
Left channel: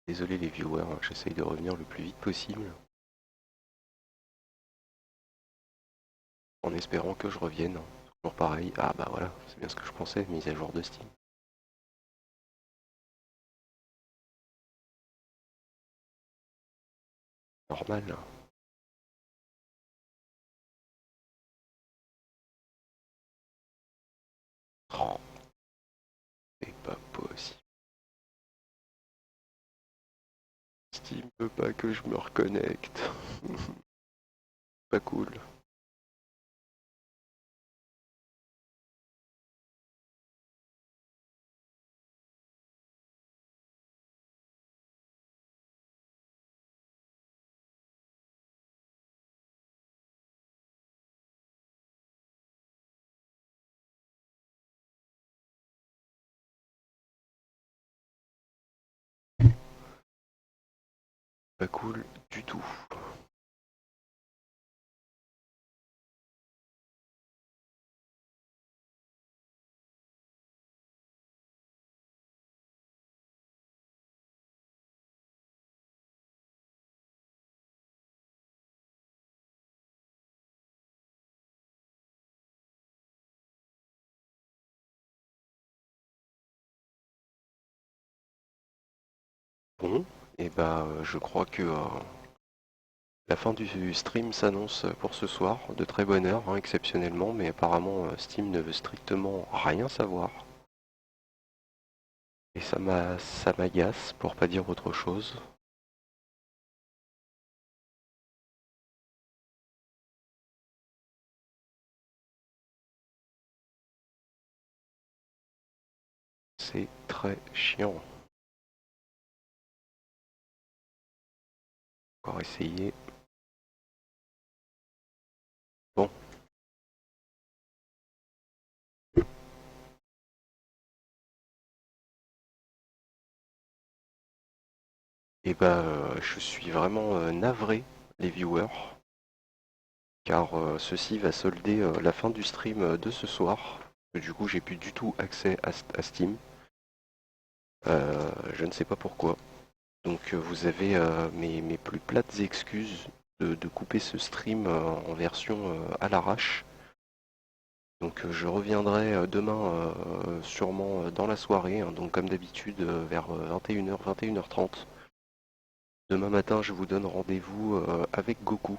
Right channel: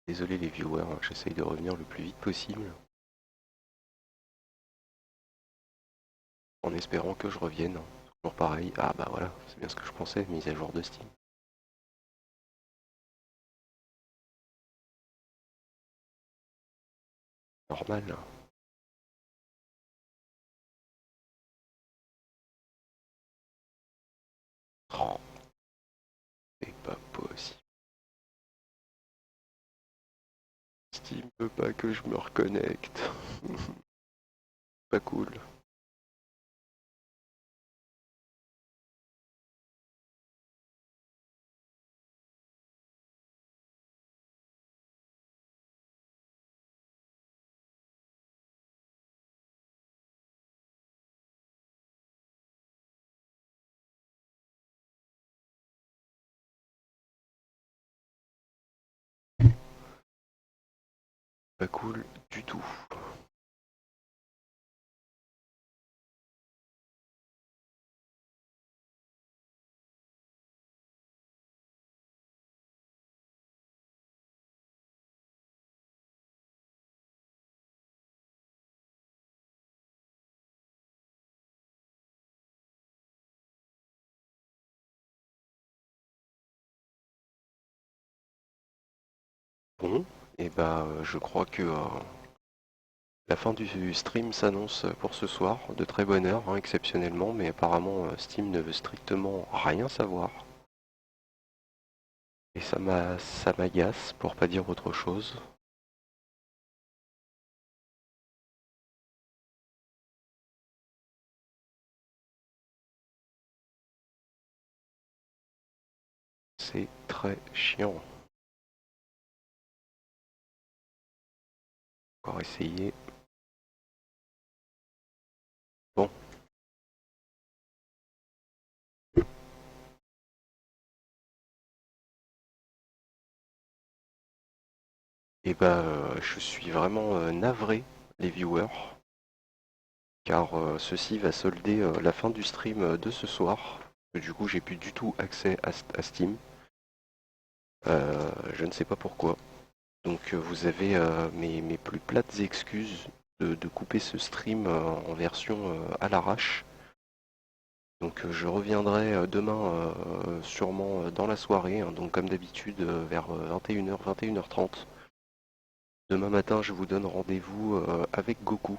Désolé les viewers, hein, j'essaye de revenir le plus vite possible. En espérant que je revienne, hein. Toujours pareil. Ah bah voilà, c'est bien ce que je pensais, mise à jour de Steam. Normal, là. Oh, c'est pas possible. Steam veut pas que je me reconnecte. Pas cool. Pas cool du tout. Bon, et bah je crois que la fin du stream s'annonce pour ce soir, de très bonne heure, hein, exceptionnellement, mais apparemment Steam ne veut strictement rien savoir. Et ça m'agace, pour pas dire autre chose. C'est très chiant. Encore essayer. Bon, et bah je suis vraiment navré, les viewers, car ceci va solder la fin du stream de ce soir. Du coup, j'ai plus du tout accès à Steam. Je ne sais pas pourquoi. Donc vous avez mes plus plates excuses de couper ce stream en version à l'arrache. Donc je reviendrai demain sûrement dans la soirée, hein, donc comme d'habitude vers 21h, 21h30. Demain matin, je vous donne rendez-vous avec Goku,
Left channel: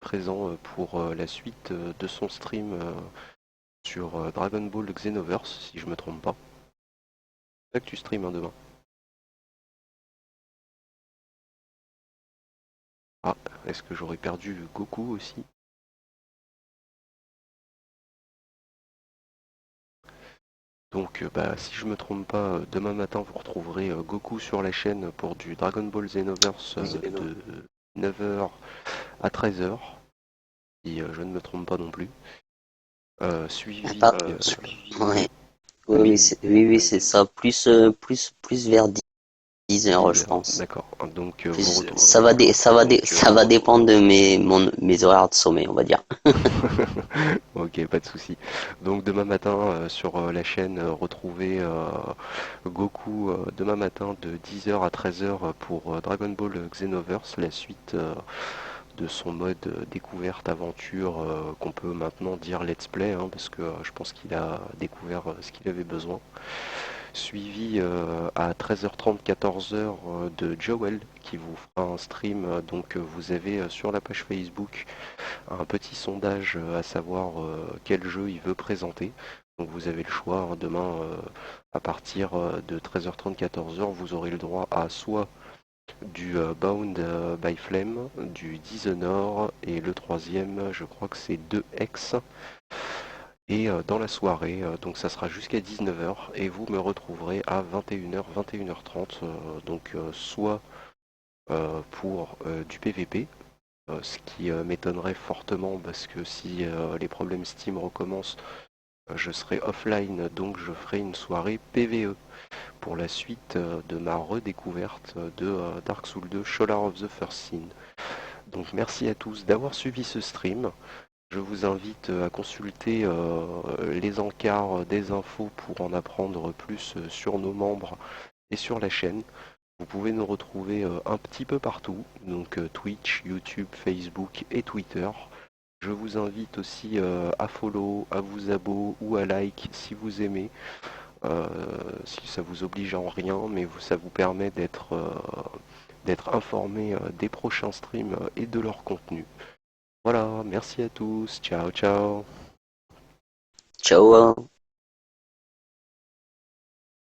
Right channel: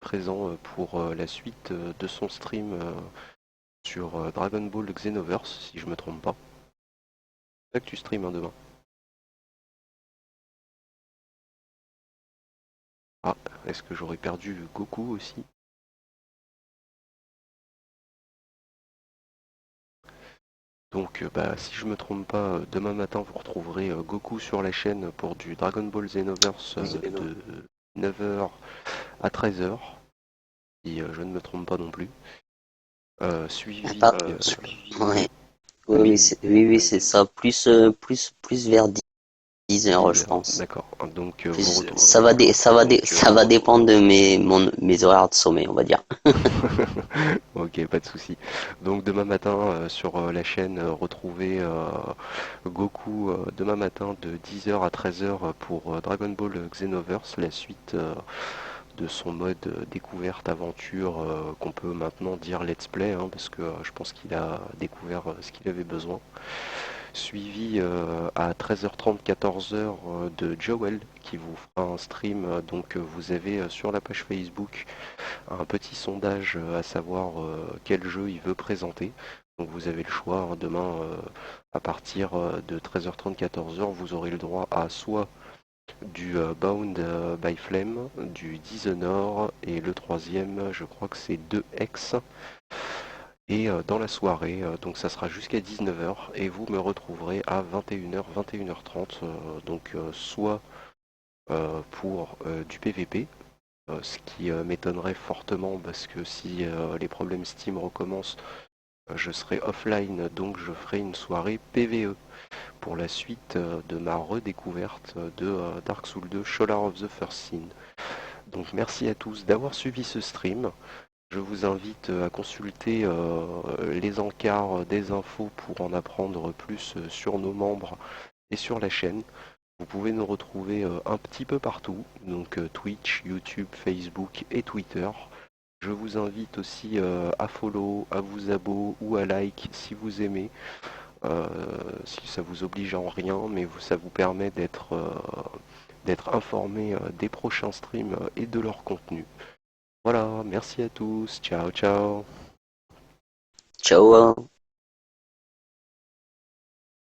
présent pour la suite de son stream sur Dragon Ball Xenoverse, si je me trompe pas. C'est ça que tu stream hein, demain. Ah, est-ce que j'aurais perdu Goku aussi? Donc bah, si je me trompe pas, demain matin vous retrouverez Goku sur la chaîne pour du Dragon Ball Xenoverse de 9h à 13h, si je ne me trompe pas non plus. Suivi... Pas... Ouais. Oui, oui, oui, c'est ça. Plus vers 10 heures, je 10h, pense. d'accord. Donc Ça va dépendre de mes horaires de sommeil, on va dire. ok, pas de souci. Donc demain matin sur la chaîne, retrouvez Goku demain matin de 10h à 13h pour Dragon Ball Xenoverse, la suite de son mode découverte aventure qu'on peut maintenant dire let's play, hein, parce que je pense qu'il a découvert ce qu'il avait besoin. Suivi à 13h30, 14h de Joel qui vous fera un stream. Donc vous avez sur la page Facebook un petit sondage à savoir quel jeu il veut présenter. Donc vous avez le choix, hein, demain à partir de 13h30, 14h, vous aurez le droit à soit du Bound by Flame, du Dishonored et le troisième, je crois que c'est 2X. Et dans la soirée, donc ça sera jusqu'à 19h et vous me retrouverez à 21h, 21h30, donc soit pour du PVP, ce qui m'étonnerait fortement parce que si les problèmes Steam recommencent, je serai offline, donc je ferai une soirée PVE pour la suite de ma redécouverte de Dark Souls 2 Sholar of the First Sin. Donc merci à tous d'avoir suivi ce stream. Je vous invite à consulter les encarts des infos pour en apprendre plus sur nos membres et sur la chaîne. Vous pouvez nous retrouver un petit peu partout, donc Twitch, YouTube, Facebook et Twitter. Je vous invite aussi à follow, à vous abonner ou à like si vous aimez. Si ça vous oblige en rien, mais ça vous permet d'être informé des prochains streams et de leur contenu. Voilà, merci à tous, ciao ciao. Ciao.